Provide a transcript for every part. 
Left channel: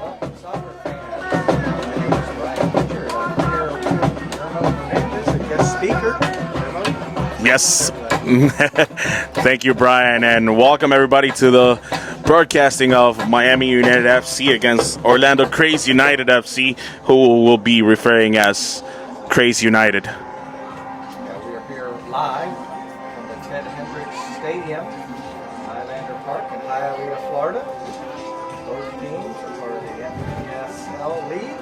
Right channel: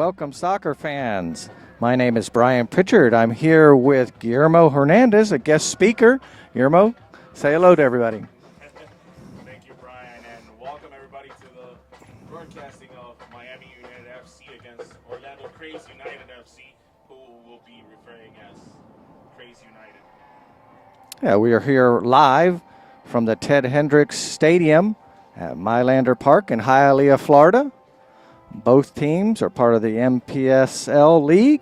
welcome soccer fans. My name is Brian Pitchard. I'm here with Guillermo Hernandez, a guest speaker. Guillermo, say hello to everybody. Thank you, Brian, and welcome everybody to the broadcasting of Miami United FC against Orlando Kraze United FC, who will be referring as Kraze United. Yeah, we are here live from the Ted Hendricks Stadium at Mylander Park in Hialeah, Florida. Both teams are part of the NPSL League,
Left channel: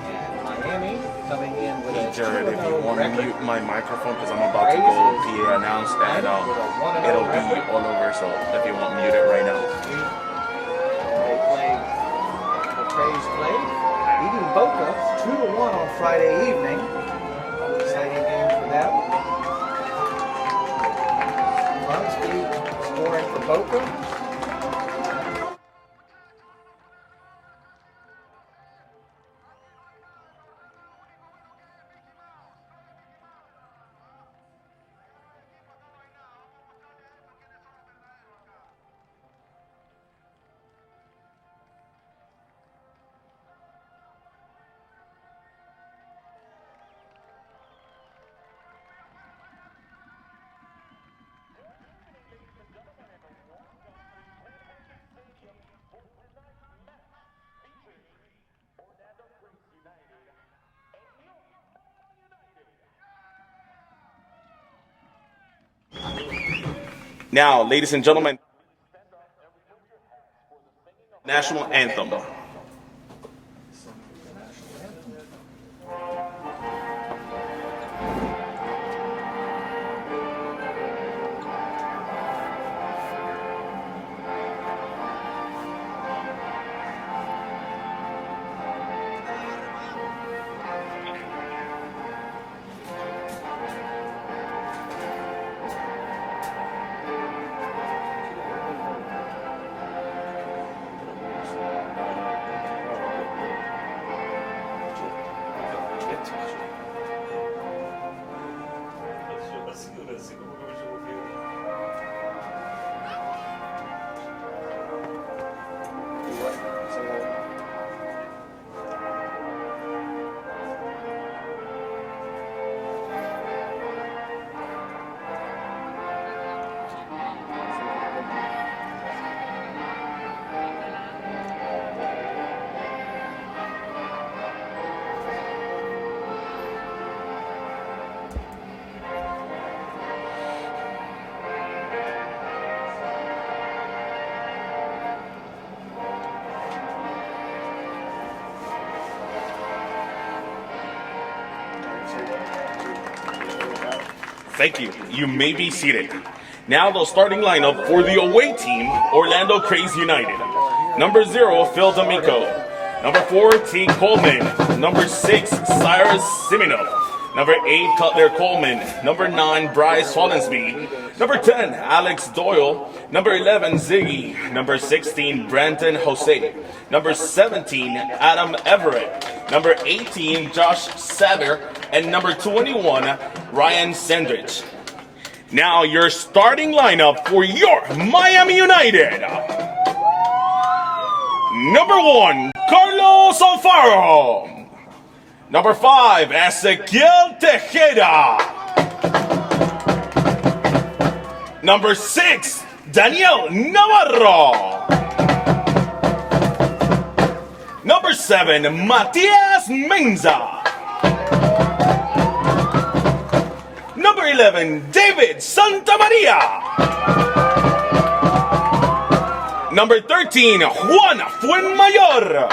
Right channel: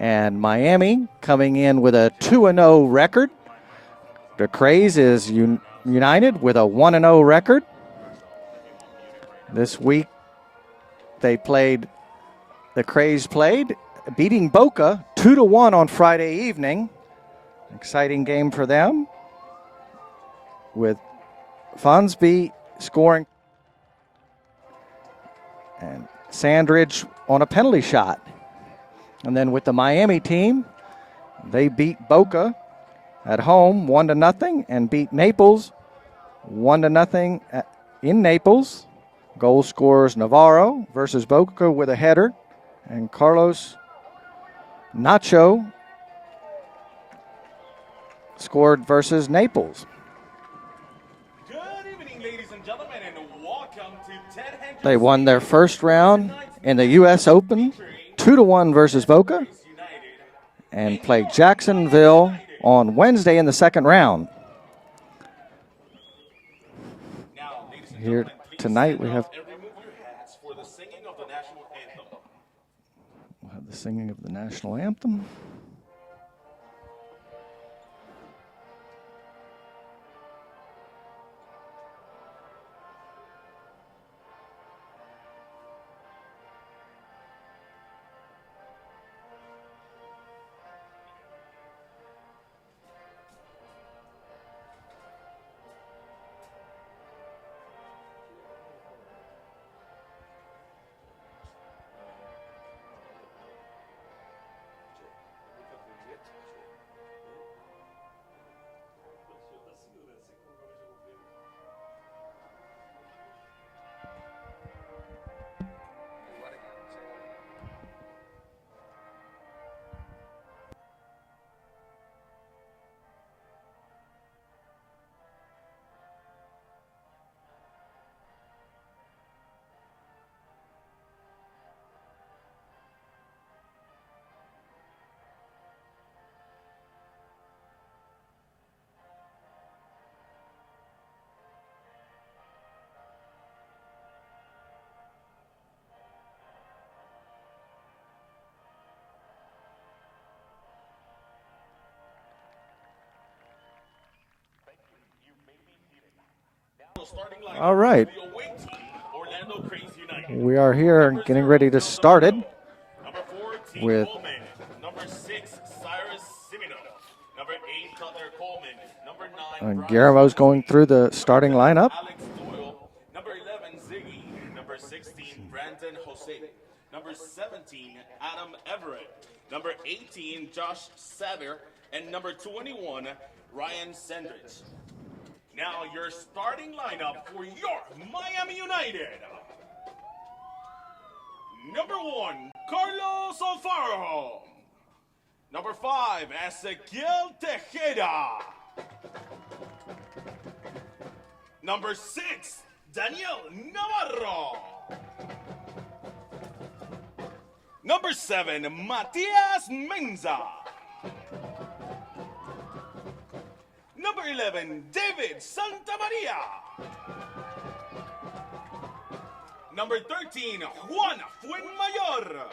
and Miami coming in with a 2-0 record. The Kraze is united with a 1-0 record. This week the Kraze played, beating Boca 2-1 on Friday evening. Exciting game for them, with Fonsby scoring for Boca and Sandridge on a penalty shot. And then with the Miami team, they beat Boca at home 1-0 and beat Naples 1-0 in Naples. Goal scorers Navarro versus Boca with a header, and Carlos Nacho scored versus Naples. Good evening, ladies and gentlemen, and welcome to Ted Hendricks. They won their first round in the U.S. Open 2-1 versus Boca, and played Jacksonville on Wednesday in the second round. Now, ladies and gentlemen, Tonight we have for the singing of the national anthem. the singing of the national anthem. Thank you. You may be seated. Now the starting lineup for the away team, Orlando Kraze United. We are here. Number getting 0, ready to Phil start D'Amico. it. Number 4, T. Coleman. Number 6, Cyrus Simino. Number 8, Cutler Coleman. Number 9, Bryce Guillermo's Hollensby. going through the starting Number 10, lineup. Alex Doyle. Number 11, Ziggy. Number 16, Brandon Jose. Number 17, Adam Everett. Number 18, Josh Saber. And number 21, Ryan Sandridge. Now your starting lineup for your Miami United. Number 1, Carlos Alfaro. Number 5, Ezequiel Tejeda. Number 6, Daniel Navarro. Number 7, Matias Menza. Number 11, David Santamaria. Number 13, Juan Fuenmayor.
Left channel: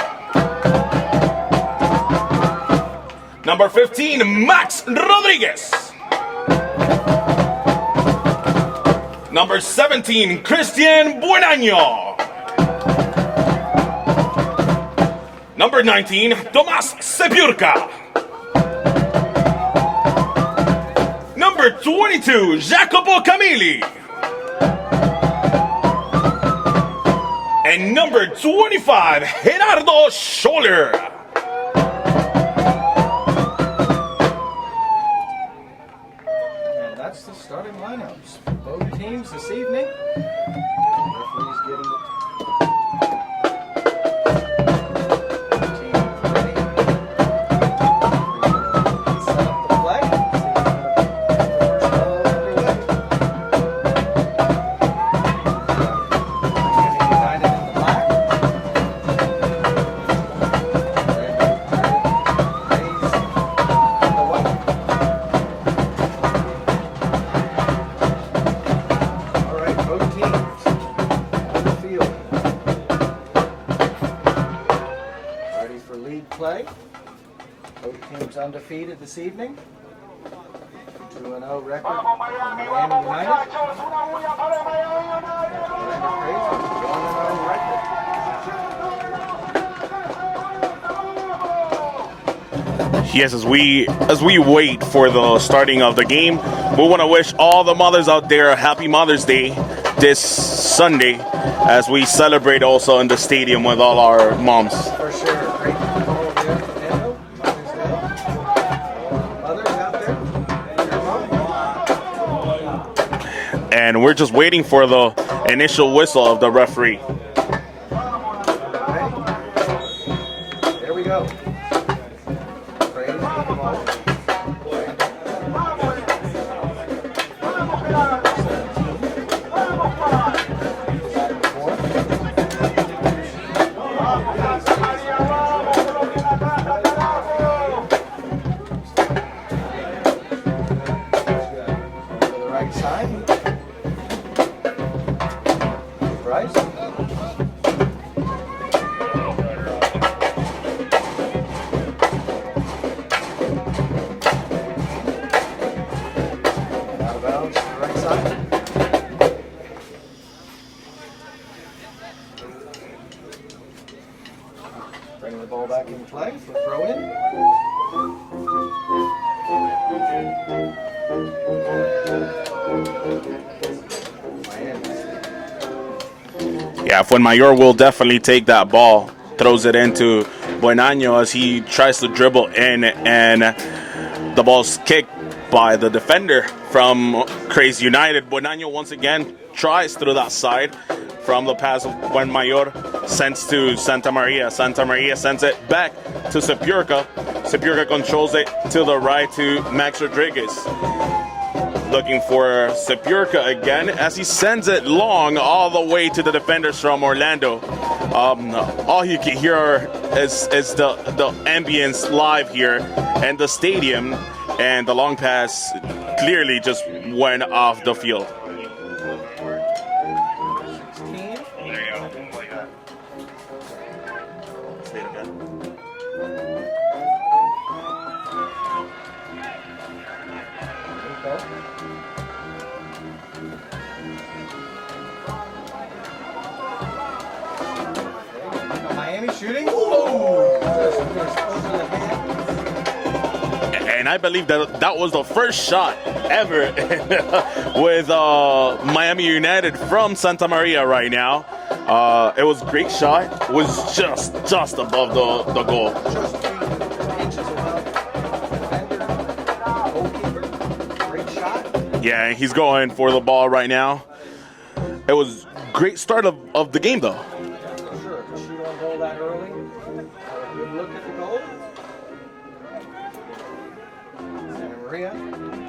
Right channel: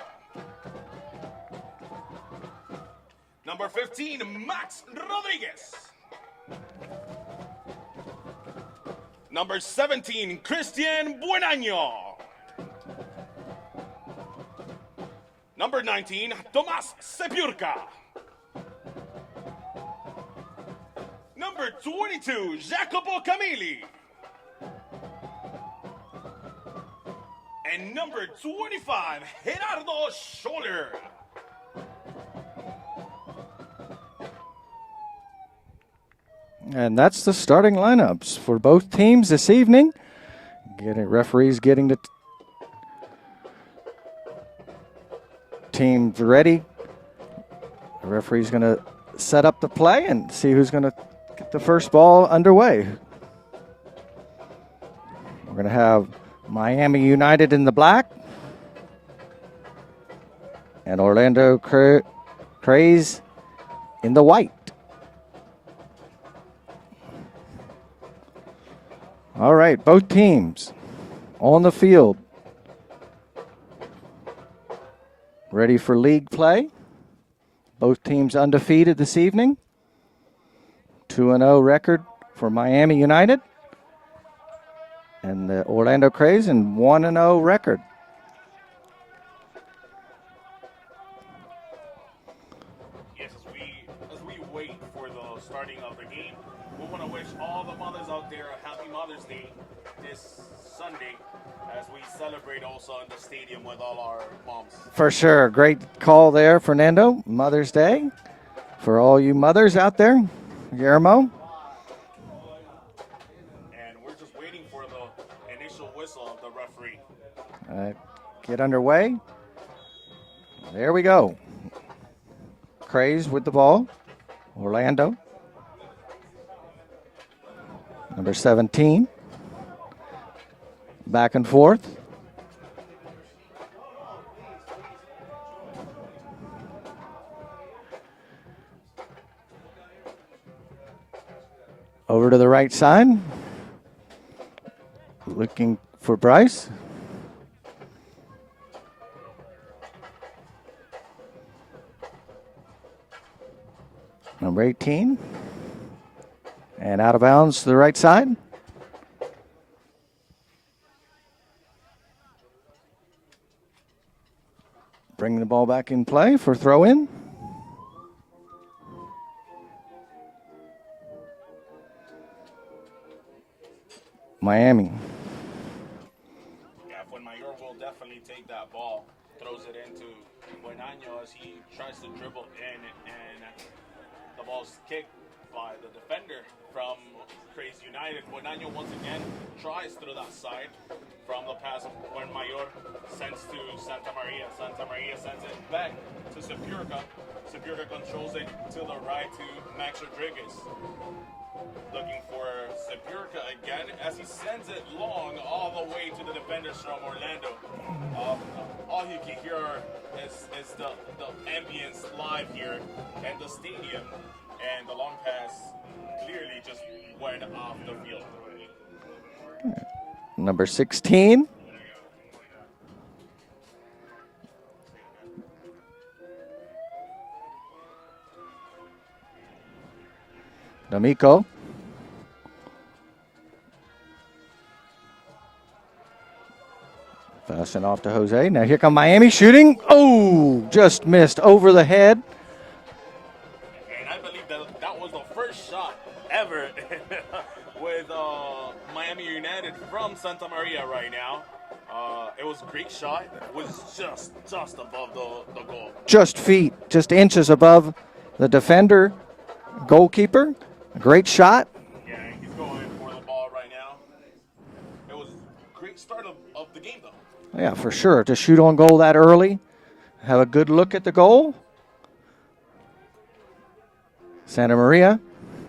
Number 15, Max Rodriguez. Number 17, Christian Buenaño. Number 19, Tomás Sepurka. Number 22, Jacopo Camilli. And number 25, Gerardo Scholler. And that's the starting lineups for both teams this evening. Referees getting the teams ready. Referee's going to set up the play and see who's going to get the first ball underway. We're going to have Miami United in the black and Orlando Kraze in the white. All right, both teams on the field, ready for league play. Both teams undefeated this evening. 2-0 record for Miami United. And Orlando Kraze, and 1-0 record. Yes, as we wait for the starting of the game, we want to wish all the mothers out there a happy Mother's Day this Sunday, as we celebrate also in the stadium with all our moms. For sure. Great call there, Fernando. Mother's Day for all you mothers out there. Guillermo. And we're just waiting for the initial whistle of the referee. Get underway. There we go. Kraze with the ball. Orlando. Number 17. Back and forth. Over to the right side. Looking for Bryce. Number 18. And out of bounds to the right side. Bring the ball back in play for throw-in. Miami. Yeah, Fuenmayor will definitely take that ball, throws it into Buenaño as he tries to dribble in, and the ball's kicked by the defender from Kraze United. Buenaño once again tries through that side from the pass of Fuenmayor, sends to Santa Maria. Santa Maria sends it back to Sepurka. Sepurka controls it to the right to Max Rodriguez. Looking for Sepurka again as he sends it long all the way to the defenders from Orlando. All you can hear is the ambience live here and the stadium, and the long pass clearly just went off the field. Number 16. Amico. Passing off to Jose. Now here come Miami shooting. Oh, just missed over the head. And I believe that was the first shot ever with Miami United from Santa Maria right now. It was a great shot. It was just above the goal. Just feet, just inches above the defender, goalkeeper. Great shot. Yeah, he's going for the ball right now. It was a great start of the game, though. Yeah, for sure. To shoot on goal that early, have a good look at the goal. Santa Maria,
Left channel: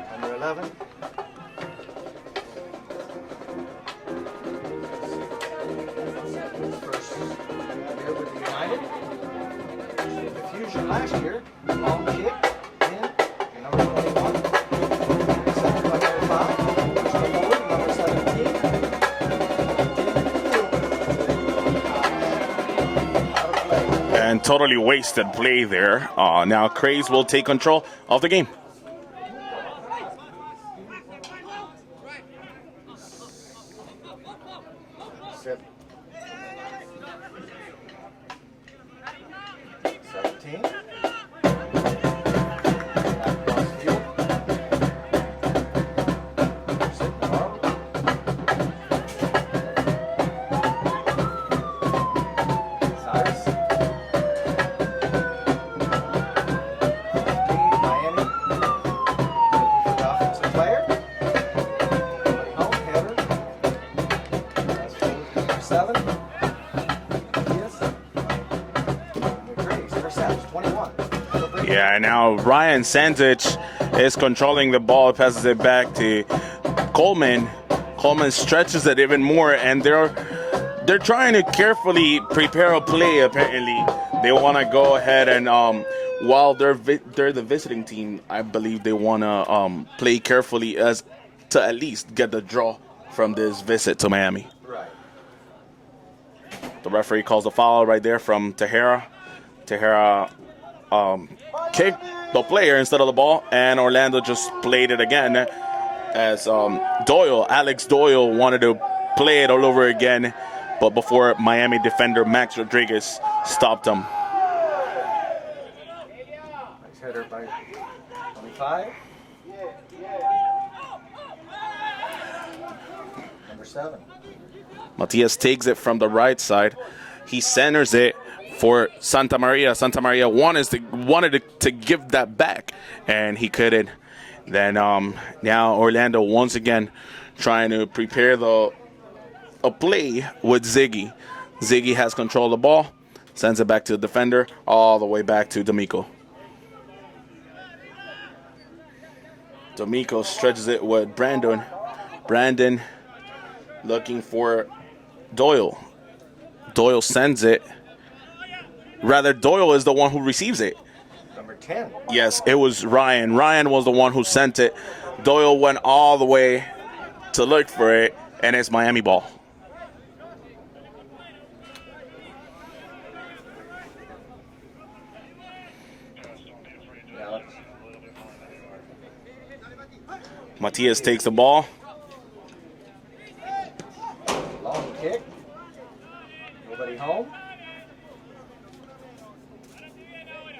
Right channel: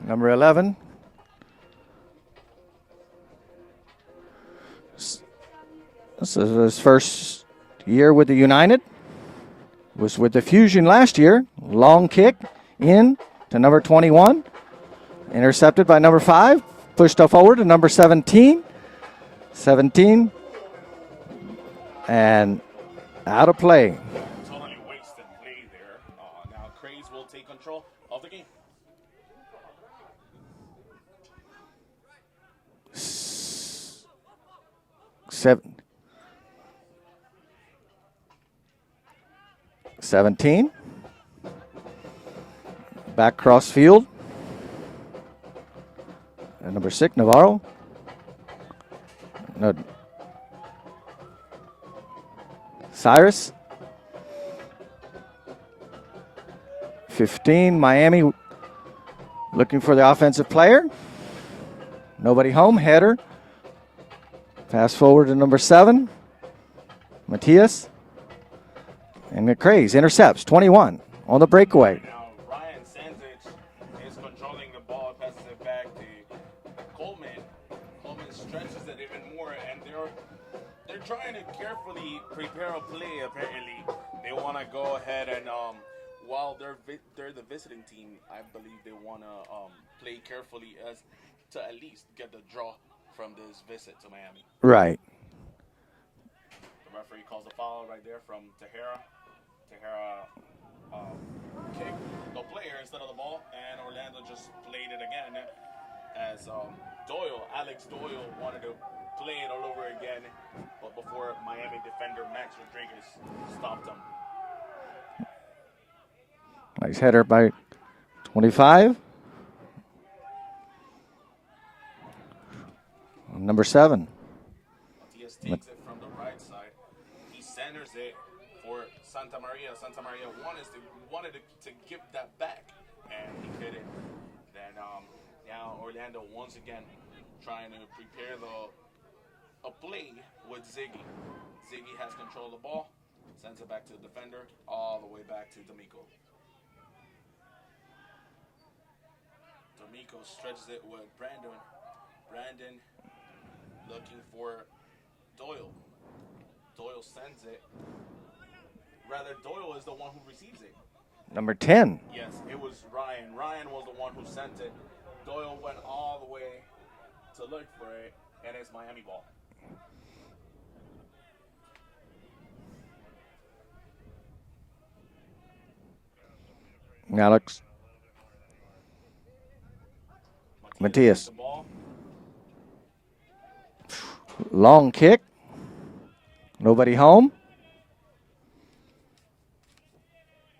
number 11. This is his first year with the United. Was with the Fusion last year. Long kick in to number 21. Intercepted by number 5. Pushed up forward to number 17. 17. And out of play. And totally wasted play there. Now Kraze will take control of the game. Sep 17. Back cross field. Number 6, Navarro. Cyrus. 15, Miami looking for the offensive player. Nobody home, header. Pass forward to number 7, Matias. And And the Kraze intercepts 21 on the breakaway. Yeah, now Ryan Sandich is controlling the ball, passes it back to Coleman. Coleman stretches it even more, and they're trying to carefully prepare a play. Apparently, they want to go ahead and while they're the visiting team, I believe they want to play carefully as to at least get the draw from this visit to Miami. Right. The referee calls a foul right there from Tejera. Tejera kicked the player instead of the ball, and Orlando just played it again as Alex Doyle wanted to play it all over again, but before Miami defender Max Rodriguez stopped him. Nice header by 25. Number 7. Matias takes it from the right side. He centers it for Santa Maria. Santa Maria wanted to give that back, and he couldn't. Then now Orlando once again trying to prepare a play with Ziggy. Ziggy has control of the ball, sends it back to the defender, all the way back to D'Amico. D'Amico stretches it with Brandon. Brandon looking for Doyle. Doyle sends it. Rather, Doyle is the one who receives it. Number 10. Yes, it was Ryan. Ryan was the one who sent it. Doyle went all the way to look for it, and it's Miami ball. Alex. Matias takes the ball. Long kick. Nobody home.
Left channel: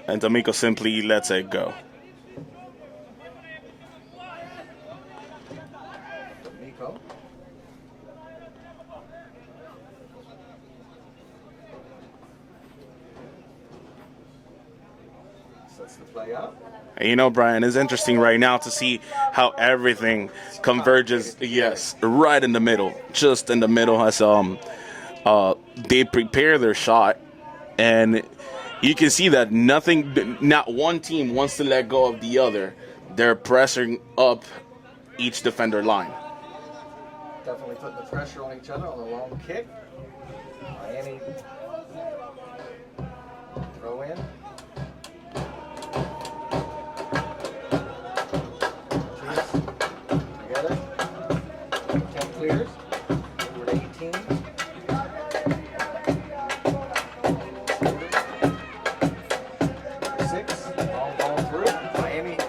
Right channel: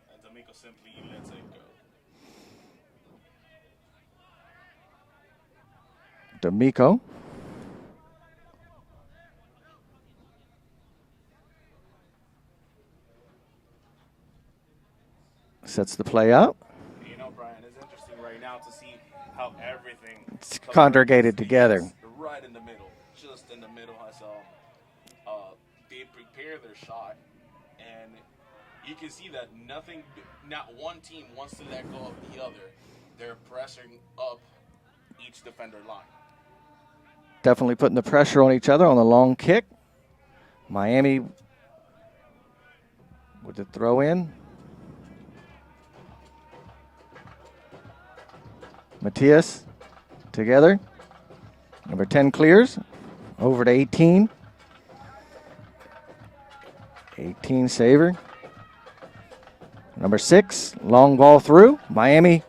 And D'Amico simply lets it go. D'Amico. Sets the play up. And you know, Brian, it's interesting right now to see how everything Congregated converges together. Yes, right in the middle, just in the middle as they prepare their shot, and you can see that not one team wants to let go of the other. They're pressing up each defender line. Definitely putting the pressure on each other on the long kick. Miami with the throw in. Matias together. Number 10 clears. Over to 18. 18 saver. Number 6, long ball through. Miami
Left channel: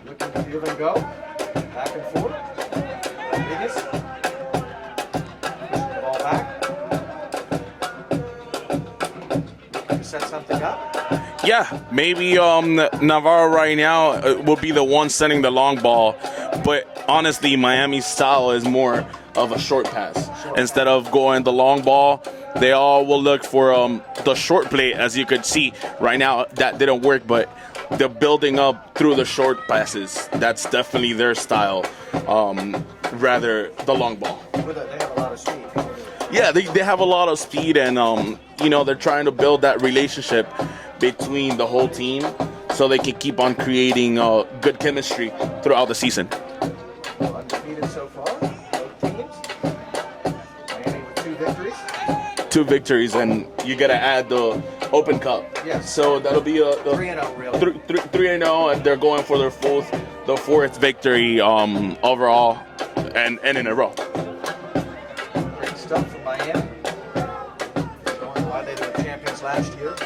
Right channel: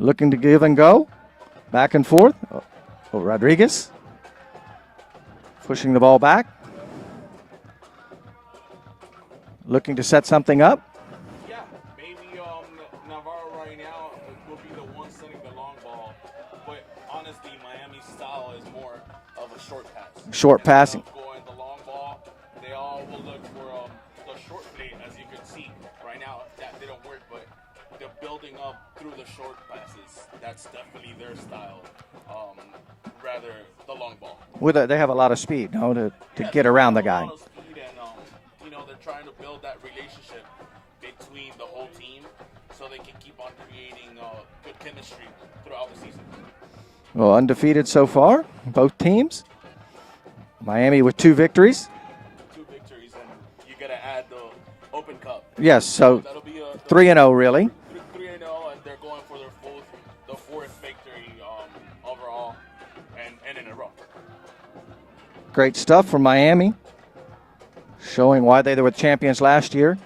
looking to give and go. Back and forth for Rodriguez. Pushing the ball back. Looking to set something up. Yeah, maybe Navarro right now will be the one sending the long ball. But honestly, Miami's style is more of a short pass. Instead of going the long ball, they all will look for the short play, as you could see. Right now, that didn't work, but they're building up through the short passes. That's definitely their style, rather the long ball. They have a lot of speed. They have a lot of speed, and they're trying to build that relationship between the whole team so they can keep on creating good chemistry throughout the season. Well, undefeated so far, both teams. Miami with 2 victories. 2 victories, and you got to add the Open Cup. Yes, so that'll be 3-0 really. 3-0, and they're going for the 4th victory overall, and in a row. Great stuff from Miami, showing why they were the champions last year.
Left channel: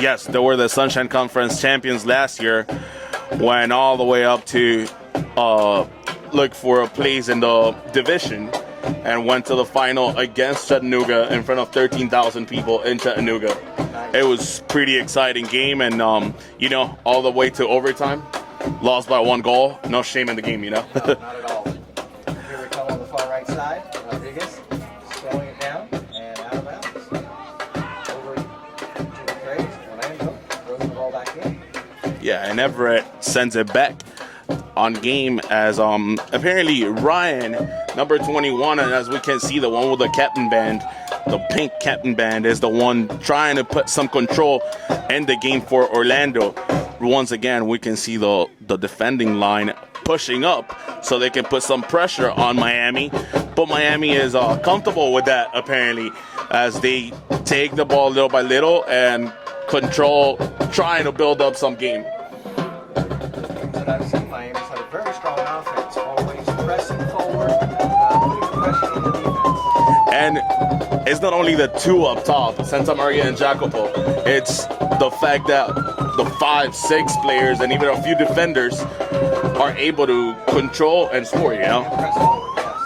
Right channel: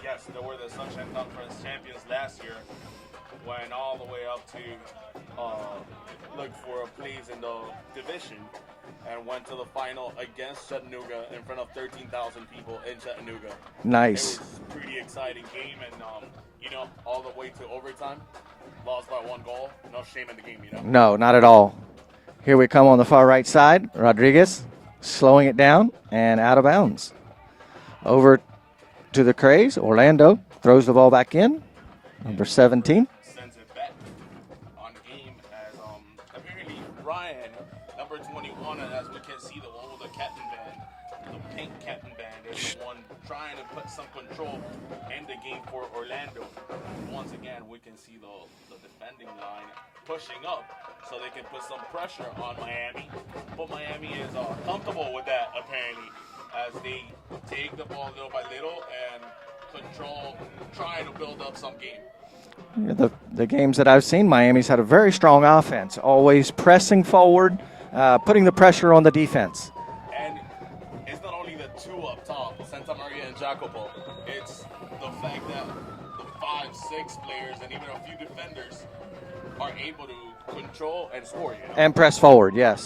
Yes, they were the Sunshine Conference champions last year. Went all the way up to look for a place in the division, and went to the final against Chattanooga in front of 13,000 people in Chattanooga. Nice. It was pretty exciting game, and all the way to overtime. Lost by 1 goal. No shame in the game, No, not at all. Here we come on the far right side. Rodriguez slowing it down and out of bounds. Over to the Kraze. Orlando throws the ball back in. Yeah, and 17. Everett sends it back on game as apparently Ryan, number 21, and as we can see, the one with the captain band, the pink captain band is the one trying to put some control in the game for Orlando. Once again, we can see the defending line pushing up so they can put some pressure on Miami. But Miami is comfortable with that, apparently, as they take the ball little by little and control, trying to build up some game. The games that I've seen, Miami's had a very strong offense, always pressing forward, putting the pressure on the defense. And it's not only the two up top, Santa Maria and Jacopo, it's the fact that the 5-6 players and even a few defenders are able to control and score, you know? And press forward, yes.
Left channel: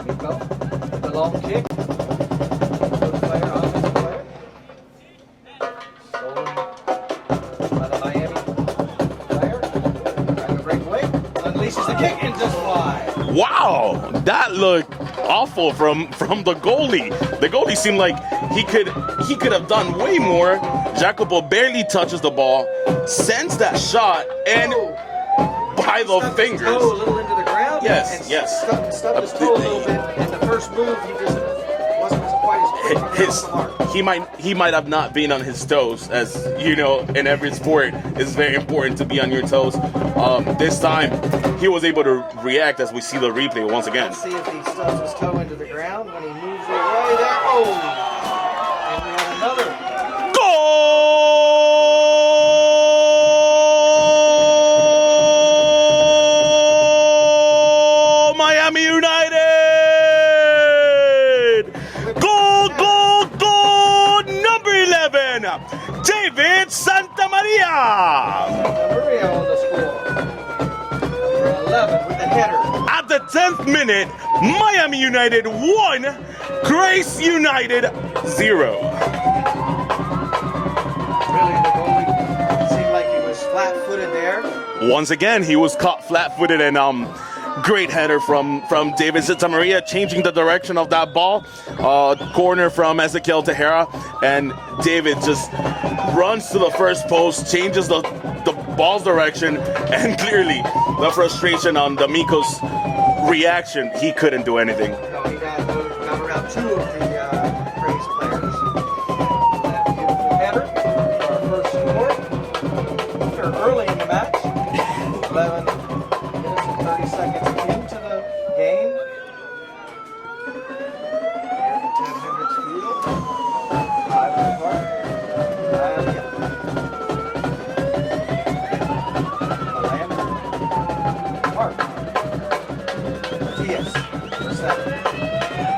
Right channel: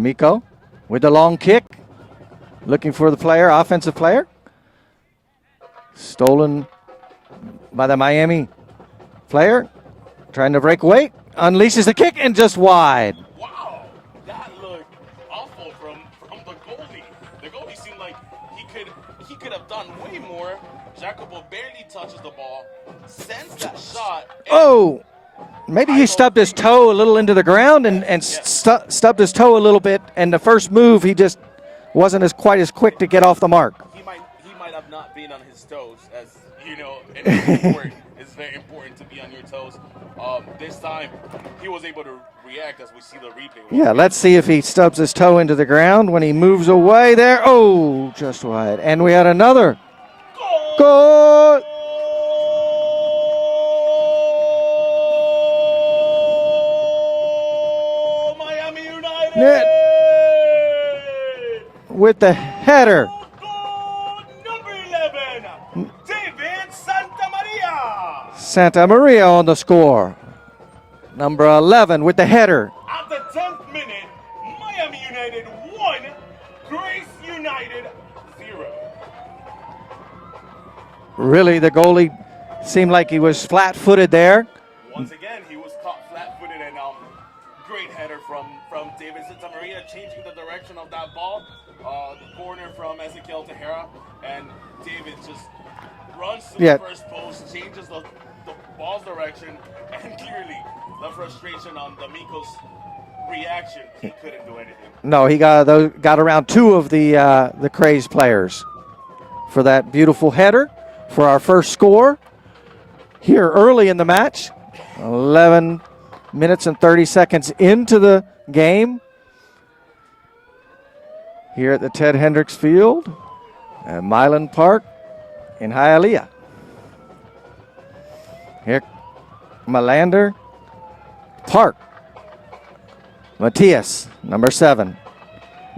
Miko with the long kick, looking for the player, offensive player. Stolen by the Miami player, trying to break away, unleashes the kick and just wide. Wow, that looked awful from the goalie. The goalie seemed like he could have done way more. Jacopo barely touches the ball, sends that shot, and maybe he stubbed his toe a little into the ground and stubbed his toe a little bit. And the first move, he just wasn't quite as quick to get off the mark. He might have not been on his toes, as you know, in every sport it's very important to be on your toes. This time, he was able to react as we see the replay once again. Let's see if he stubs his toe into the ground when he moves away there. Oh, just right. And we had another goal! Miami United! With the header. Goal, number 11, David Santamaria. Santamaria on the score. Number 11 with the header. At the 10th minute, Miami United 1, Kraze United 0. Really, the goalie seemed like he was flat-footed there. Once again, he was caught flat-footed, and great header from David Santamaria, changing the direction of that ball. Corner from Ezequiel Tejera, and David just runs to the first post, changes the ball's direction, and clearly the frustration on D'Amico's reaction, he couldn't do anything. No, he got around two of the Kraze players for that beautiful header for our first score here early in the match. 11 minutes and 30 seconds into the game here at the Ted Hendricks Field at Milan Park in Hialeah. Here, Melander, Park, Matias, number 7,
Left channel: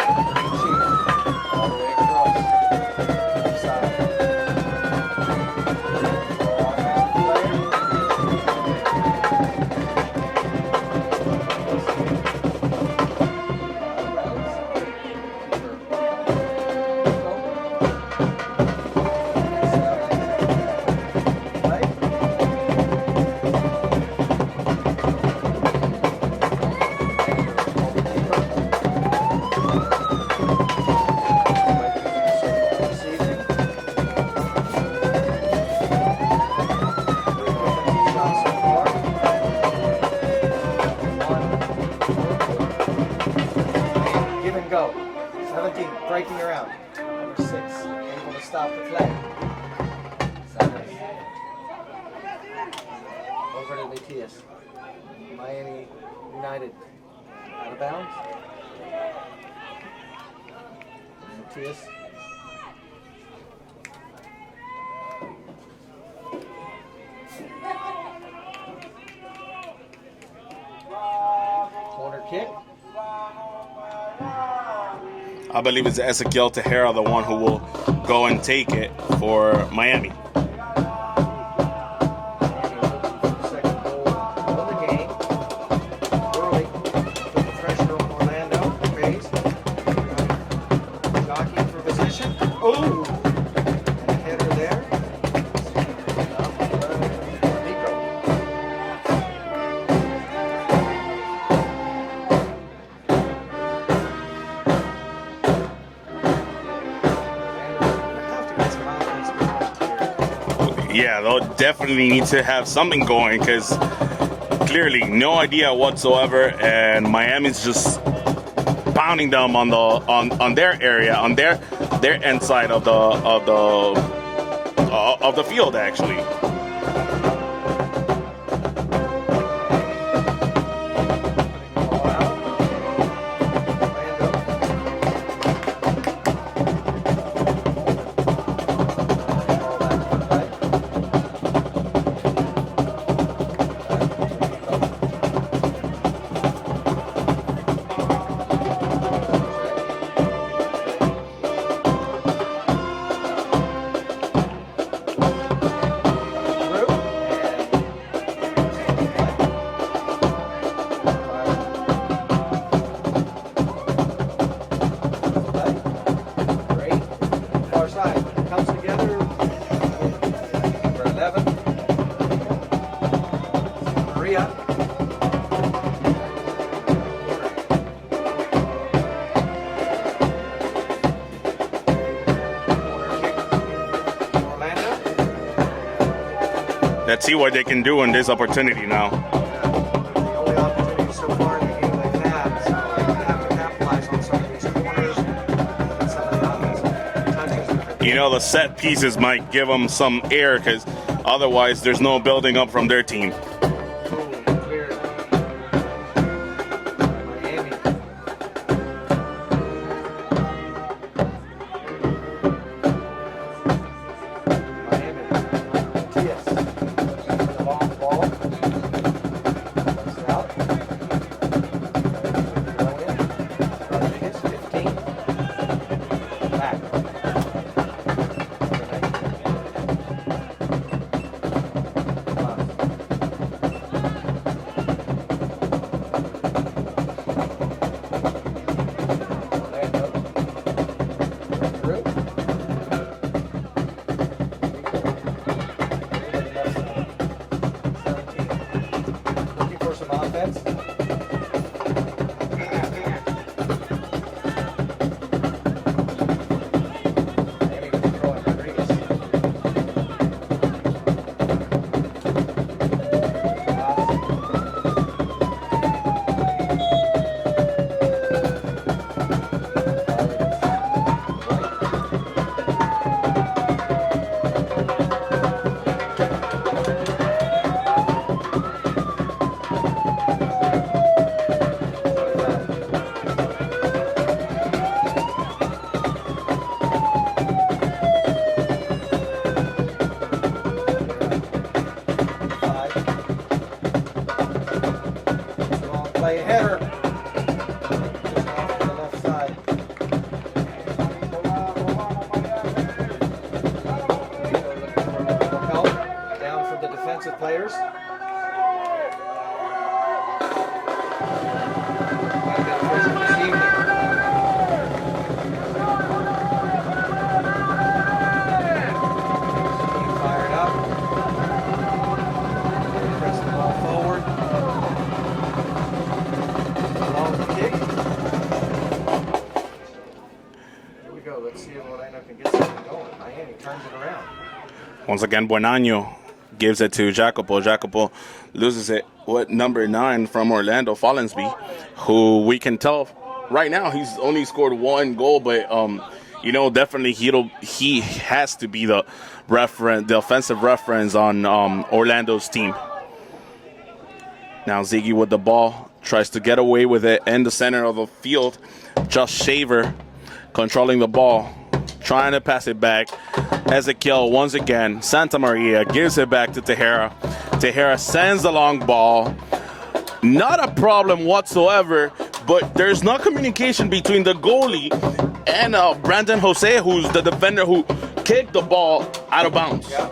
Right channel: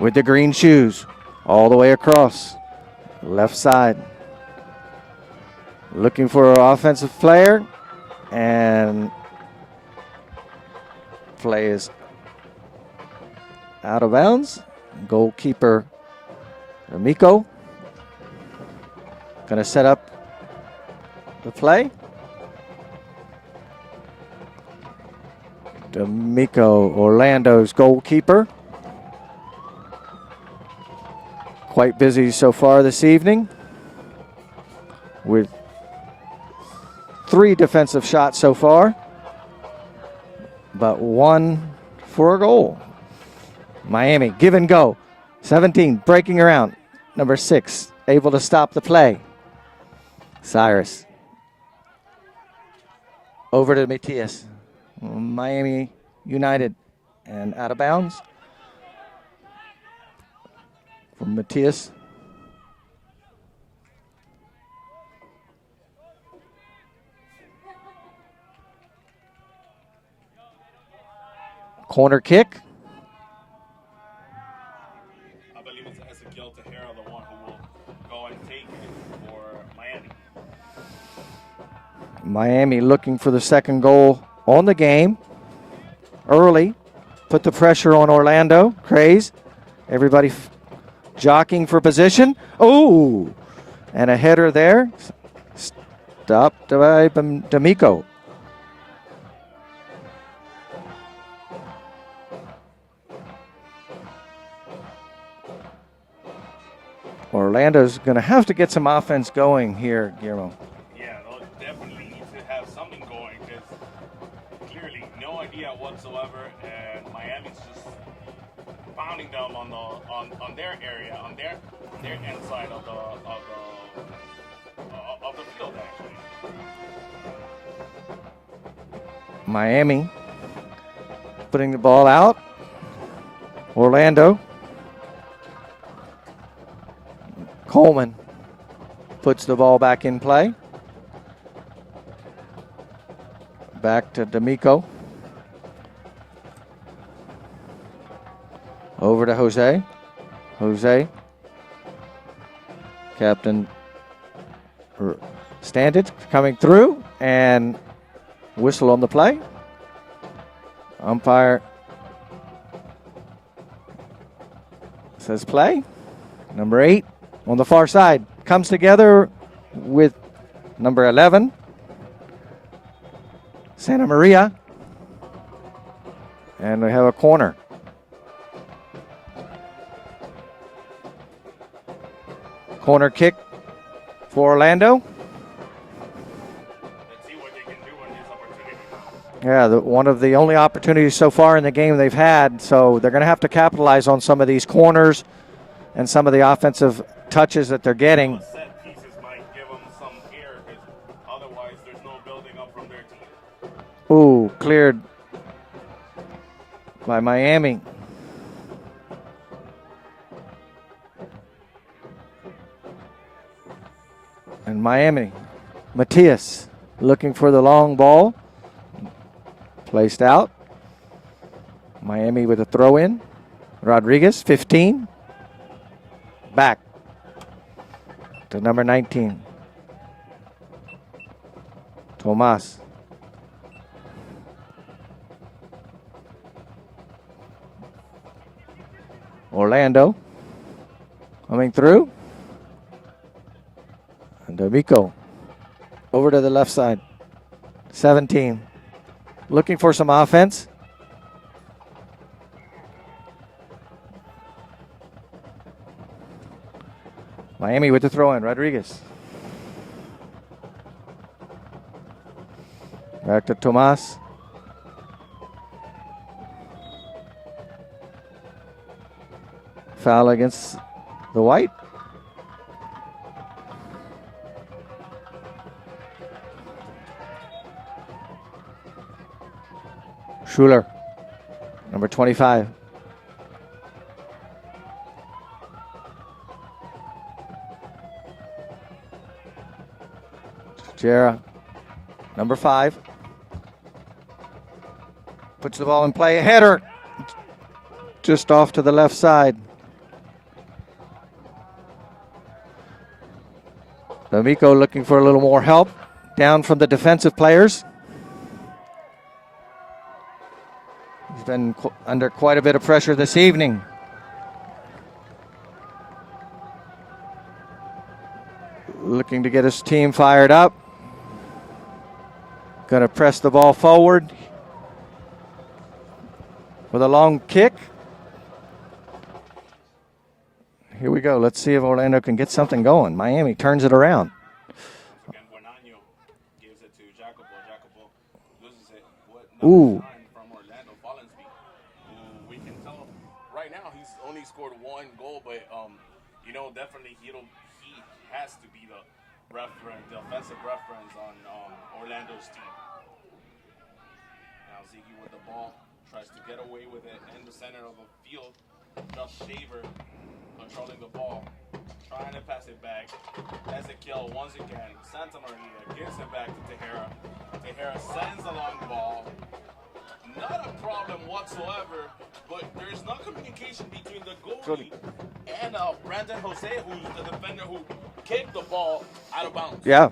with the green shoes, all the way across, left side. Looking for an offensive player, and play is out of bounds. Goalkeeper Miko going to set up the play. Miko, Orlando's goalkeeper. Quite busy so far this evening with 3 defensive shots so far, but 1 for a goal. Miami, give and go. 17, breaking around. Number 6, able to stop the play. Cyrus. Over to Matias. Miami United, and out of bounds. From Matias. Corner kick. I believe it's Ezequiel Tejera, the one who will go and take it for Miami. Miami looking for the second goal on the game. Early, put the pressure on Orlando. Kraze, everybody jockeying for position. Oh, and a header there. Stopped by D'Amico. Orlando's going to have to get some offense going here. Yeah, they'll definitely need to have something going because clearly no idea whatsoever, and Miami's just pounding them on their area, on their end side of the field actually. Miami putting the ball out. Orlando. Coleman puts the ball back in play. Back to D'Amico. Over to Jose. Jose. Captain Standage coming through, and whistle on the play. Umpire says play. Number 8 on the far side comes together with number 11, Santa Maria, and we have a corner. Corner kick for Orlando. Let's see what they can do in this opportunity now. Yeah, one of the only opportunities so far in the game they've had, so they're going to have to capitalize on some of these corners and some of the offensive touches that they're getting. You know, the set pieces might give them some air because otherwise there's no building up from their team. Ooh, cleared by Miami. And Miami, Matias looking for the long ball. Placed out. Miami with a throw in. Rodriguez, 15. Back to number 19. Tomas. Orlando coming through. D'Amico over to the left side. 17. Looking for some offense. Miami with the throw in. Rodriguez. Back to Tomas. Foul against the white. Schuler, number 25. Jera, number 5. Puts the ball in play. Header. Just off to the left side. D'Amico looking for a little more help down from the defensive players. Been under quite a bit of pressure this evening. Looking to get his team fired up. Going to press the ball forward with a long kick. Here we go. Let's see if Orlando can get something going. Miami turns it around. Once again, Buenaño gives it to Jacopo. Jacopo loses it with number 9 from Orlando, Follensby, who we can tell right now he's only scored 1 goal, but definitely he has to be the offensive reference on Orlando's team. Now Ziggy with the ball tries to get away with it in the center of the field. Just Shaver controlling the ball, trying to pass it back. Ezequiel once again. Santa Maria gives it back to Tejera. Tejera sends the long ball. Not a problem whatsoever, but there's no communication between the goalie and Brandon Jose, who's the defender who kicked the ball out of bounds. Yeah,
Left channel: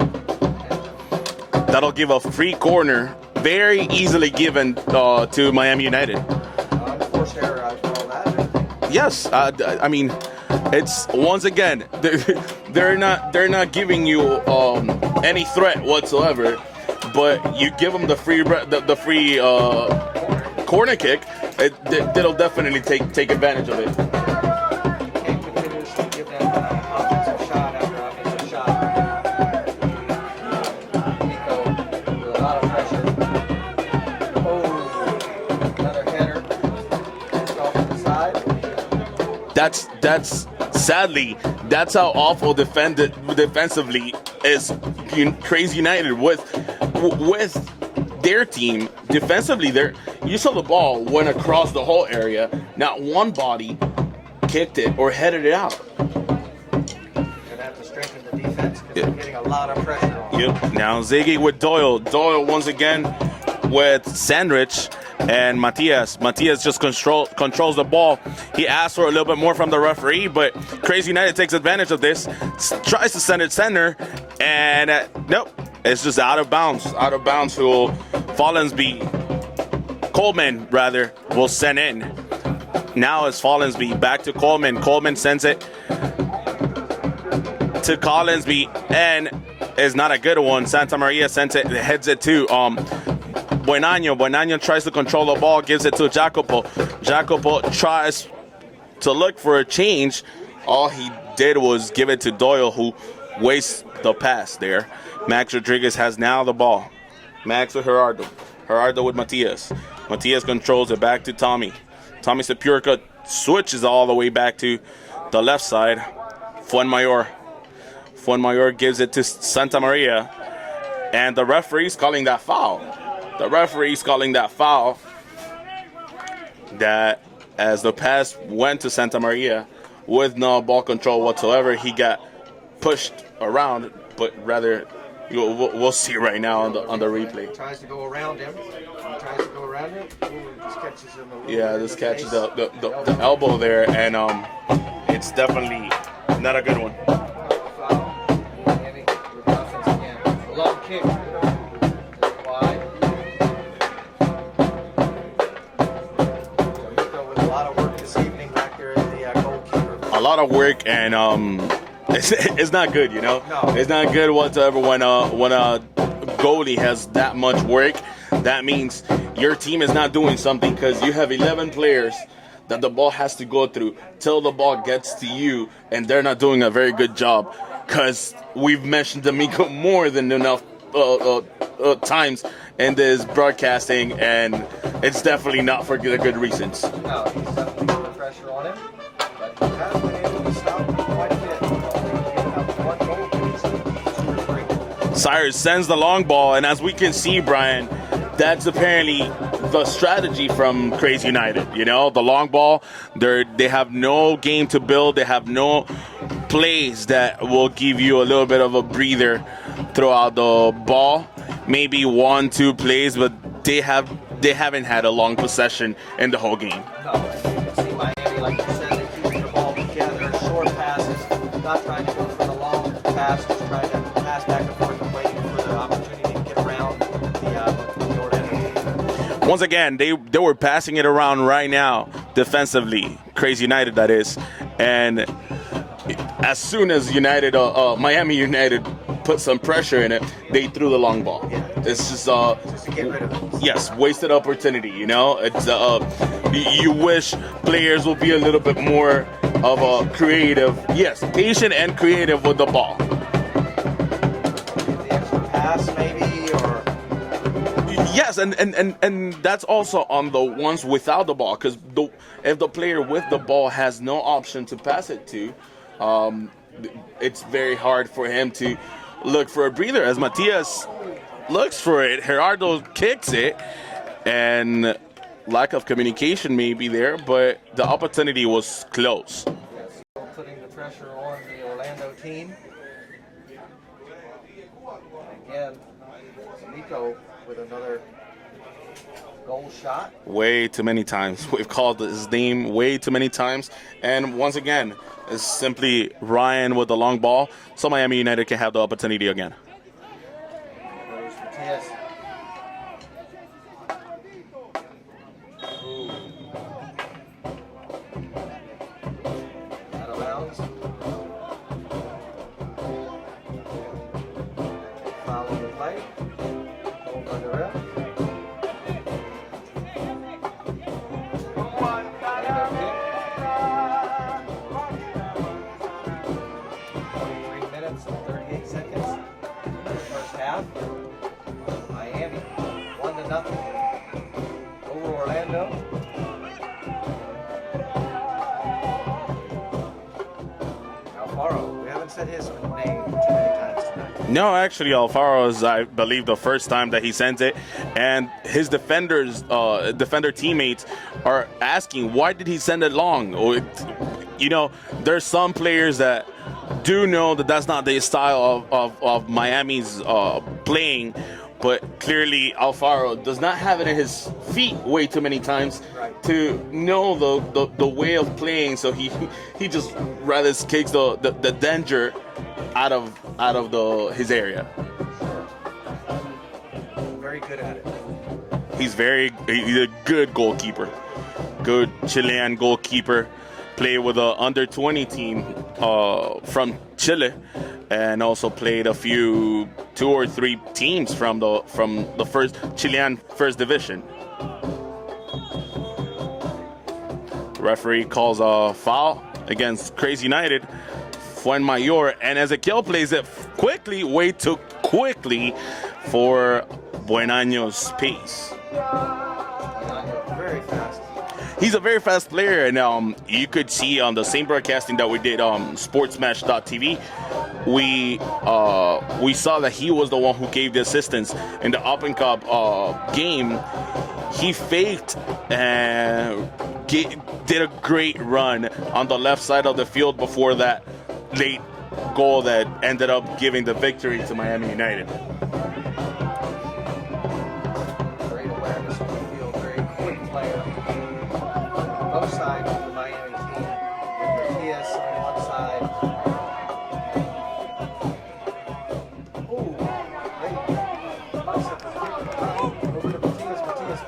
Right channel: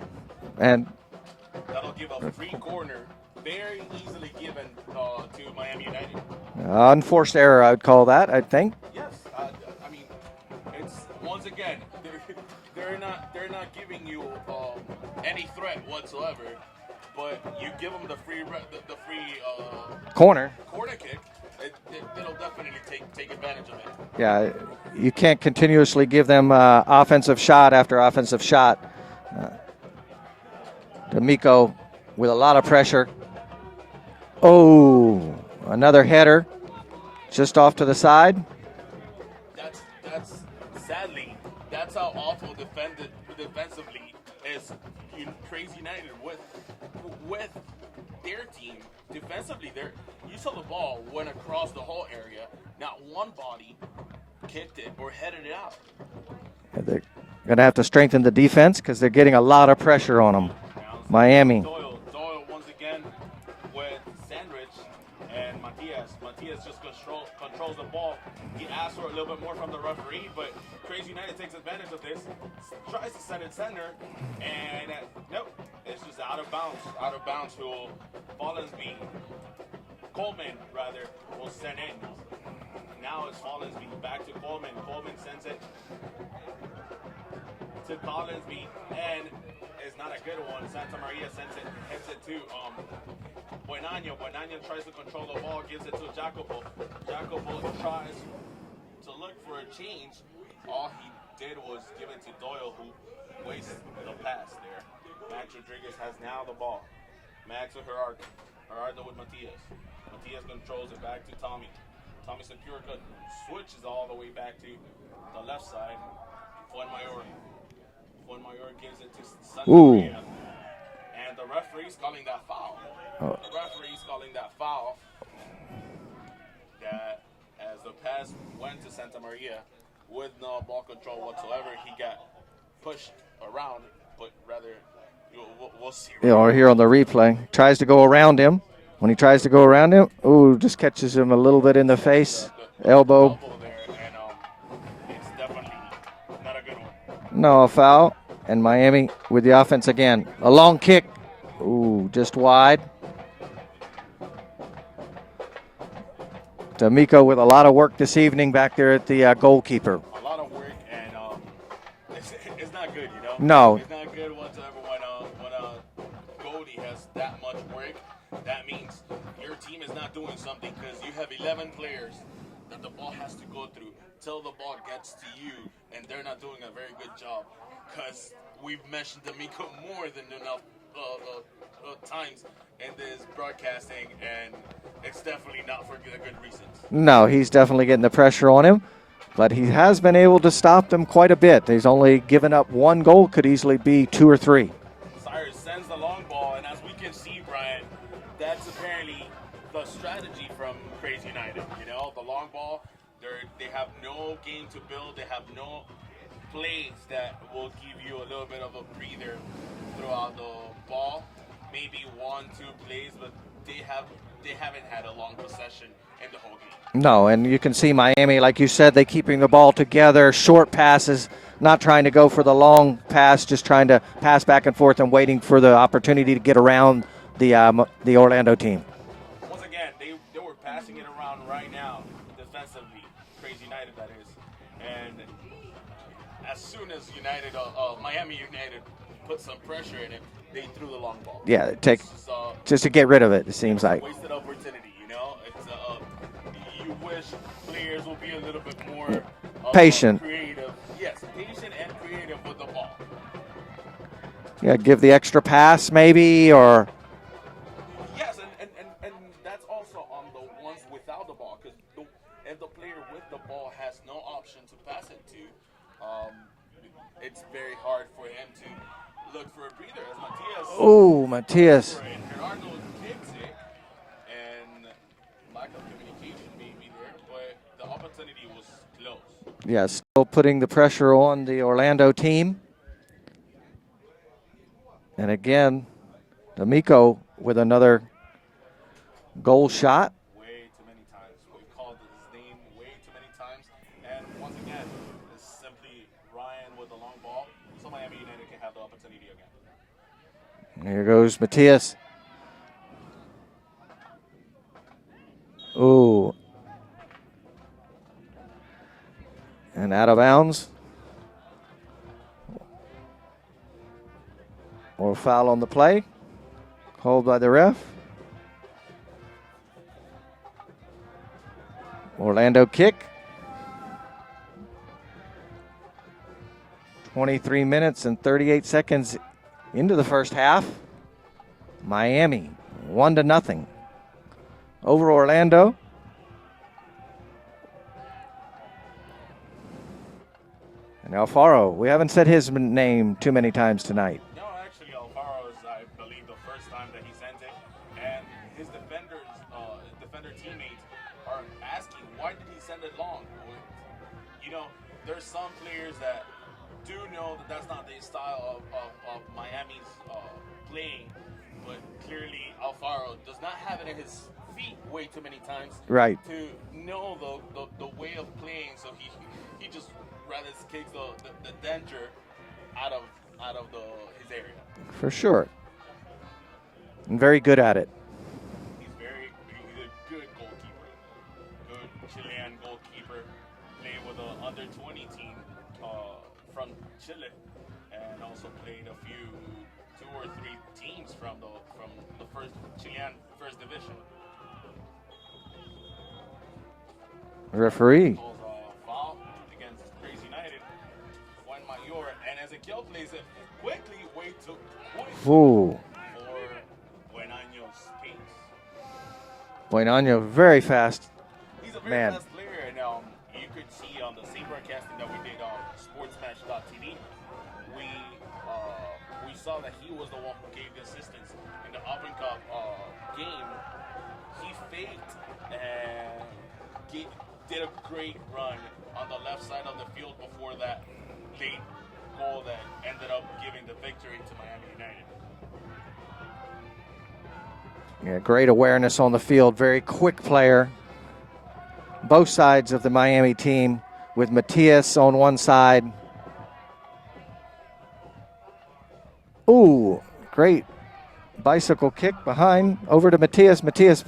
and that'll give a free corner, very easily given to Miami United. Unforced error, I would call that, I think. Yes, I mean, it's once again they're not giving you any threat whatsoever, but you give them the free corner kick, it'll definitely take advantage of it. Yeah, you can't continuously give them offensive shot after offensive shot. D'Amico with a lot of pressure. Oh, another header just off to the side. That's sadly, that's how awful defensively is Kraze United with their team. Defensively, you saw the ball went across the whole area. Not one body kicked it or headed it out. Gonna have to strengthen the defense because they're getting a lot of pressure on them. Yep. Now Ziggy with Doyle. Doyle once again with Sandrich and Matias. Matias just controls the ball. He asked for a little bit more from the referee, but Kraze United takes advantage of this. Tries to send it center, and nope, it's just out of bounds. Out of bounds. Coleman rather will send in. Now it's Follensby back to Coleman. Coleman sends it to Collinsby, and is not a good one. Santa Maria sends it, heads it to Buenano. Buenano tries to control the ball, gives it to Jacopo. Jacopo tries to look for a change. All he did was give it to Doyle, who wastes the pass there. Max Rodriguez has now the ball. Max with Gerardo. Gerardo with Matias. Matias controls it back to Tommy. Tommy Sepurka switches all the way back to the left side. Fuenmayor gives it to Santa Maria. And the referee's calling that foul. That as the pass went to Santa Maria with no ball control whatsoever, he got pushed around, but rather we'll see right now here on the replay. Tries to go around him. When he tries to go around him, just catches him a little bit in the face. The elbow there, and it's definitely not a good one. No, a foul. And Miami with the offense again. A long kick. Just wide. D'Amico with a lot of work this evening back there at the goalkeeper. A lot of work, and it's not good, you know? No. It's not good whatsoever when a goalie has that much work. That means your team is not doing something because you have 11 players that the ball has to go through till the ball gets to you, and they're not doing a very good job because we've mentioned D'Amico more than enough times in this broadcasting, and it's definitely not for good reasons. No, he's definitely getting the pressure on him, but he has been able to stop them quite a bit. He's only given up one goal, could easily be 2 or 3. Cyrus sends the long ball, and as we can see, Brian, that's apparently the strategy from Kraze United. You know, the long ball, they have no game to build. They have no plays that will give you a little bit of a breather throughout the ball. Maybe 1-2 plays, but they haven't had a long possession in the whole game. No, and you can see Miami, like you said, they keeping the ball together, short passes, not trying to go for the long pass, just trying to pass back and forth and waiting for the opportunity to get around the Orlando team. Once again, they were passing it around right now defensively, Kraze United that is, and as soon as Miami United put some pressure in it, they threw the long ball. Yeah, just to get rid of it. Yes, like. Wasted opportunity. You know, it's you wish players will be a little bit more patient, creative. Yes, patient and creative with the ball. Yeah, give the extra pass maybe, or. Yes, and that's also on the ones without the ball, because if the player with the ball has no option to pass it to, it's very hard for him to look for a breather, as Matias looks for it. Gerardo kicks it, and lack of communication may be there, but the opportunity was close. Yes, still putting the pressure on the Orlando team. And again, D'Amico with another goal shot. Way too many times. We've called his name way too many times. And once again, it's simply Ryan with the long ball, so Miami United can have the opportunity again. Here goes Matias. Ooh. And out of bounds. More foul on the play. Hold by the ref. Orlando kick. 23 minutes and 38 seconds into the first half. Miami, 1-0 over Orlando. Alfaro, we haven't said his name too many times tonight. No, actually, Alfaro is, I believe, the first time that he sent it, and his defender teammates are asking, why did he send it long? There's some players that do know that that's not the style of Miami's playing, but clearly Alfaro does not have it in his feet way too many times to know the way of playing, so he just rather kicks the danger out of his area. For sure. And very good at it. He's a good goalkeeper. Good Chilean goalkeeper. Played with an under-20 team from Chile, and also played two or three teams from the first Chilean first division. Referee calls a foul against Kraze United. Fuenmayor, and Ezequiel plays it way too quickly for Buenaño's pace. Buenaño, very fast. He's a very fast player, and you could see on the same broadcasting that we did sportsmatch.tv, we saw that he was the one who gave the assistance in the Open Cup game. He faked and did a great run on the left side of the field before that late goal that ended up giving the victory to Miami United. Yeah, great awareness on the field, very quick player. Both sides of the Miami team, with Matias on one side. Ooh, great bicycle kick behind, over to Matias. Matias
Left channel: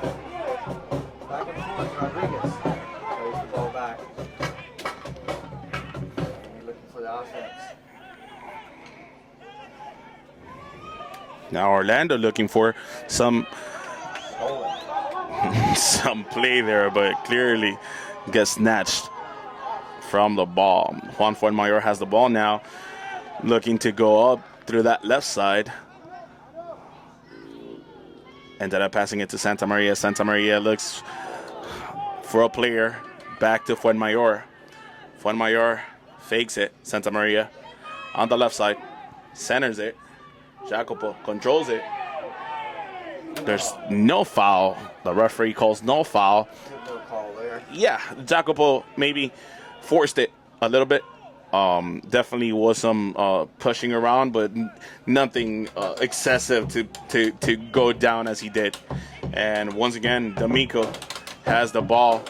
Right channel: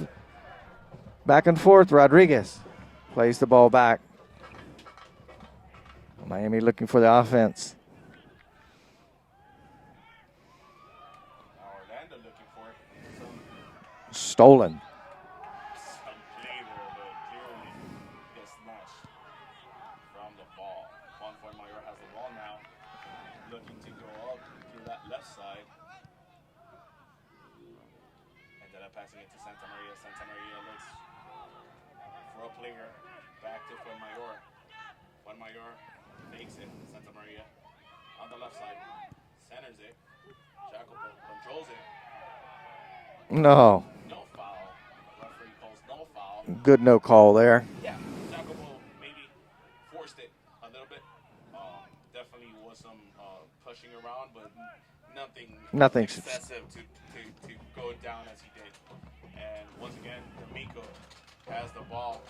back and forth. Rodriguez plays the ball back. Miami looking for the offense. Now Orlando looking for some stolen. Some play there, but clearly gets snatched from the ball. Juan Fuenmayor has the ball now, looking to go up through that left side. Ended up passing it to Santa Maria. Santa Maria looks for a player. Back to Fuenmayor. Fuenmayor fakes it. Santa Maria on the left side. Centers it. Jacopo controls it. No. There's no foul. The referee calls no foul. Good no call there. Yeah, Jacopo maybe forced it a little bit. Definitely was some pushing around, but nothing excessive to go down as he did. And once again, D'Amico has the ball.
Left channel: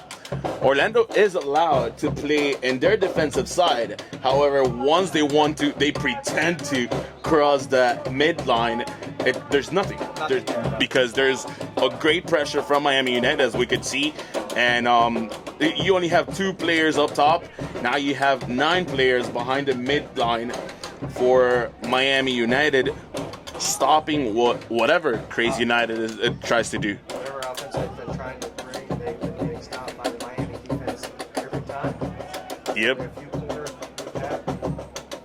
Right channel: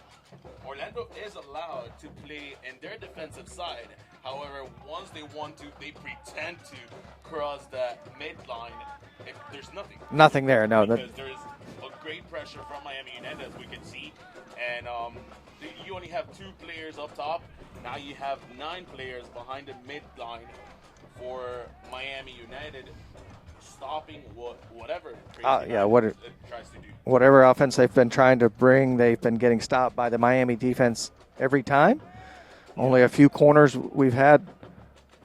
Orlando is allowed to play in their defensive side. However, once they want to, they pretend to cross that midline. There's nothing. Nothing there, no. Because there's a great pressure from Miami United, as we could see. And you only have 2 players up top. Now you have 9 players behind the midline for Miami United, stopping whatever Kraze United tries to do. Whatever offense they've been trying to bring, they've been getting stopped by the Miami defense every time. Yep. Only a few corners we've had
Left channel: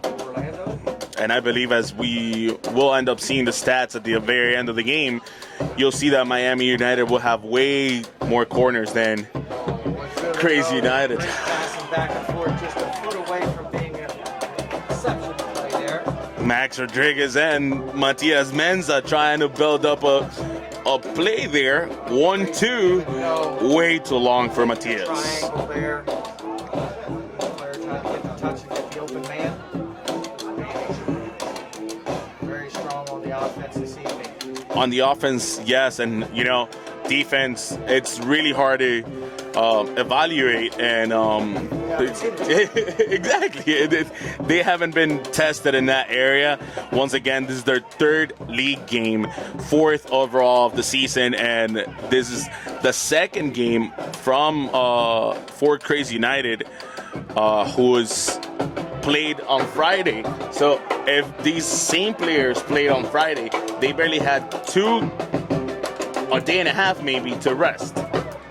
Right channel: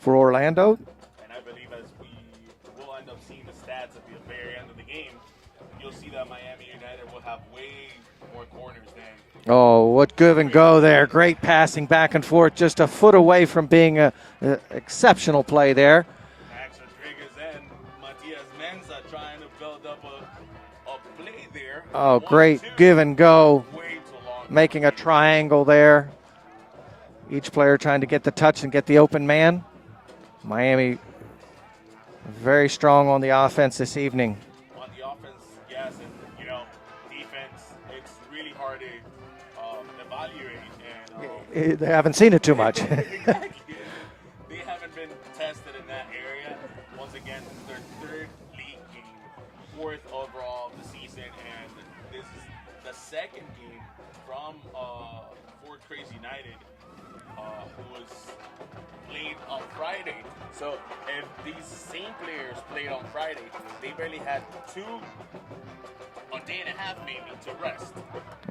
for Orlando. And I believe as we will end up seeing the stats at the very end of the game, you'll see that Miami United will have way more corners than what give and Kraze go United. there. Great passing back and forth, just a foot away from being an exceptional play there. Max Rodriguez and Matias Menza trying to build up a play there. Great give and go. Way too long for Making Matias. A triangle there. Each player trying to get the touch and get the open man. Miami very strong on the offense this evening. On the offense, yes, and defense, it's really hard to evaluate, and they haven't seen it too much. Exactly, they haven't been tested in that area. Once again, this is their 3rd league game, 4th overall of the season, and this is the 2nd game from for Kraze United, who is played on Friday. So if these same players played on Friday, they barely had a day and a half maybe to rest.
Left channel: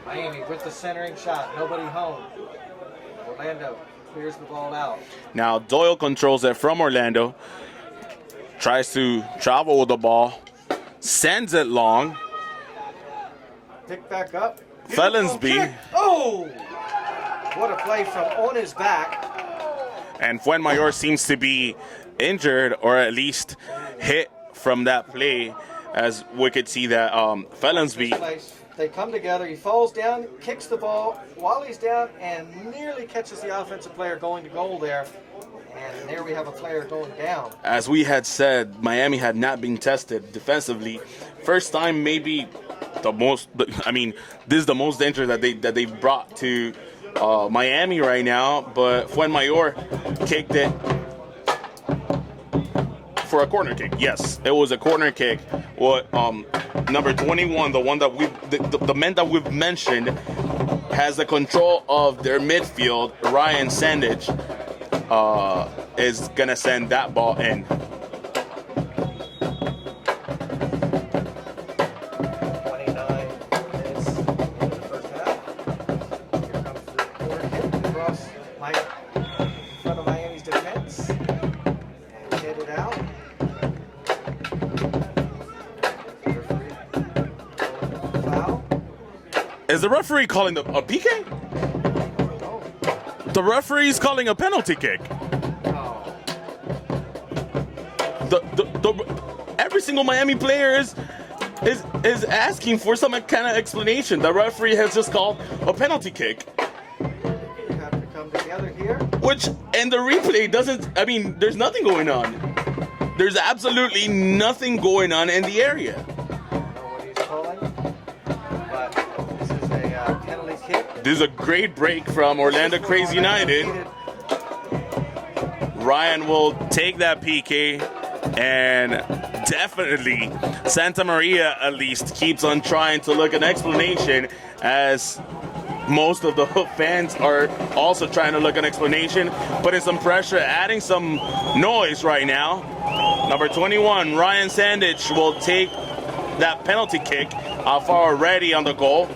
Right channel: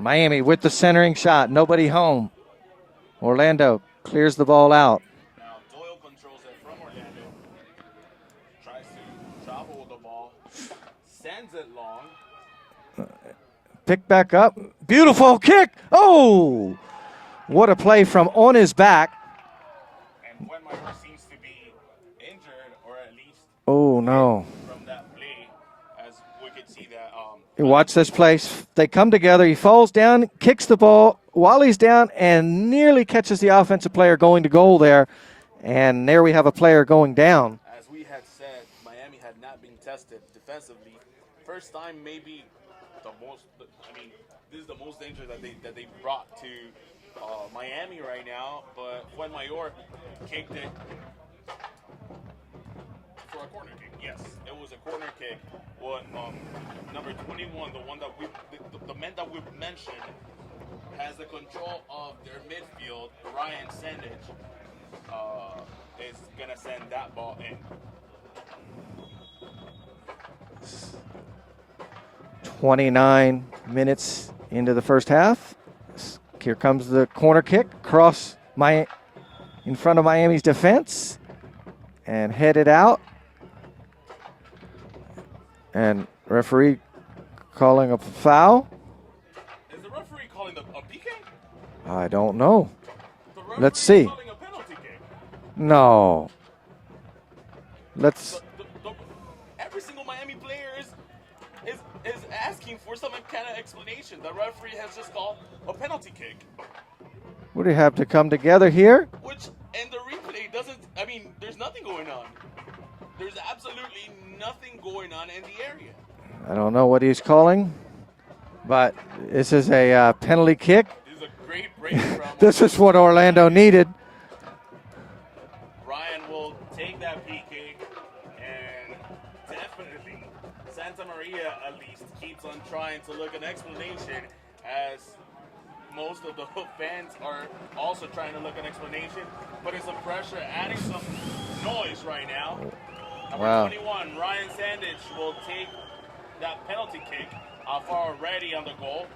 Miami with the centering shot. Nobody home. Orlando clears the ball out. Now Doyle controls it from Orlando. Tries to travel with the ball. Sends it long. Pick back up. Beautiful Felonsby. kick. Oh! What a play from on his back. And Fuenmayor seems to be injured, or at least Oh, hit no. from that play, as we could see that Watch this Felonsby- place. They come together. He falls down, kicks the ball while he's down, and nearly catches the offensive player going to goal there. And there we have a player going down. As we had said, Miami had not been tested defensively. First time, maybe the most. I mean, this is the most danger that they brought to Miami right now. But Fuenmayor kicked it for a corner kick. Yes, it was a corner kick. What number 21, the one that the men that we've mentioned, has the control of their midfield. Ryan Sandage is gonna send that ball in. 29 minutes into the first half. Here comes the corner kick across in front of Miami's defense and headed out. And referee calling a foul. Is the referee calling a PK? I don't know. The Let's referee is see. calling a penalty kick. No. Let's. Every single Miami player is asking for some kind of explanation. The referee has just called a penalty kick, Would we have to come together here? which and the replay doesn't. I mean, there's nothing going on. There's absolutely nothing going on in the area. I don't know what he's calling, but this is a penalty kick. This is a great break from This Orlando is what Kraze Orlando United. needed. Ryan will take that PK, and definitely Santa Maria at least keeps on trying to look an explanation, as most of the fans are also trying to look an explanation, putting some pressure, adding some noise right now. Number 21, Ryan Sandage, will take that penalty kick. Far already on the goal.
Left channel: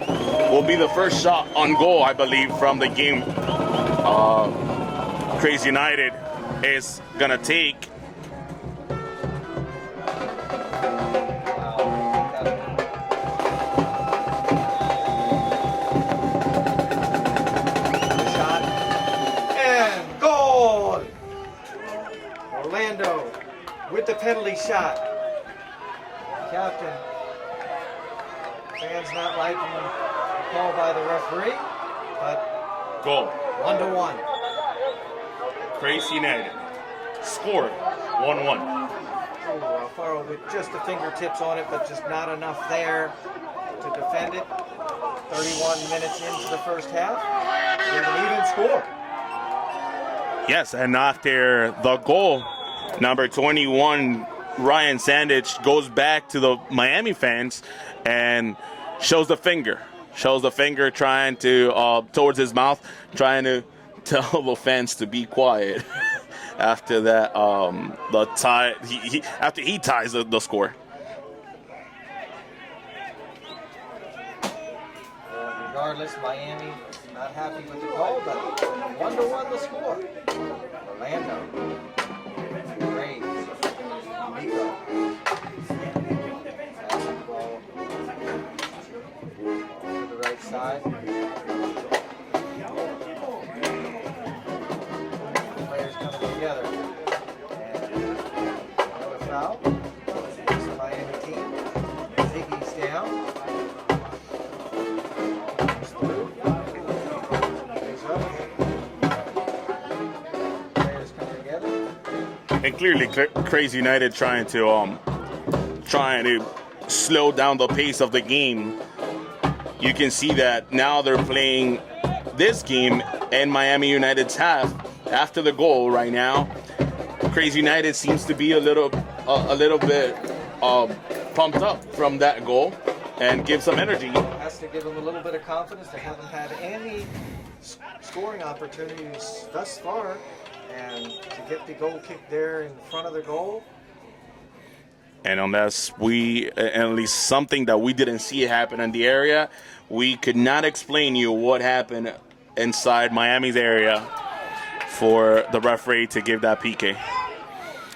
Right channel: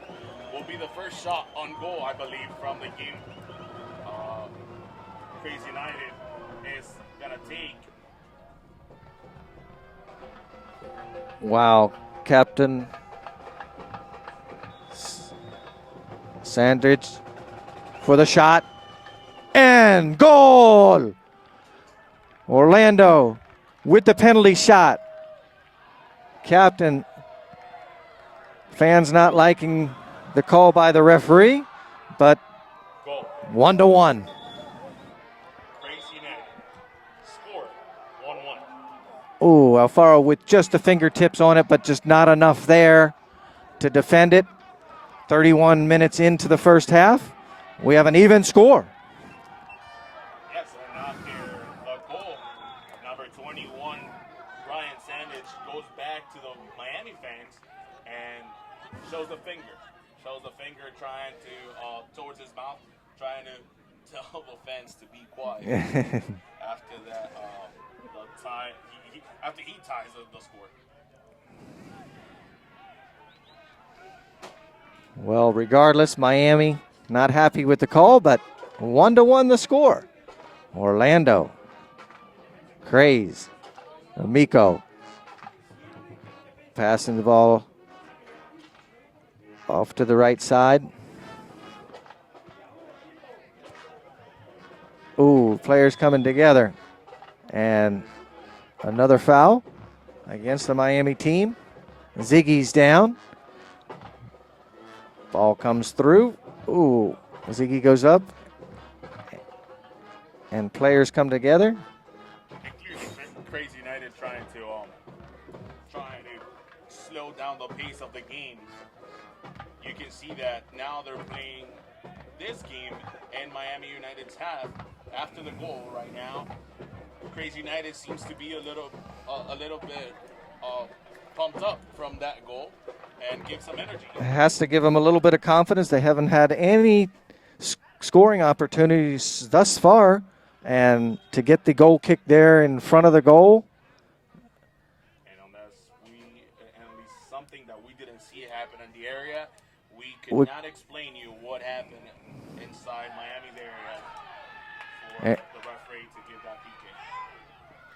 Will be the first shot on goal, I believe, from the game. Kraze United is gonna take. Wow, Captain Sandridge for the shot and goal. Orlando with the penalty shot. Captain, fans not liking the call by the referee, but Goal. 1-1. Kraze United scored 1-1. Ooh, Alfaro with just the fingertips on it, but just not enough there to defend it. 31 minutes into the first half, we have an even score. Yes, and after the goal, number 21, Ryan Sandage, goes back to the Miami fans and shows the finger. Shows the finger trying to, towards his mouth, trying to tell the fans to be quiet after that, the tie, after he ties the score. Well, regardless, Miami not happy with the call, but 1-1 the score. Orlando, Kraze, Miko passing the ball off to the right side. Ooh, players coming together. And another foul against the Miami team. Ziggy's down. Ball comes through. Ooh, Ziggy goes up. And players come together. And clearly, Kraze United trying to slow down the pace of the game. You can see that now they're playing this game in Miami United's half. After the goal right now, Kraze United seems to be a little bit pumped up from that goal and give some energy. Has to give them a little bit of confidence. They haven't had any scoring opportunities thus far And to get the goal kick there in front of the goal. And unless at least something that we didn't see happen in the area, we could not explain you what happened inside Miami's area for the referee to give that PK.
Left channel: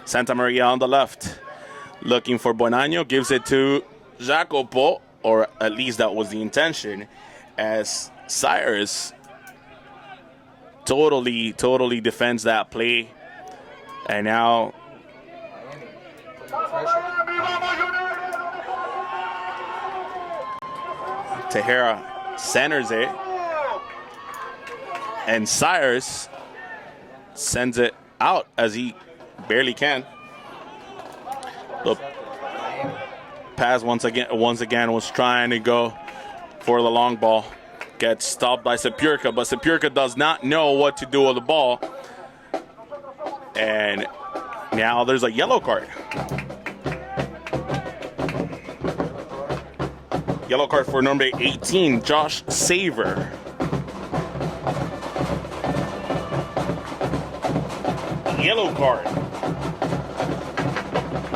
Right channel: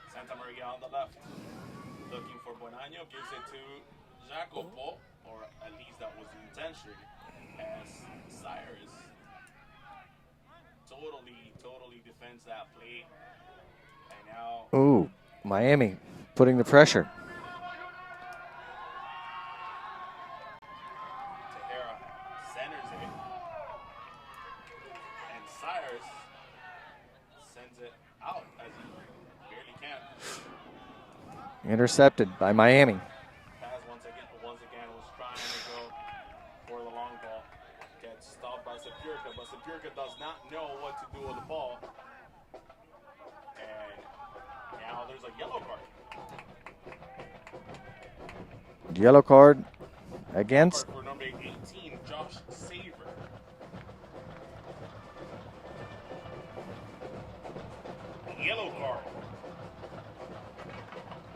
Santa Maria on the left, looking for Bonanno, gives it to Jacopo, or at least that was the intention, as Cyrus totally defends that play. And now... Ooh, Miami putting the pressure. Tejera centers it, and Cyrus sends it out as he barely can. Intercepted by Miami. Pass once again was trying to go for the long ball. Gets stopped by Sepurka, but Sepurka does not know what to do with the ball. And now there's a yellow card. Yellow card. Yellow card for number 18, Josh Saver. Yellow card.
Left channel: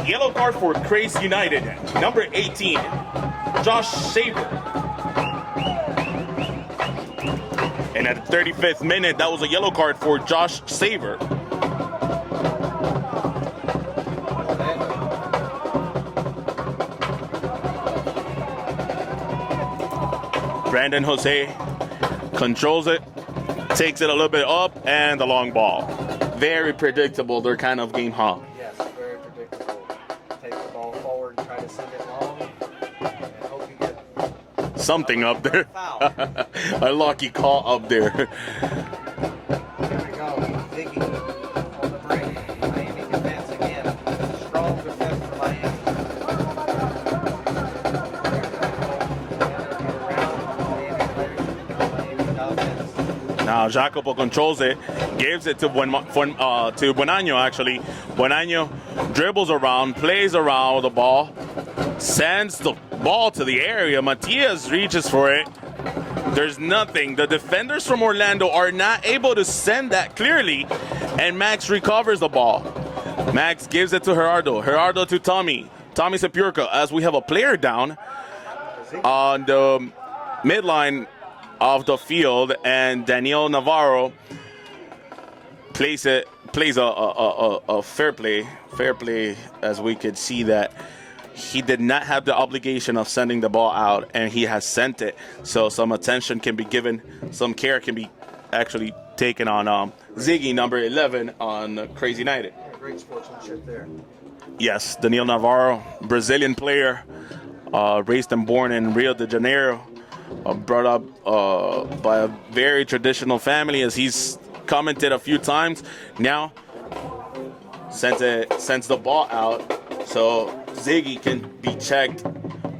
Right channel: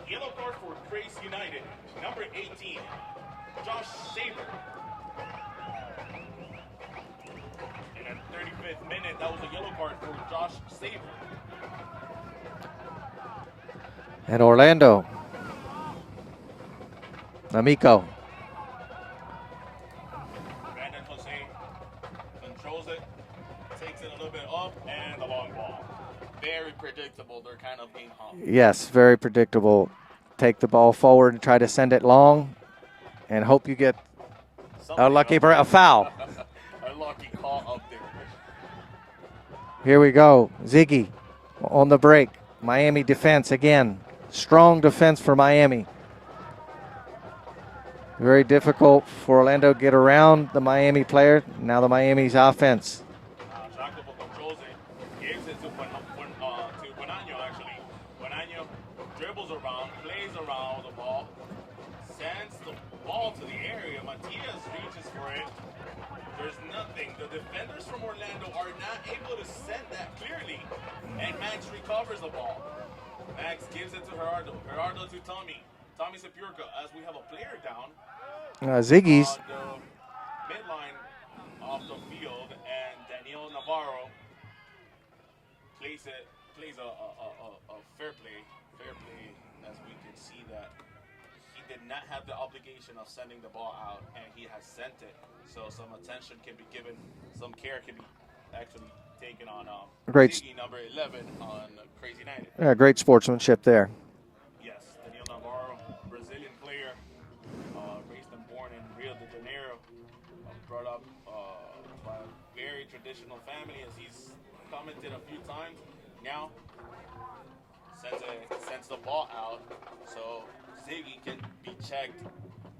Yellow card for Kraze United, number 18, Josh Saver. And at the 35th minute, that was a yellow card for Josh Saver. And Orlando. Amico. Brandon Jose controls it, takes it a little bit up, and the long ball. Very predictable, their kind of game, huh? Yes, very predictable. Take the ball forward and try to send it long and hope you get something a lucky up there. A foul. A lucky call up there. Here we go. Ziggy on the break. Miami defense again. Strong defense for Miami. Very difficult for Orlando to get around the Miami player. Now the Miami's offense. Now Jacopo controls it, gives it to Bonanno actually. Bonanno dribbles around, plays around with the ball, sends the ball to the area. Matias reaches for it. There's nothing. The defenders from Orlando are not able to send that clearly, and Max recovers the ball. Max gives it to Gerardo. Gerardo to Tommy. Tommy Sepurka, as we have a player down Ziggy's on the midline of the field, and Daniel Navarro plays a fair play, as we could see that he did not have the obligation of sending the ball out, and he has sent it. So some attention can be given, some care can be actually taken on Ziggy, number 11, on Kraze United. Yeah, great sportsmanship there. Yes, Daniel Navarro, Brazilian player, raised and born in Rio de Janeiro, brought up by a very traditional family, as he's commented a few times. Now sends the ball out so Ziggy can be checked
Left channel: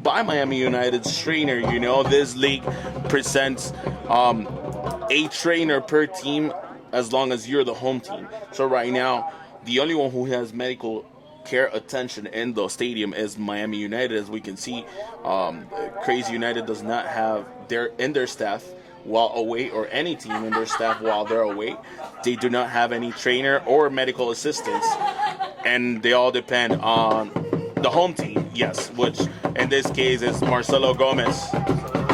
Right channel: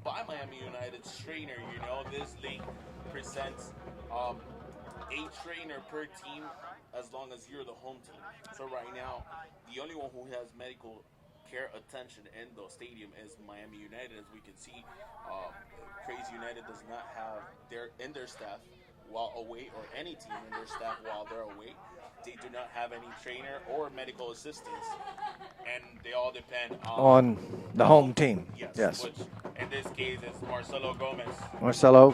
by Miami United's trainer. You know, this league presents a trainer per team as long as you're the home team. So right now, the only one who has medical care attention in the stadium is Miami United. As we can see, Kraze United does not have their staff while away, or any team in their staff while they're away. They do not have any trainer or medical assistants, and they all depend on the home team. Yes, which in this case is Marcelo Gomez. Marcelo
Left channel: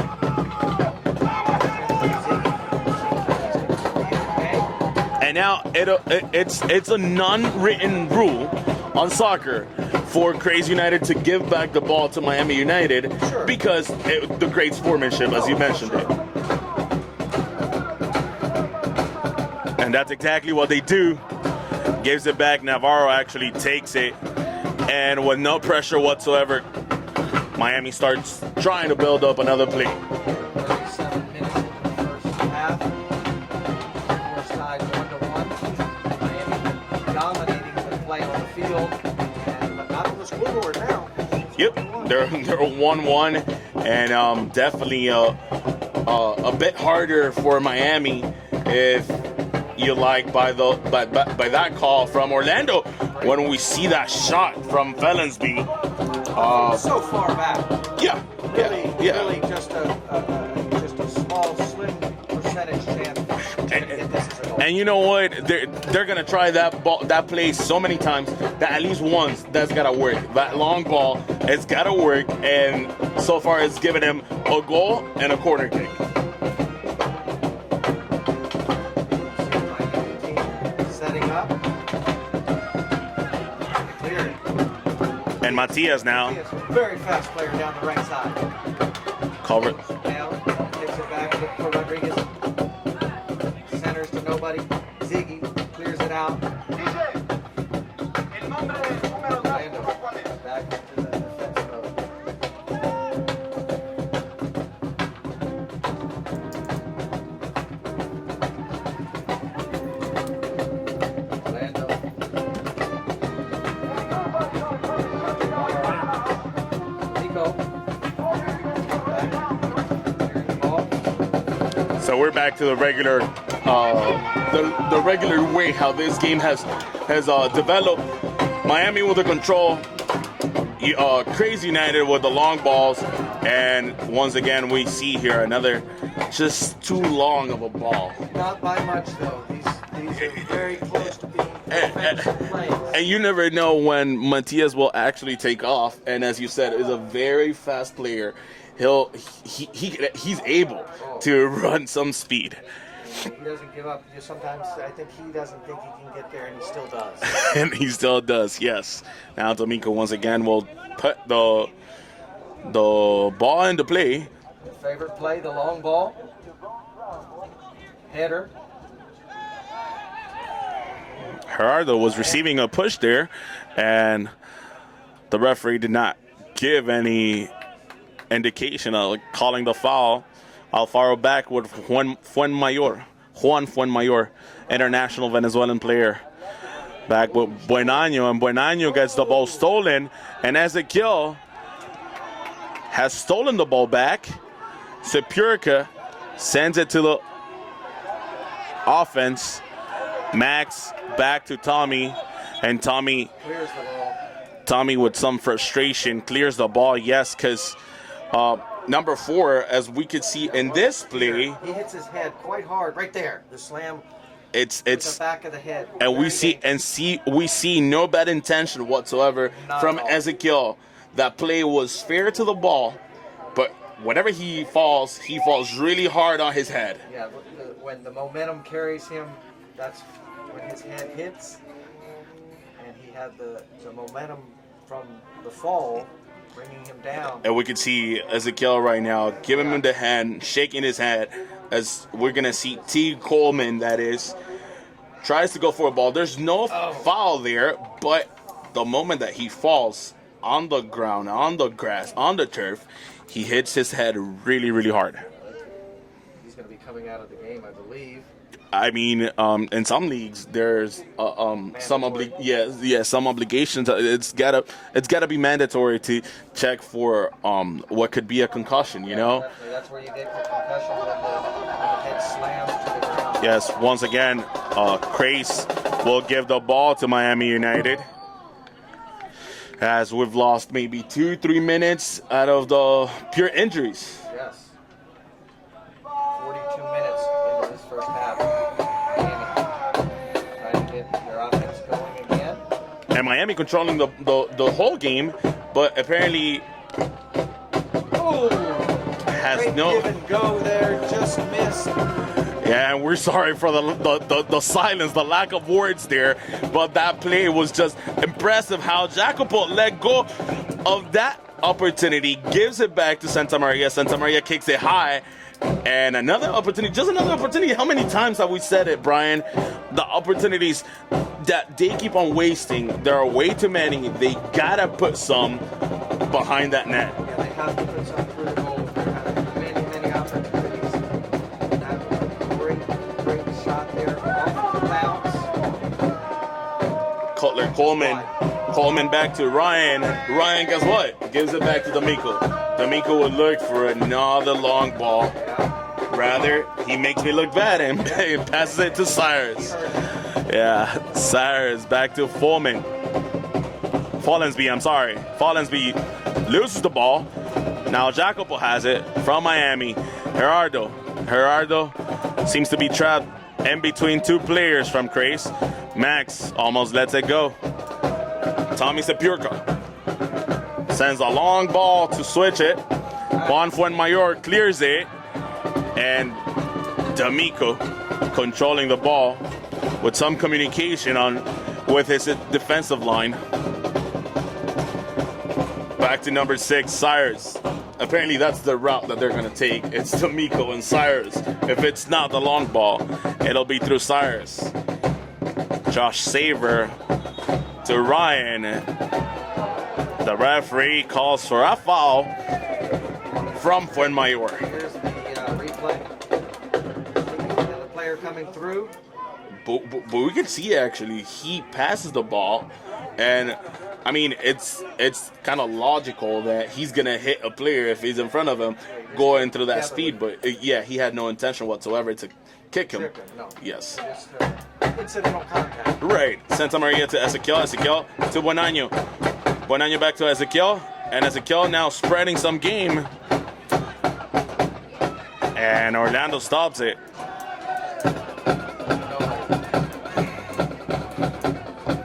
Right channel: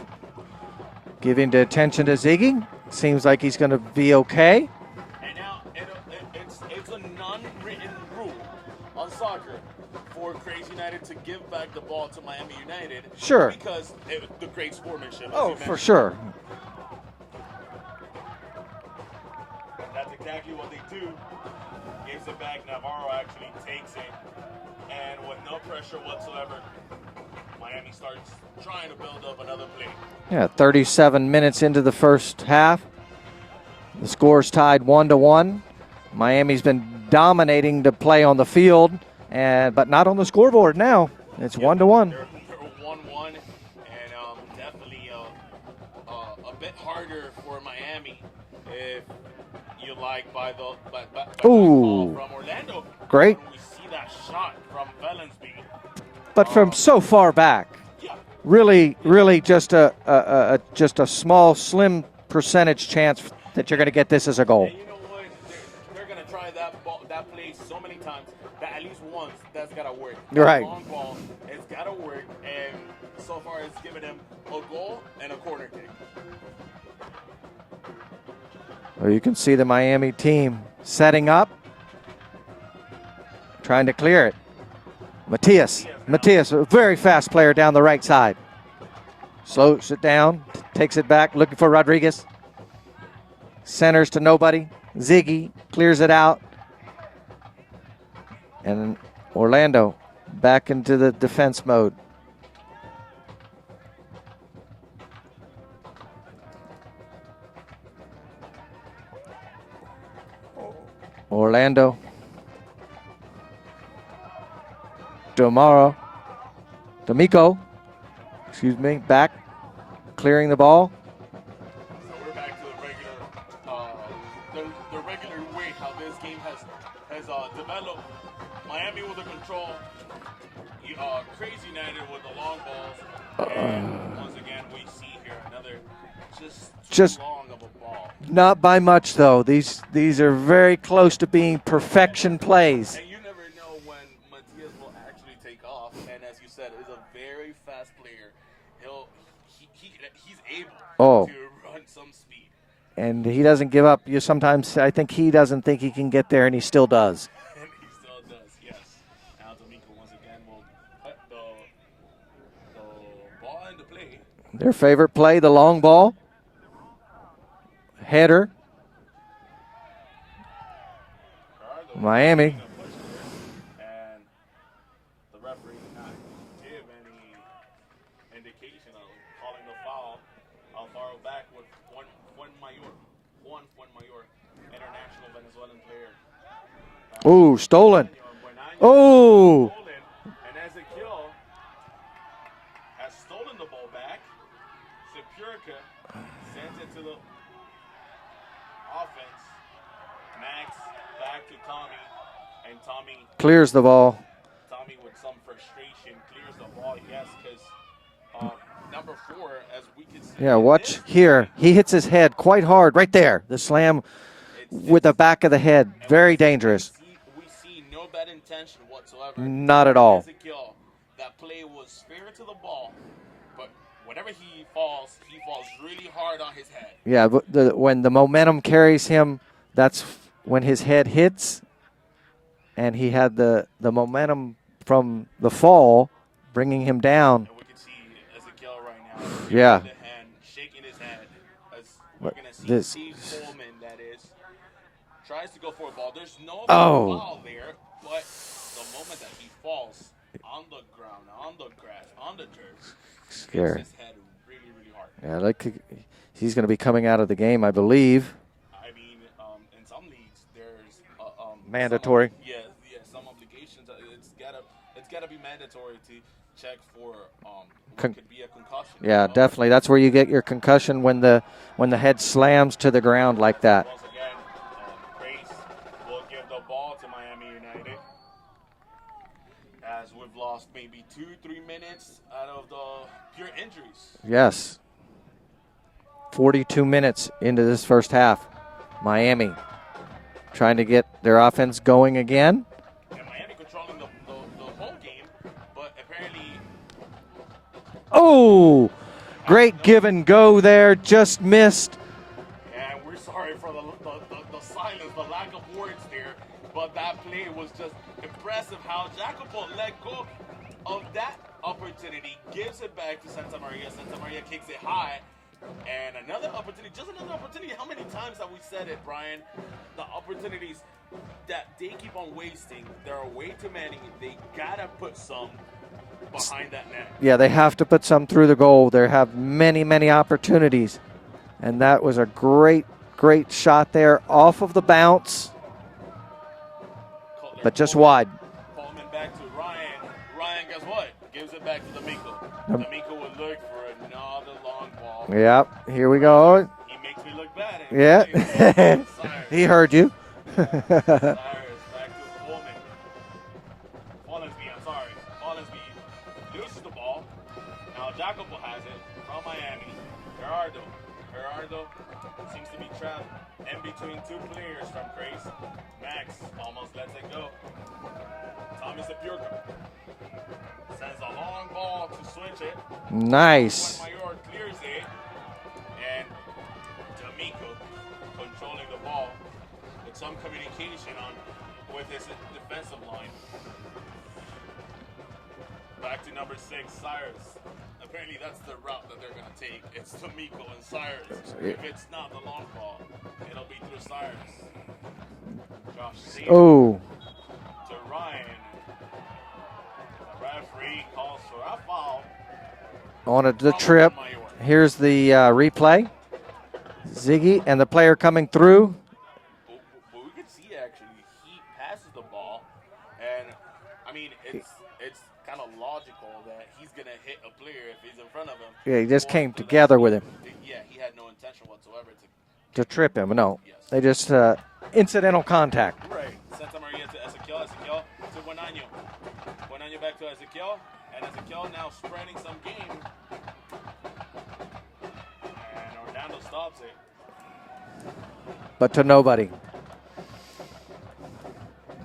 giving the attention to Ziggy. Seems like he's going to be okay. And now it's a non-written rule on soccer for Kraze United to give back the ball to Miami United. Sure. Because the great sportsmanship, as you mentioned. Sure. And that's exactly what they do. Gives it back. Navarro actually takes it. And with no pressure whatsoever, Miami starts trying to build up another play. Yeah, 37 minutes into the first half. The score's tied 1-1. Miami's been dominating the play on the field, but not on the scoreboard now. It's 1-1. They're 1-1, and definitely a bit harder for Miami, if you like, by that call from Orlando. Great. When we see that shot from Felonsby. But from so far back. Yeah, Really just a small, slim percentage chance that you're going to get this as a goal. And you know what? They're gonna try that play so many times that at least once that's gotta work. That long ball, it's gotta work, and so far it's given him a goal and a corner kick. So you can see the Miami team setting up, trying to clear it. Matias, a very fast player down the right side. Slows it down, takes it back, looking for Rodriguez. Centers to nobody. Ziggy clears it out. And Orlando back into the defense mode. Orlando. D'Amico, back, clearing the ball. So we're back to the regular, the regular way how this game has developed. Miami with the control, Kraze United with the long balls, and once again we see here another just too long of a ball. Not by much though. These are very close to being perfection plays. And you never know when Matias will actually take off. And as you said, is a very fast player. He's able to run some speed. And he doesn't give up. I think he doesn't think he can get there, and he still does. And he still does, yes. Now D'Amico once again will put the ball into play. Their favorite play, the long ball. Header. Gerardo was receiving a push there, and the referee did not give any indication of calling the foul. Alfaro back with Juan Fuenmayor, international Venezuelan player. Back with Buenaño, and Buenaño gets the ball stolen, and Ezequiel has stolen the ball back. Sepurica sends it to the offense. Max back to Tommy, and Tommy clears the ball. Tommy with some frustration clears the ball, yes, because number 4, as we could see in this play, here, he hits his head quite hard right there. The slam with the back of the head, very dangerous. We see no bad intention whatsoever. Not at all. Ezequiel, that play was fair to the ball, but whenever he falls really hard on his head. Yeah, but when the momentum carries him, that's when his head hits, and he had the momentum from the fall bringing him down. And we can see Ezequiel right now giving him the hand, shaking his head, as we're going to see T. Coleman, that is, tries to go for a ball. There's no foul there, but the moment that he falls on the ground, on the grass, on the turf, he hits his head really, really hard. Yeah, he's going to be coming out of the game, I believe. I mean, in some leagues, there's mandatory. Some obligations. It's gotta be mandatory to check for what could be a concussion. You know? Definitely. That's where you get your concussion, when the head slams to the ground like that. Once again, Kraze will give the ball to Miami United, as we've lost maybe 2-3 minutes out of the pure injuries. Yes. 42 minutes into this first half. Miami trying to get their offense going again. And Miami controlling the whole game, but apparently... Great give and go there, just missed. Yeah, and we're sorry for the silence, the lack of words there, but that play was just impressive how Jacopo let go of that opportunity, gives it back to Santa Maria. Santa Maria kicks it high. And another opportunity. How many times have we said it, Brian? The opportunities that they keep on wasting, there are way too many. They gotta put some behind that net. Yeah, they have to put some through the goal. They have many opportunities. And that was a great shot there off of the bounce. Cutler, but just Coleman, wide. Coleman back to Ryan. Ryan, guess what? Gives it back to D'Amico. D'Amico would look for another long ball. Yeah, here we go. He makes me look bad and pass it to Cyrus. He heard you. Yeah, Cyrus back to Follensby, I'm sorry. Follensby loses the ball. Now Jacopo has it from Miami. Gerardo seems to be trapped in between two players from Kraze. Max almost lets it go. Tommy Sepurka sends a long ball to switch it. Nice. Juan Fuenmayor clears it. And D'Amico controlling the ball with some communication with his defensive line. Back to number 6, Cyrus. Apparently that's the route that they're going to take. It's D'Amico and Cyrus. If it's not the long ball, it'll be through Cyrus. Josh Saber to Ryan. The referee calls for a foul On the from trip. Fuenmayor. Here's the replay. Ziggy and the player coming through. But we can see actually he passes the ball, and I mean it's kind of logical that he's gonna hit a player if he's in front of him. Yeah, he just going came through that together speed. with But yeah, he had no intention whatsoever to kick him. Trip him. No. Yes. They just incidental contact. Right. Santa Maria to Ezequiel. Ezequiel to Buenano. Buenano back to Ezequiel, and Ezequiel now spreading some game, and Orlando stops it. But to nobody.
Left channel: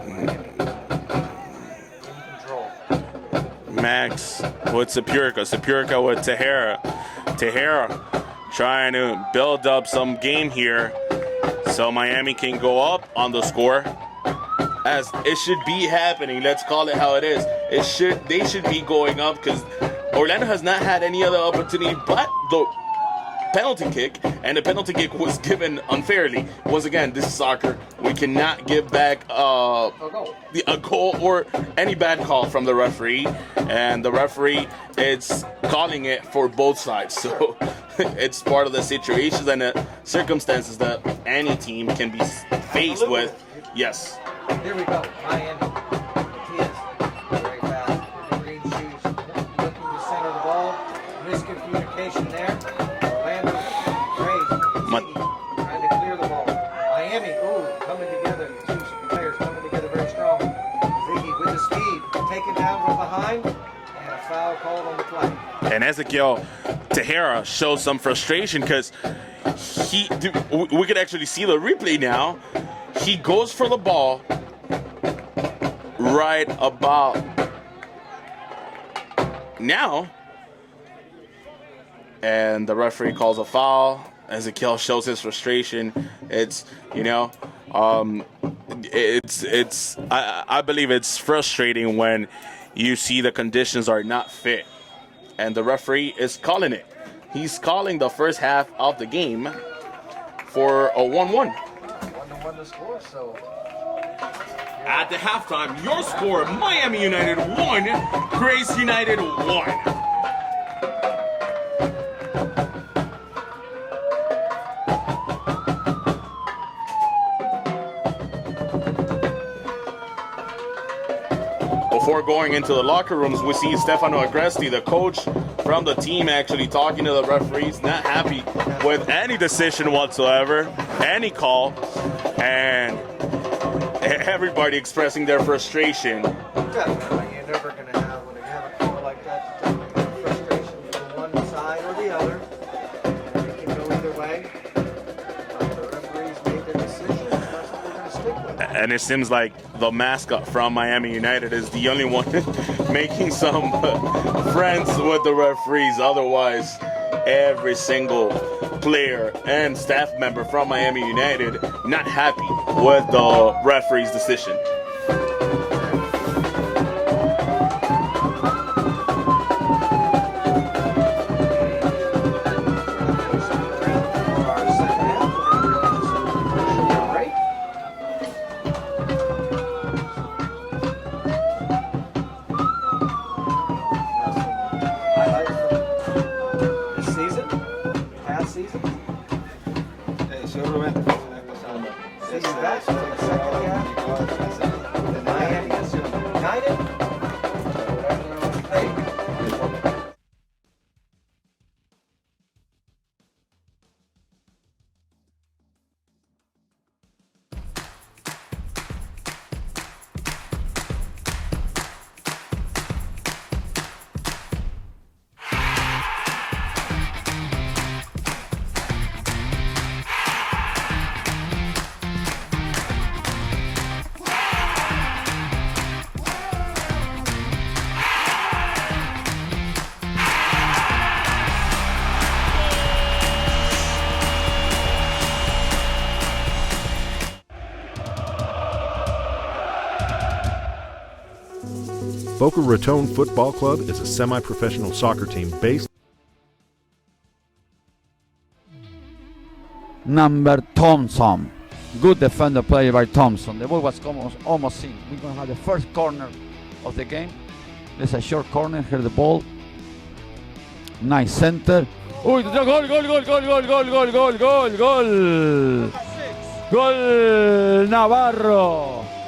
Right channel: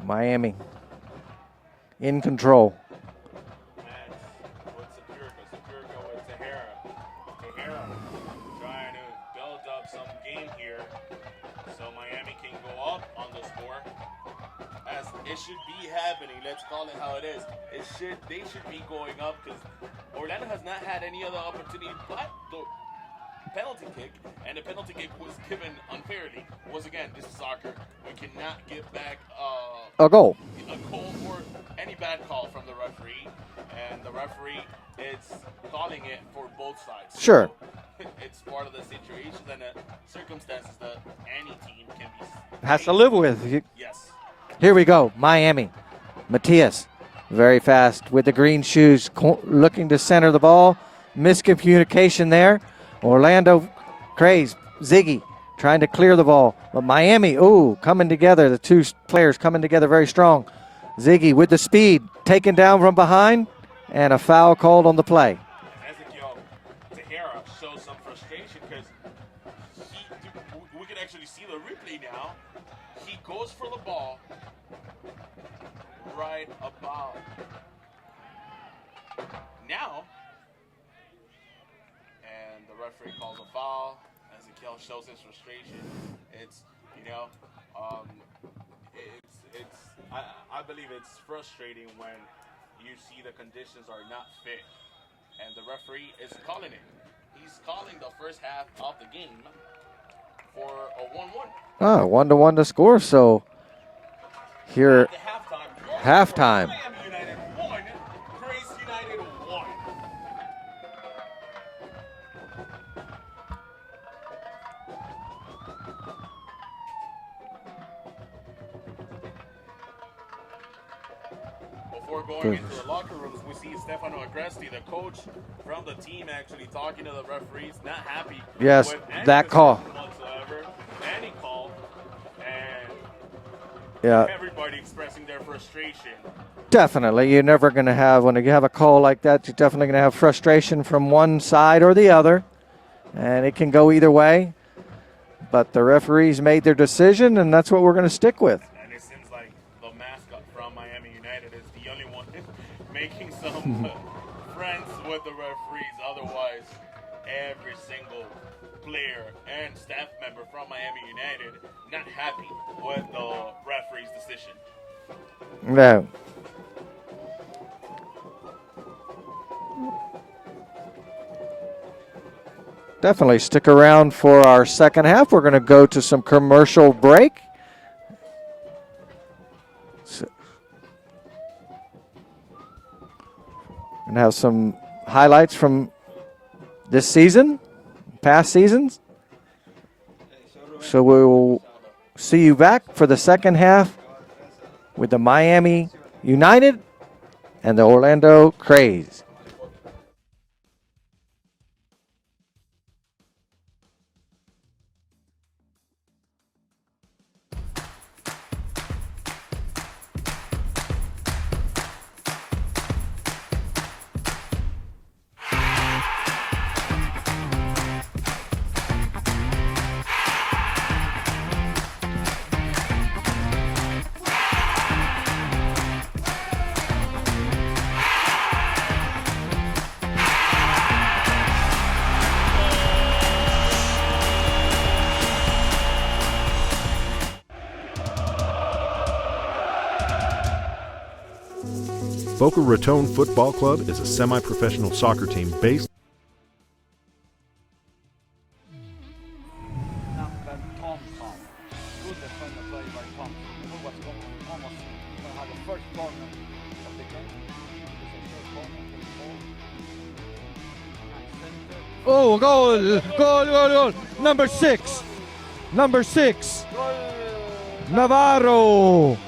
Miami in control. Max with Sepurka. Sepurka with Tejera. Tejera trying to build up some game here so Miami can go up on the score. As it should be happening. Let's call it how it is. They should be going up because Orlando has not had any other opportunity but the penalty kick, and the penalty kick was given unfairly. Once again, this is soccer. We cannot give back A goal. a goal or any bad call from the referee, and the referee is calling it for both sides. Sure. So it's part of the situations and the circumstances that any team can be faced to live with. Yes. Here we go. Miami. Matias. Very fast with the green shoes. Looking to center the ball. Miscommunication there. Orlando, Kraze, Ziggy trying to clear the ball. But Miami, coming together. The two players coming together very strong. Ziggy with the speed, taken down from behind, and a foul called on the play. And Ezequiel Tejera shows some frustration because we could actually see the replay now. He goes for the ball right about now. And the referee calls a foul. Ezequiel shows his frustration. It's, I believe it's frustrating when you see the conditions are not fit. And the referee is calling it. He's calling the first half of the game for a 1-1. 1-1 to score. So here at the halftime, your score, Miami United 1, Kraze United 1. Before going into the locker rooms, we see Stefano Agresti, the coach from the team, actually talking to the referees, not happy with any decision whatsoever, any call, and everybody expressing their frustration. Definitely. You're never going to have, when you have a call like that, you're definitely going to have frustration from one side or the other, and it can go either way. But the referees made their decision, and that's what we're going to stick with. And it seems like the mascot from Miami United is the only one making some friends with the referees. Otherwise, every single player and staff member from Miami United not happy with the referee's decision. No. Definitely stick around for our second half. We're going to go to some commercial break. And have some highlights from this season, past seasons. So we'll see you back for the second half with the Miami United and the Orlando Kraze. Boca Raton Football Club is a semi-professional soccer team based number Thompson. Good defender play by Thompson. The ball was almost in. We're going to have the first corner of the game. There's a short corner. Here the ball. Nice center. Oh, goal. Number six. Goal. Number 6. Goal. Navarro.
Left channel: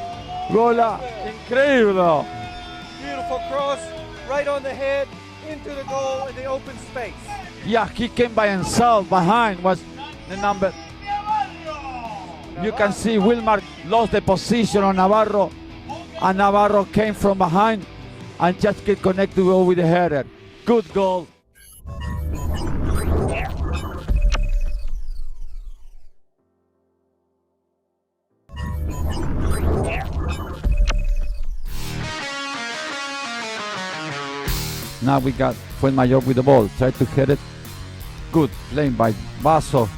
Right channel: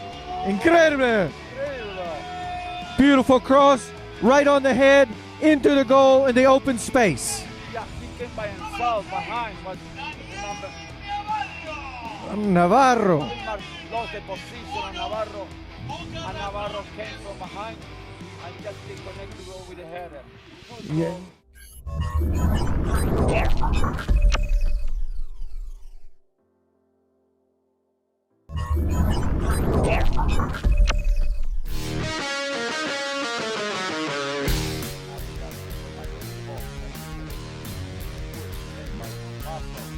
Incredible. Incredible. Beautiful cross. Right on the head. Into the goal in the open space. Yeah, he came by himself. Behind was the number. Navarro. You can see Wilmar lost the position on Navarro. And Navarro came from behind and just get connected with the header. Good goal. Now we got Fuenmayor with the ball. Try to hit it. Good lane by Basso.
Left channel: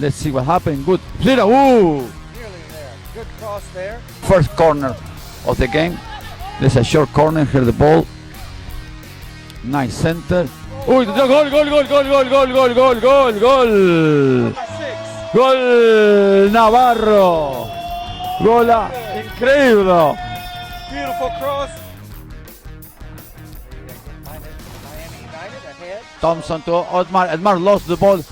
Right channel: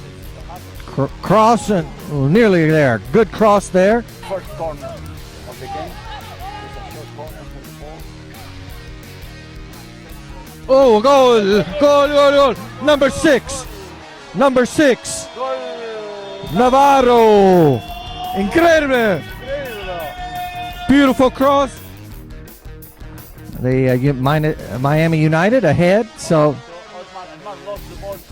Let's see what happened. Good. Nearly there. Good cross there. First corner of the game. There's a short corner. Here the ball. Nice center. Oh, goal. Number 6. Goal. Number 6. Goal. Navarro. Incredible. Incredible. Beautiful cross. The Miami United ahead. Thompson to Otmar. Edmar lost the ball to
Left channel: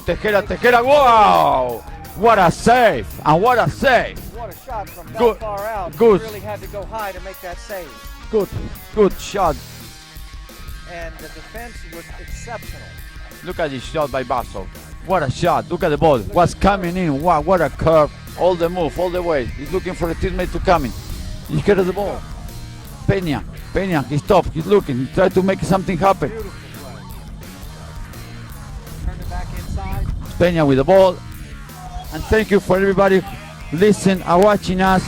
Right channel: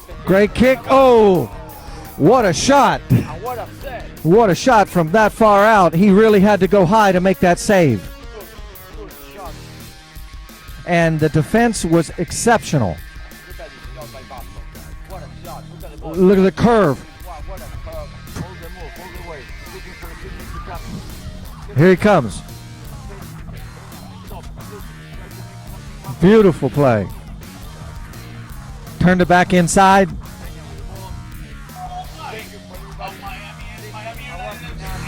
Tejera. Great kick. Wow. What a shot. save. And what a save. What a shot from that Good. far out. He Good. really had to go high to make that save. Good shot. And the defense was exceptional. Look at this shot by Basso. What a shot. Look at the ball. Look at What's the curve. coming in. Wow, what a curve. All the move, all the way. He's looking for a teammate to come in. Here he comes. Peña, he stopped. He's looking. He tried to make something happen. Beautiful play. Turned it back inside. Peña with the ball. And thank you for everybody listening and watching us.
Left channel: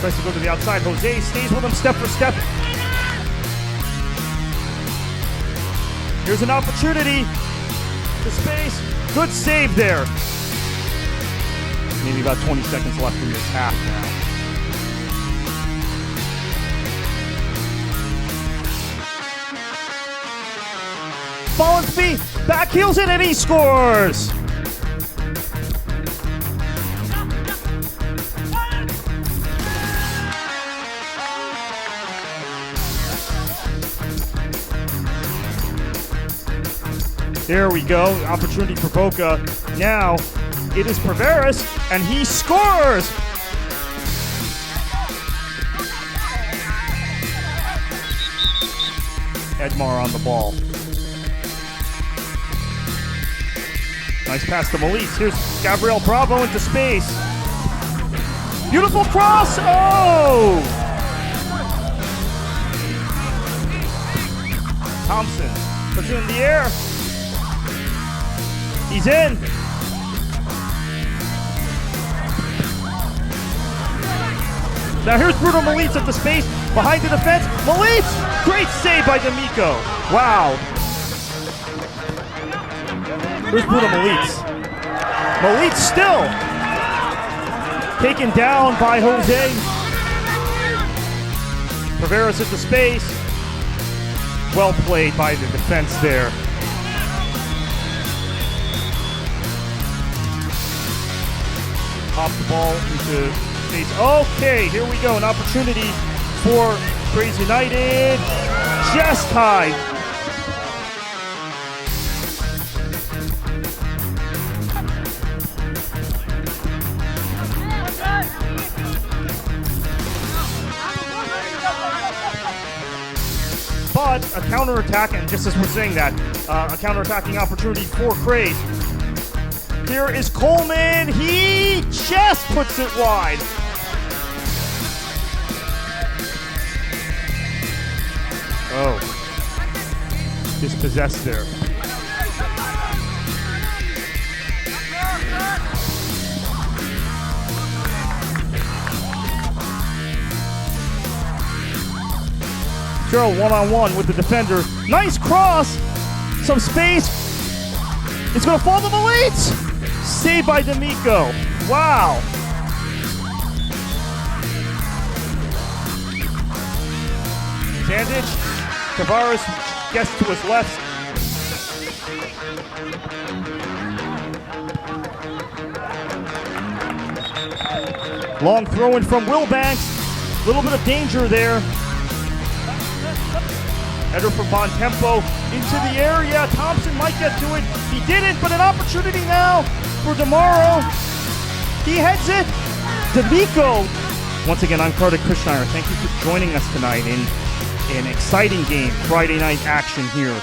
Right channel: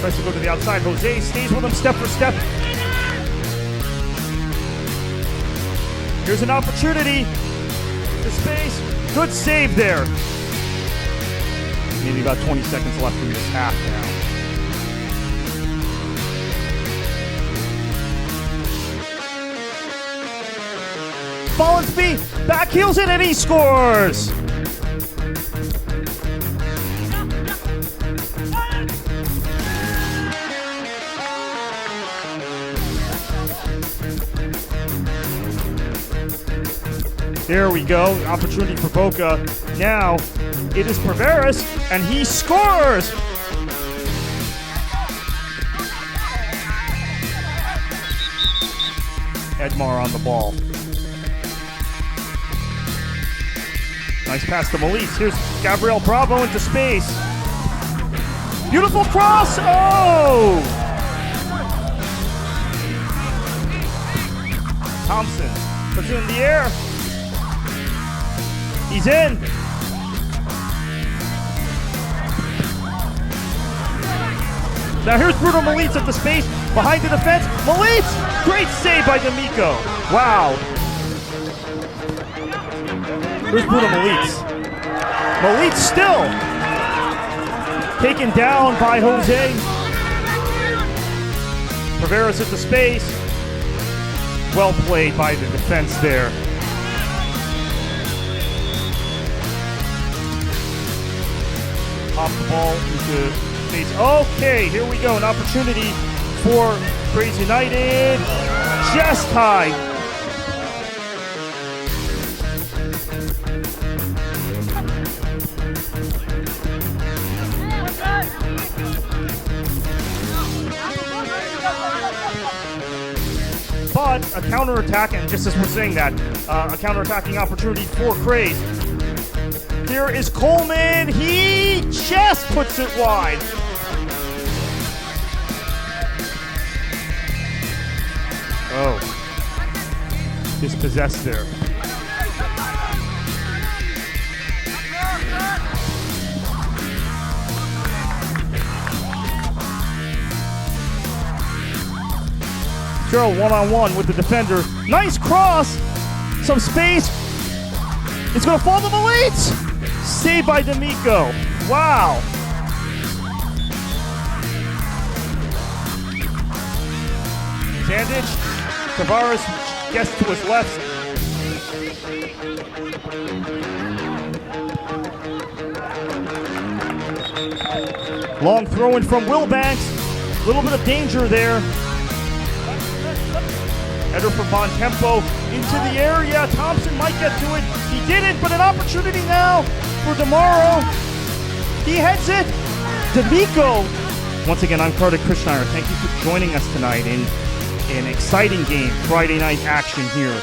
Tries to go to the outside. Jose stays with him step for step. Here's an opportunity. The space. Good save there. Maybe about 20 seconds left in this half now. Follansby back heels it and he scores. There we go. Opportunity for Boca. Now it is Perveras, and he scores! Edmar on the ball. Nice pass to Melise. Here's Gabriel Bravo into space. Beautiful cross! Oh! Thompson puts it in the air. He's in. Now here's Bruno Melitz at the space, behind the defense. Melitz! Great save by D'Amico. Wow. Here's Bruno Melitz. Melitz still taken down by Jose. Perveras at the space. Well played by the defense there. Pop the ball into space. Okay, here we go. An opportunity for Kraze United. Just high. But a counterattack, and just as we're saying that, a counterattacking opportunity for Kraze. Here is Coleman. He just puts it wide. Oh, dispossessed there. Farrell one-on-one with the defender. Nice cross. Some space. It's going to fall to Malik. Saved by D'Amico. Wow. Zandic. Tavares gets to his left. Long throw in from Wilbanks. A little bit of danger there. Header from Bontempo into the area. Thompson might get to it. He didn't, but an opportunity now for DeMauro. He heads it. D'Amico. Once again, I'm Kartik Krishnaiyer. Thank you for joining us tonight in an exciting game. Friday night action here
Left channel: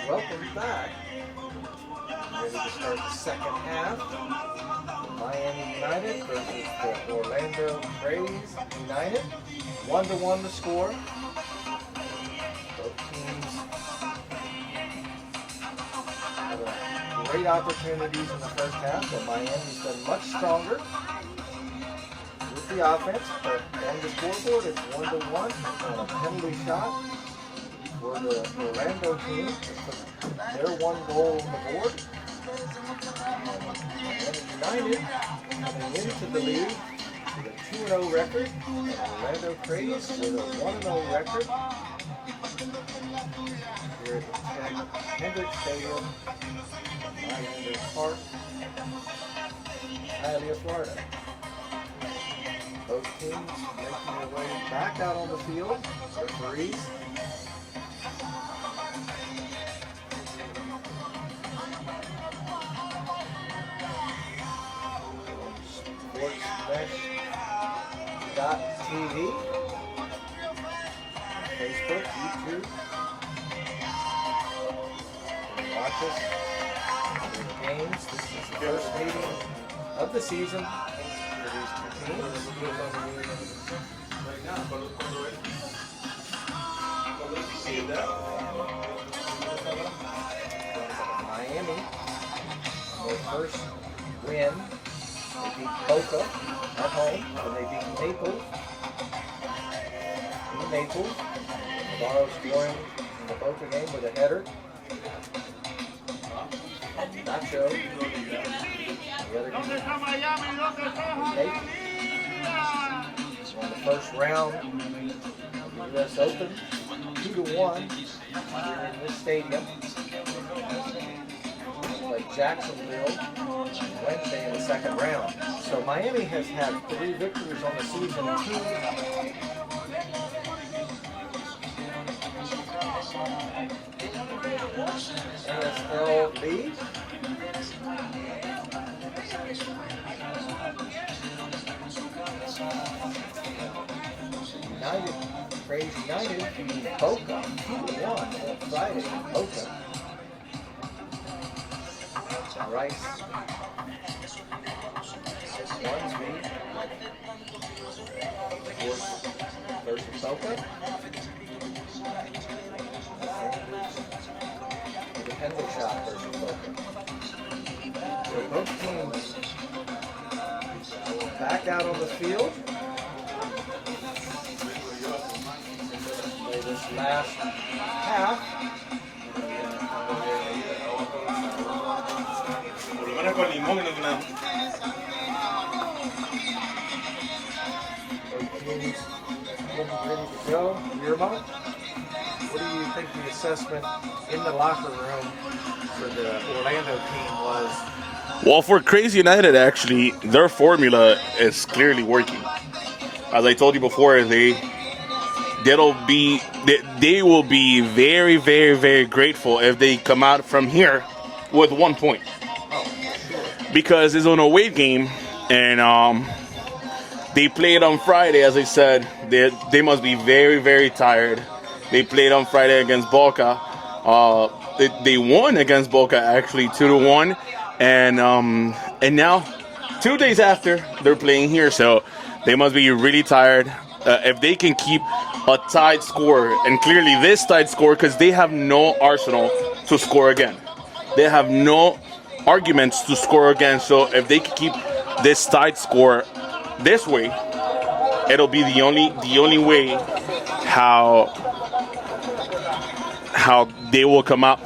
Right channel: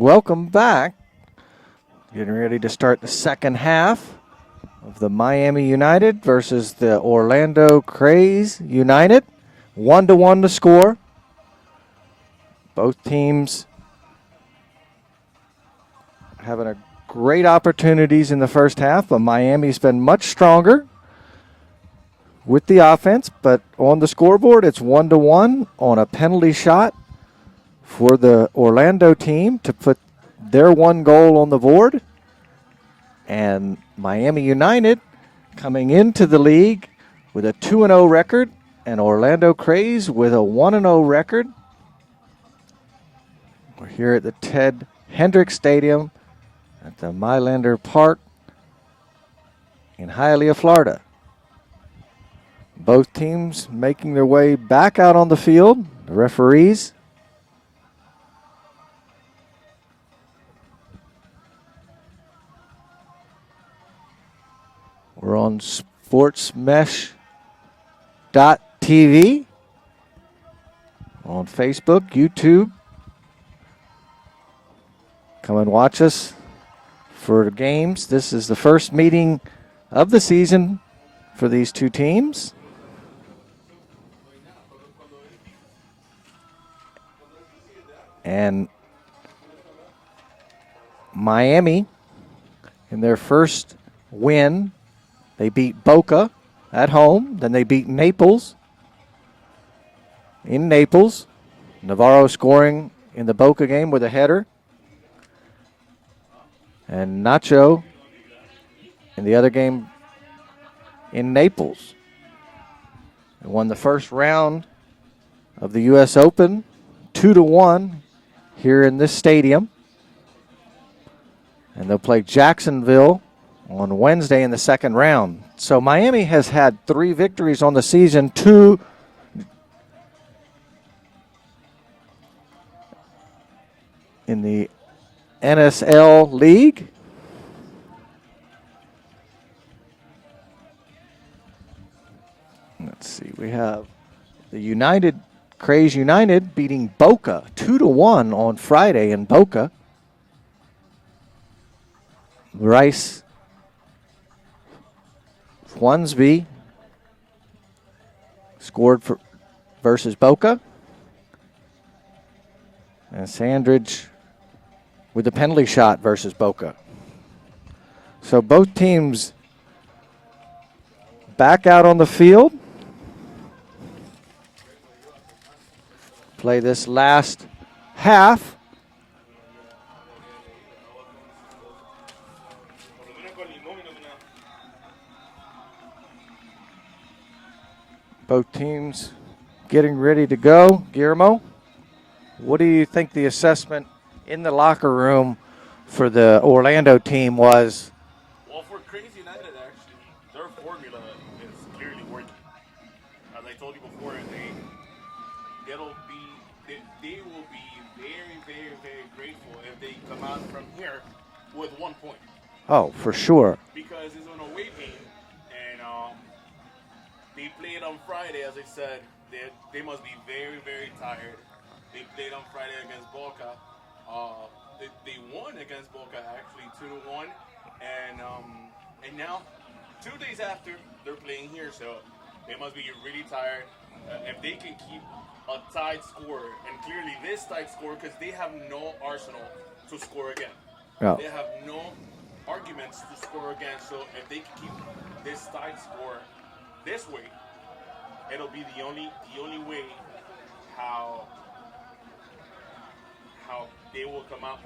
Welcome back. Getting ready to start the second half of the Miami United versus the Orlando Kraze United. 1-1 to score. Both teams having a great opportunities in the first half, but Miami's been much stronger with the offense. But on the scoreboard, it's 1-1 on a penalty shot for the Orlando team to put their one goal on the board. And Miami United coming into the league with a 2-0 record, and Orlando Kraze with a 1-0 record. Here at the Ted Hendricks Stadium, at the Mylander Park in Hialeah, Florida. Both teams making their way back out on the field. The referees we're on sportsmesh.tv, on Facebook, YouTube. Come and watch us for the games. This is the first meeting of the season for these two teams. And Miami, in their first win, they beat Boca at home. Then they beat Naples in Naples. Navarro scoring in the Boca game with a header. And Nacho in the other game in Naples. They won the first round of the U.S. Open 2-1 here in this stadium. And they'll play Jacksonville on Wednesday in the second round. So Miami has had 3 victories on the season, 2 in the NSL League. Let's see, we have the Kraze United beating Boca 2-1 on Friday in Boca. Rice Wansby scored versus Boca. And Sandridge with the penalty shot versus Boca. So both teams back out on the field. Play this last half. Both teams getting ready to go. Guillermo, what do you think the assessment in the locker room for the Orlando team was? Well, for Kraze United, actually, their formula is clearly working. As I told you before, they will be very, very, very grateful if they come out from here with 1 point. Oh, for sure. Because it's an away game, and they played on Friday, as I said. They must be very, very tired. They played on Friday against Boca. They won against Boca, actually, 2-1. And now, 2 days after, they're playing here. So they must be really tired. If they can keep a tied score, and clearly this tied score, because they have no arsenal to score again. Oh. They have no arguments to score again. So if they can keep this tied score this way, it'll be the only way how they will come out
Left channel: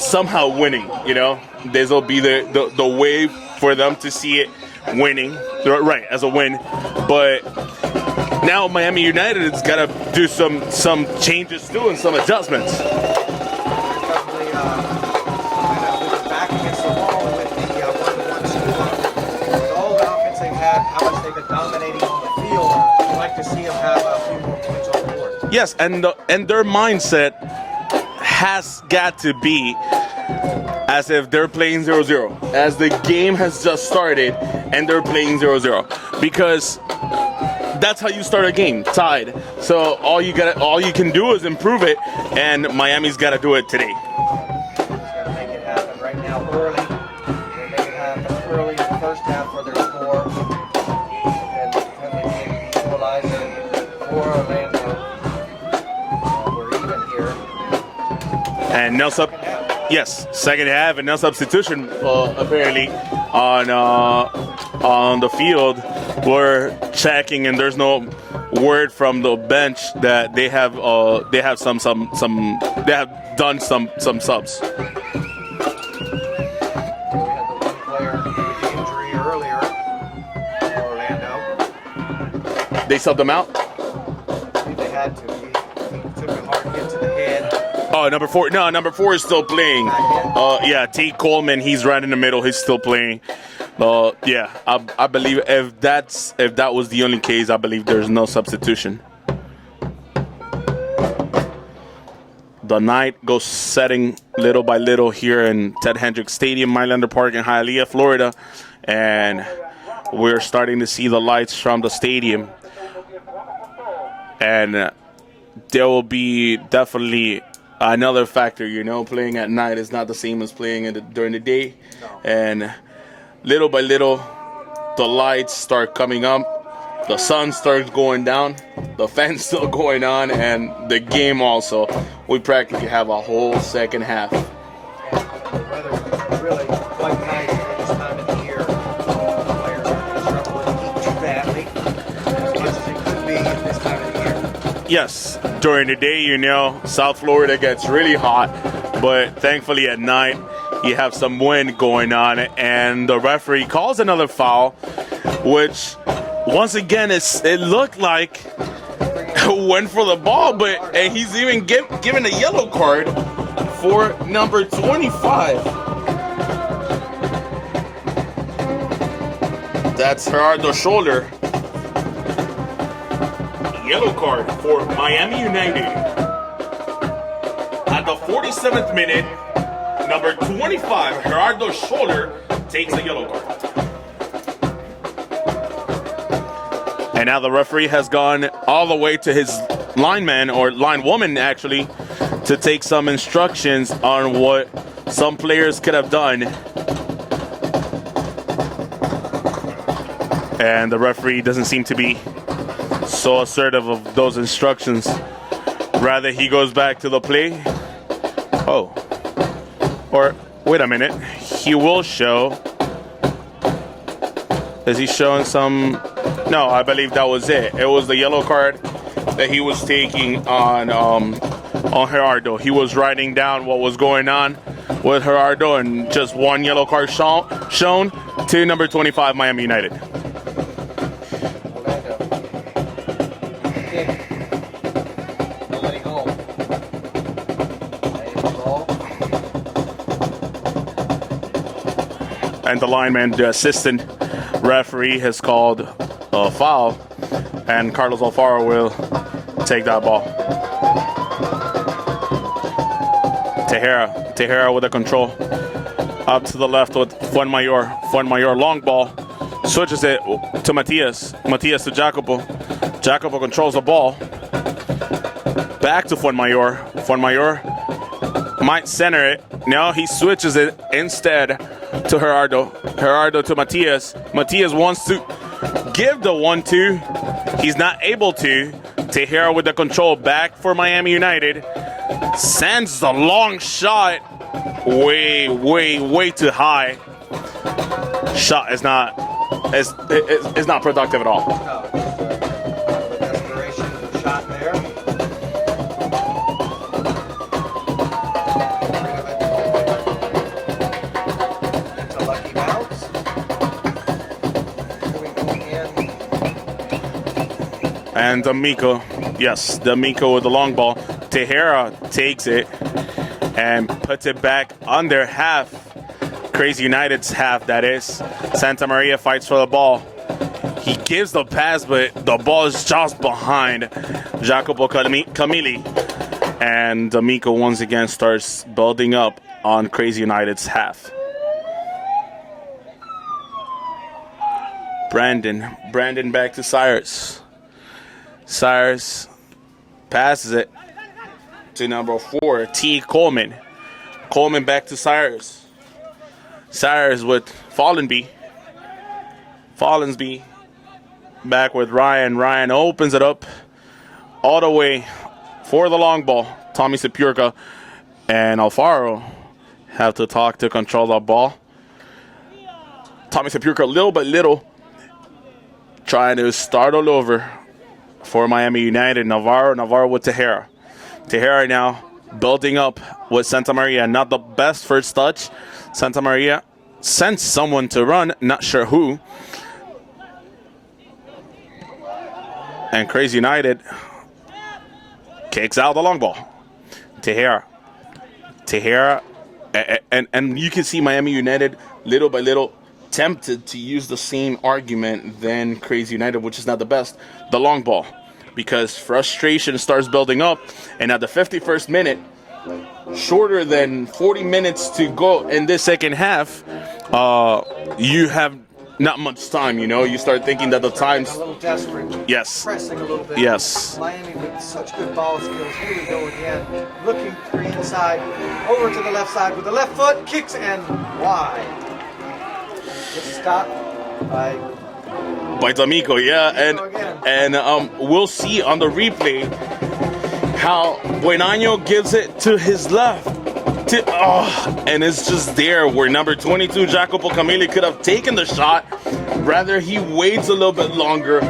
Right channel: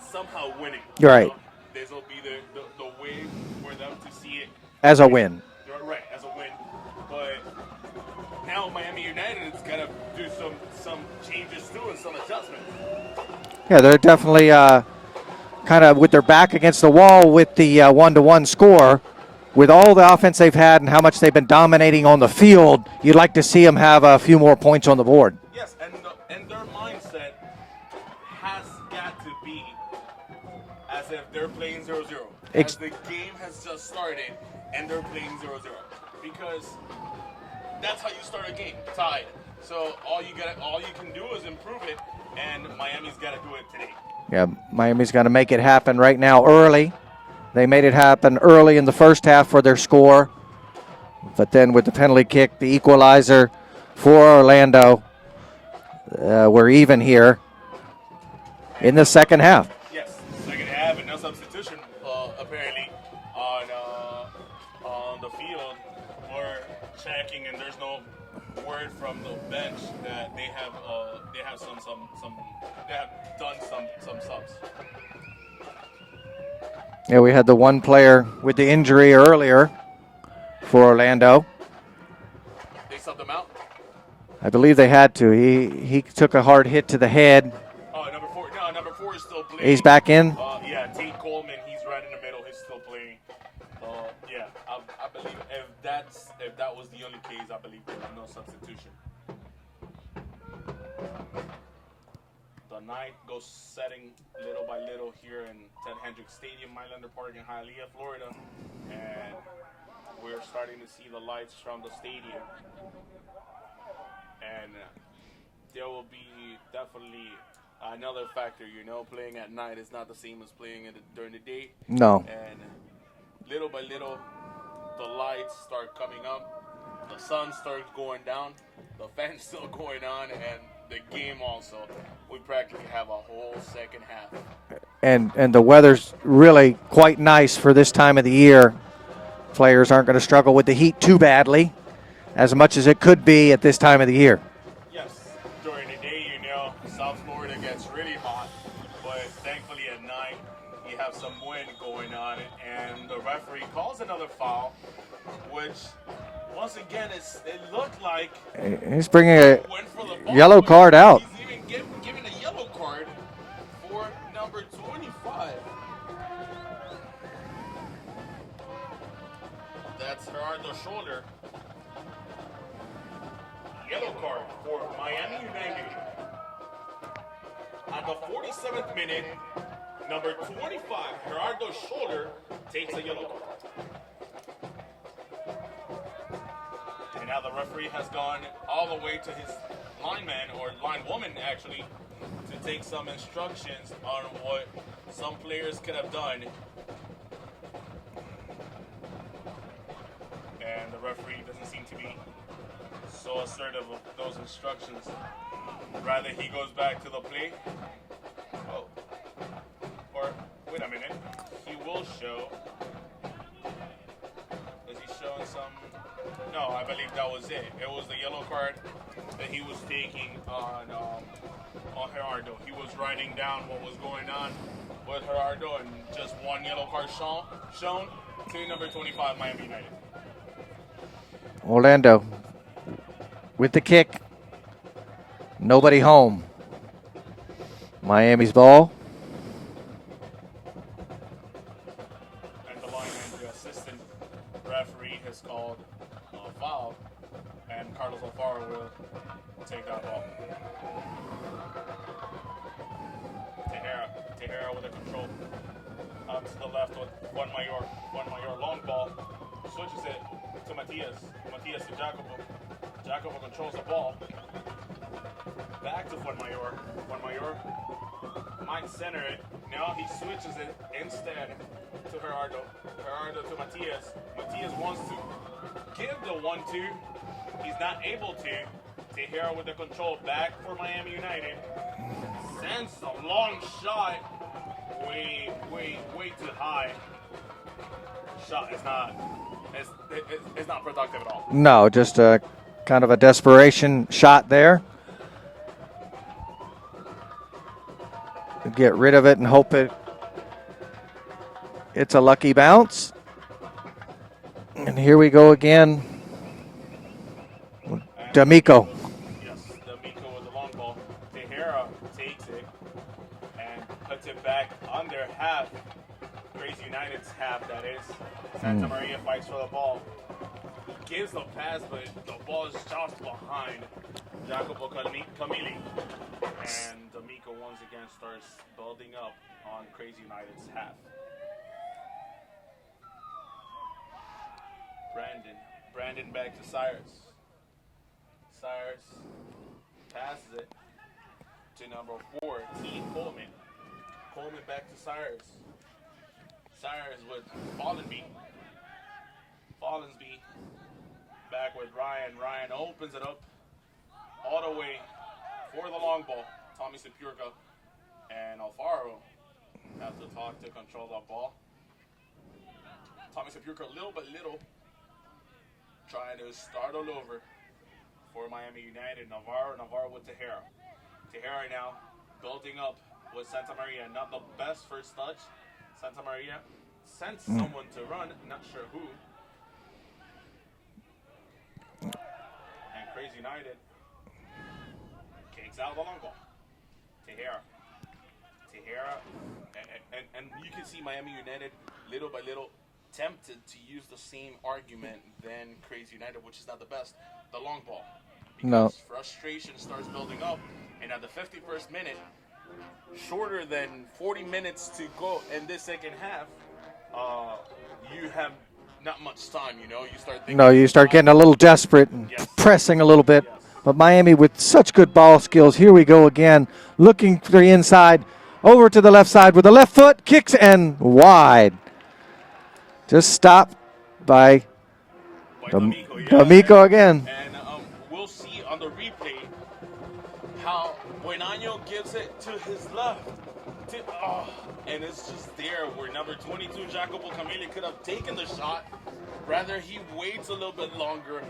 somehow winning. Right. You know, this will be the way for them to see it as winning. a win. Right, as a win. But now Miami United has got to do some changes too and some adjustments. Yeah, they're definitely kind of with their back against the wall with the 1-1 score. With all the offense they've had and how much they've been dominating on the field, you'd like to see them have a few more points on the board. Yes, and their mindset has got to be as if they're playing 0-0, as the game has just started and they're playing 0-0. Because that's how you start a game, tied. So all you can do is improve it, and Miami's got to do it today. Yeah, Miami's got to make it happen right now early. They made it happen early in the first half for their score. But then with the penalty kick, the equalizer for Orlando, we're even here And in the second half. Yes, second half, and no substitution apparently on the field. We're checking, and there's no word from the bench that they have done some subs. Yeah, we had the one player with the injury earlier for Orlando. They subbed him out. I believe they had to. He took a hard hit to the head. Oh, number 4. No, number 4 is still playing. He's back in? Yeah, Tate Coleman. He's right in the middle. He's still playing. Yeah, I believe if that was the only case, I believe there's no substitution. The night goes setting little by little here in Ted Hendricks Stadium, Mylander Park in Hialeah, Florida, and we're starting to see the lights from the stadium. And there will be definitely another factor, playing at night is not the same as playing during the day. No. And little by little, the lights start coming up, the sun starts going down, the fan's still going on, and the game also. We practically have a whole second half. And the weather's really quite nice for this time of the year. Players aren't going to struggle with the heat too badly, as much as it could be at this time of the year. Yes, during the day, South Florida gets really hot, but thankfully at night, you have some wind going on, and the referee calls another foul, which, once again, it looked like he's bringing a went for the ball, yellow card out. He's even given a yellow card for number 25. That's Gerardo's shoulder. Yellow card for Miami United. At the 47th minute, number 25, Gerardo's shoulder, takes a yellow card. And now the referee has gone all the way to his lineman, or linewoman actually, to take some instructions on what some players could have done. And the referee doesn't seem to be so assertive of those instructions. Rather, he goes back to the play. Oh. Or, wait a minute. He will show. Is he showing some? No, I believe that was it. It was the yellow card that he was taking on Gerardo. He was writing down what was going on with Gerardo, and just one yellow card shown to number 25, Miami United. Orlando with the kick. Nobody home. Miami's ball. And the lineman, the assistant referee, has called a foul, and Carlos Alfaro will take that ball. Tejera with the control. Up to the left with Fuenmayor. Fuenmayor, long ball. Switches it to Matias. Matias to Jacopo. Jacopo controls the ball. Back to Fuenmayor. Fuenmayor might center it. No, he switches it instead to Gerardo. Gerardo to Matias. Matias wants to give the 1-2. He's not able to. Tejera with the control, back for Miami United. Sends the long shot way too high. Shot is not productive at all. No, just a kind of a desperation shot there. Get rid of it and hope it's a lucky bounce. And here we go again. And D'Amico. Yes, D'Amico with the long ball. Tejera takes it and puts it back under half. Kraze United's half, that is. Santa Maria fights for the ball. He gives the pass, but the ball is just behind Jacopo Camilli. And D'Amico once again starts building up on Kraze United's half. Brandon back to Cyrus. Cyrus passes it to number 4, T. Coleman. Coleman back to Cyrus. Cyrus with Follansby. Follansby back with Ryan. Ryan opens it up all the way for the long ball. Tommy Sepurka and Alfaro have to talk to control the ball. Tommy Sepurka little by little trying to start all over for Miami United. Navarro with Tejera. Tejera now building up with Santa Maria. Not the best first touch. Santa Maria sends someone to run, not sure who. And Kraze United kicks out the long ball. Tejera, and you can see Miami United little by little tempted to use the same argument than Kraze United, which is not the best, the long ball, because frustration starts building up, and at the 51st minute, shorter than 40 minutes to go in this second half, you have not much time, you start thinking that you start getting a little desperate, pressing a little bit. Yes. But Miami with such good ball skills. Here we go again, looking to the inside, over to the left side with the left foot, kicks and wide. This stop by D'Amico, D'Amico again. And we'll see on the replay how Buenaño gives it to his left. And it's just there where number 22, Jacopo Camilli, could have taken the shot. Rather, he waits a little bit longer,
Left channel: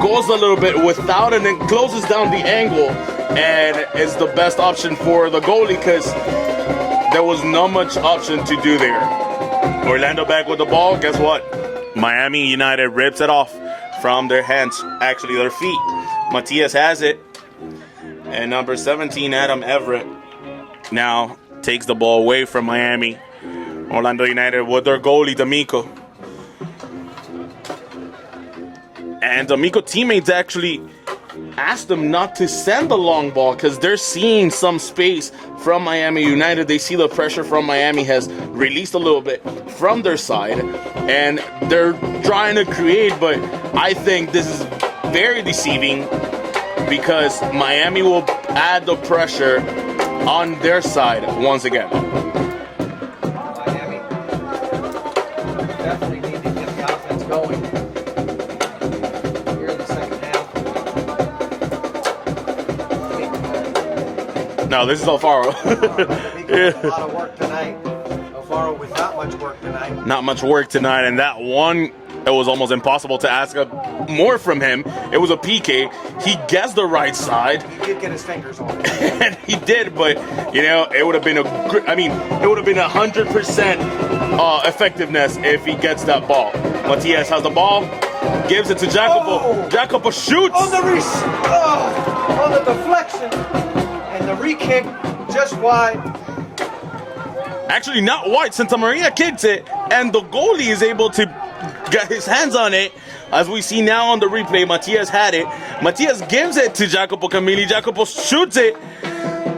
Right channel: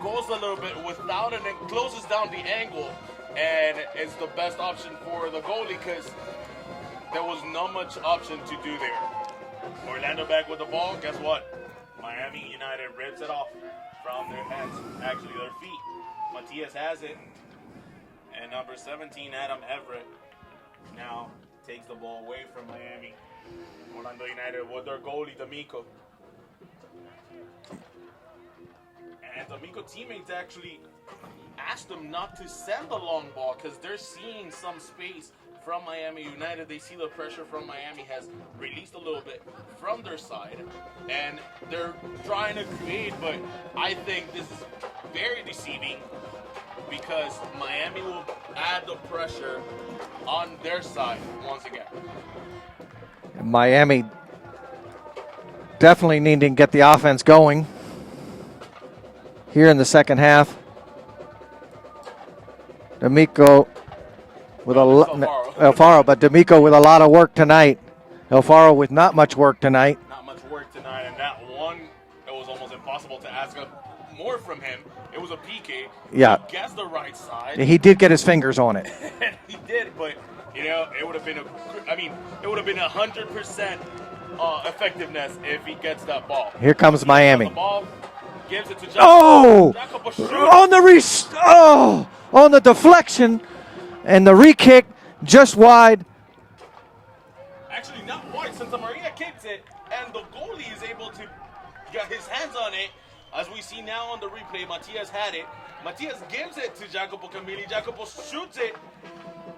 goes a little bit without it, and closes down the angle. And it's the best option for the goalie because there was not much option to do there. Orlando back with the ball. Guess what? Miami United rips it off from their hands, actually their feet. Matias has it. And number 17, Adam Everett, now takes the ball away from Miami. Orlando United with their goalie, D'Amico. And D'Amico teammates actually asked them not to send the long ball because they're seeing some space from Miami United. They see the pressure from Miami has released a little bit from their side, and they're trying to create, but I think this is very deceiving because Miami will add the pressure on their side once again. Miami definitely need to get the offense going here in the second half. D'Amico. No, this is Alfaro. Alfaro, but D'Amico with a lot of work tonight. Alfaro with not much work tonight. Not much work tonight, and that one, it was almost impossible to ask more from him. It was a PK. Yeah. He guessed the right side. He did get his fingers on it. And he did, but it would have been it would have been 100% effectiveness if he gets that ball. Here comes Matias Miami. has the ball, gives it to Jacopo. Jacopo shoots. On the deflection and the re-kick just wide. Actually, not wide. Santa Maria kicks it, and the goalie is able to get his hands on it. As we see now on the replay, Matias had it. Matias gives it to Jacopo Camilli. Jacopo shoots it.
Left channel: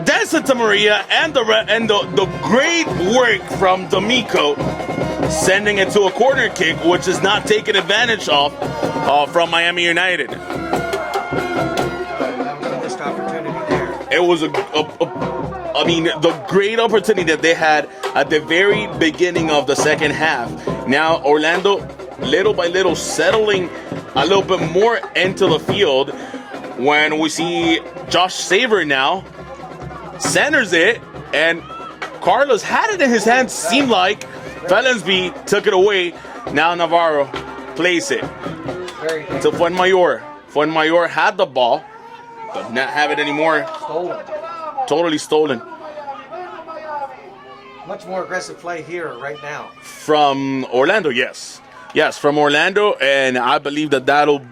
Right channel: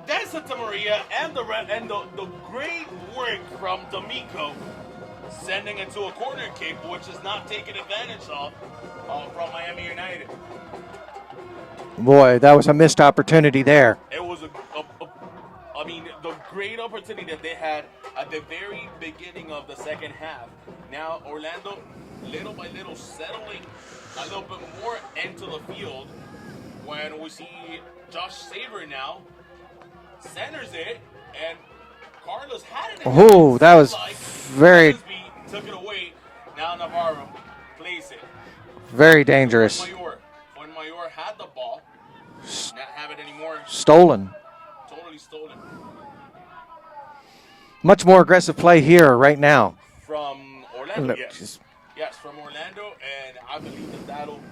Then Santa Maria and the great work from D'Amico, sending it to a corner kick, which is not taken advantage of from Miami United. Boy, that was a missed opportunity there. It was the great opportunity that they had at the very beginning of the second half. Now Orlando, little by little, settling a little bit more into the field when we see Josh Saver now centers it, and Carlos had it in his hands. Seemed like Follansby took it away. Now Navarro plays it. Very dangerous. To Fuenmayor had the ball. Does not have it anymore. Stolen. Totally stolen. Much more aggressive play here right now. From Orlando, yes. Yes, from Orlando, and I believe that'll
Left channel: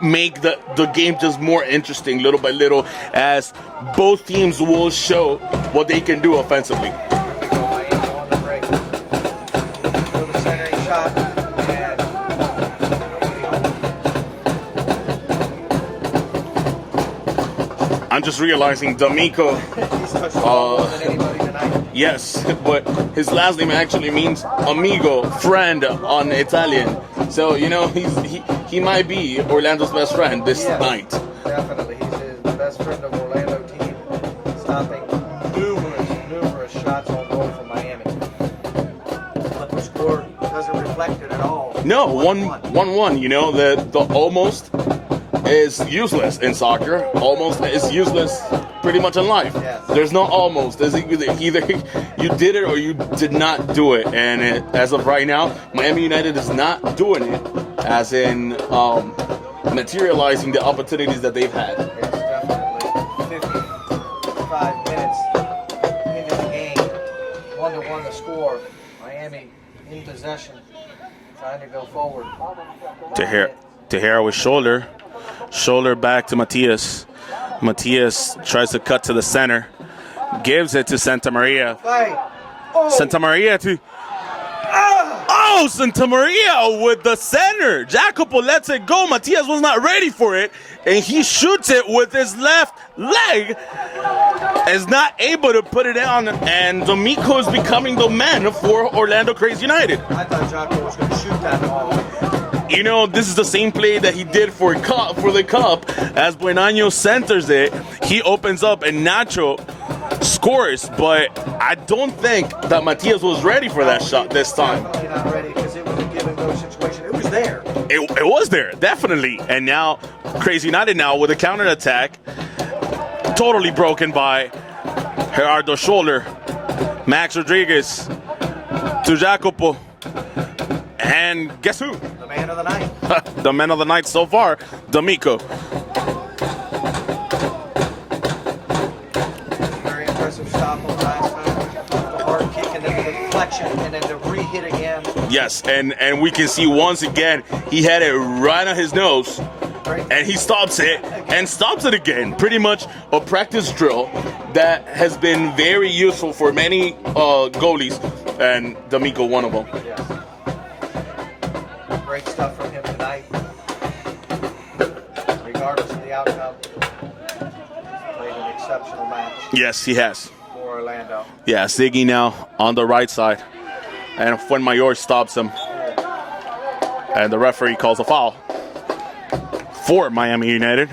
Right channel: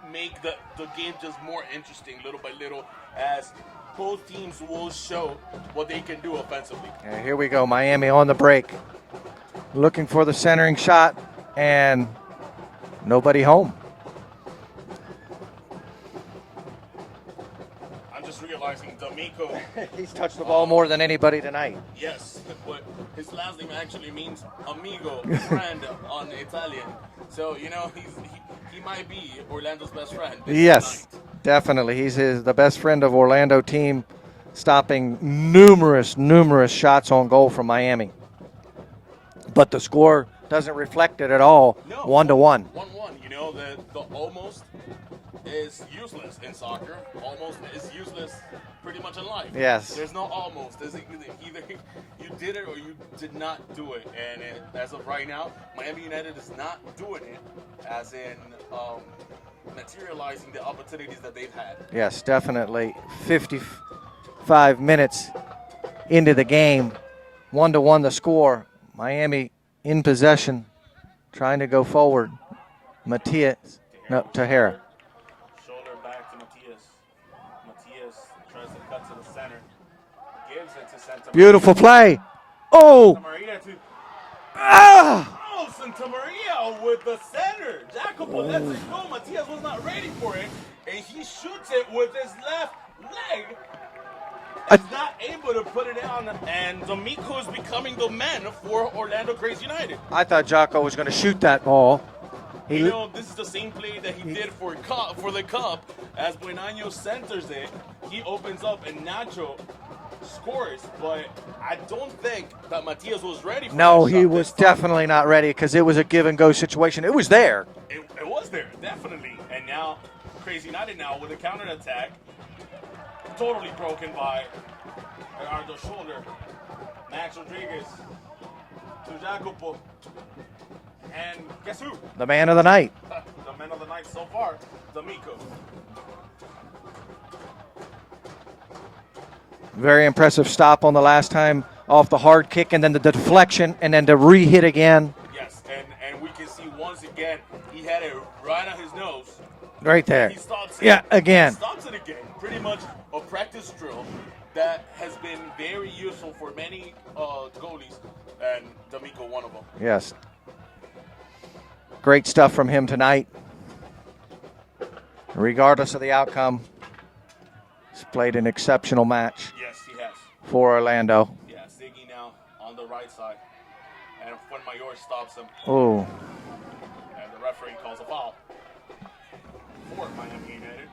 make the game just more interesting little by little as both teams will show what they can do offensively. Here we go, Miami on the break. Looking for the centering shot, and nobody home. I'm just realizing D'Amico. He's touched the ball more than anybody tonight. Yes, but his last name actually means amigo, friend on Italian. So, he might be Orlando's best friend this night. Definitely. He's the best friend of Orlando team, stopping numerous shots on goal from Miami. But the score doesn't reflect it at all. No, 1-1. 1-1. You know, the almost is useless in soccer. Almost is useless pretty much in life. Yes. There's no almost. There's either you did it or you did not do it. And as of right now, Miami United is not doing it, as in materializing the opportunities that they've had. Yes, definitely. 55 minutes into the game. 1-1 the score. Miami in possession, trying to go forward. Tejera with shoulder back to Matias. Matias tries to cut to the center, gives it to Santa Maria. Beautiful play. Oh, Santa Maria to Santa Maria with the center. Jacopo lets it go. Matias was not ready for it, and he shoots it with his left leg. Is not able to put it down, and D'Amico is becoming the man for Orlando Kraze United. I thought Jocko was going to shoot that ball. You know, this is the same play that he did for the cup. As Buenaño centers it, he opens up and Nacho scores, but I don't think that Matias was ready for that shot this time. No, he was definitely not ready, because it was a give-and-go situation. It was there. It was there, definitely. And now, Kraze United now with a counterattack, totally broken by Gerardo's shoulder. Max Rodriguez to Jacopo. And guess who? The man of the night. The man of the night so far, D'Amico. Very impressive stop on the last time off the hard kick, and then the deflection, and then the re-hit again. Yes, and we can see once again, he had it right on his nose. Right there. And he stops it. Yeah, again. And stops it again. Pretty much a practice drill that has been very useful for many goalies, and D'Amico one of them. Yes. Great stuff from him tonight. Regardless of the outcome, he's played an exceptional match. Yes, he has. For Orlando. Yeah, Ziggy now on the right side. And Fuenmayor stops him. Oh. And the referee calls a foul for Miami United.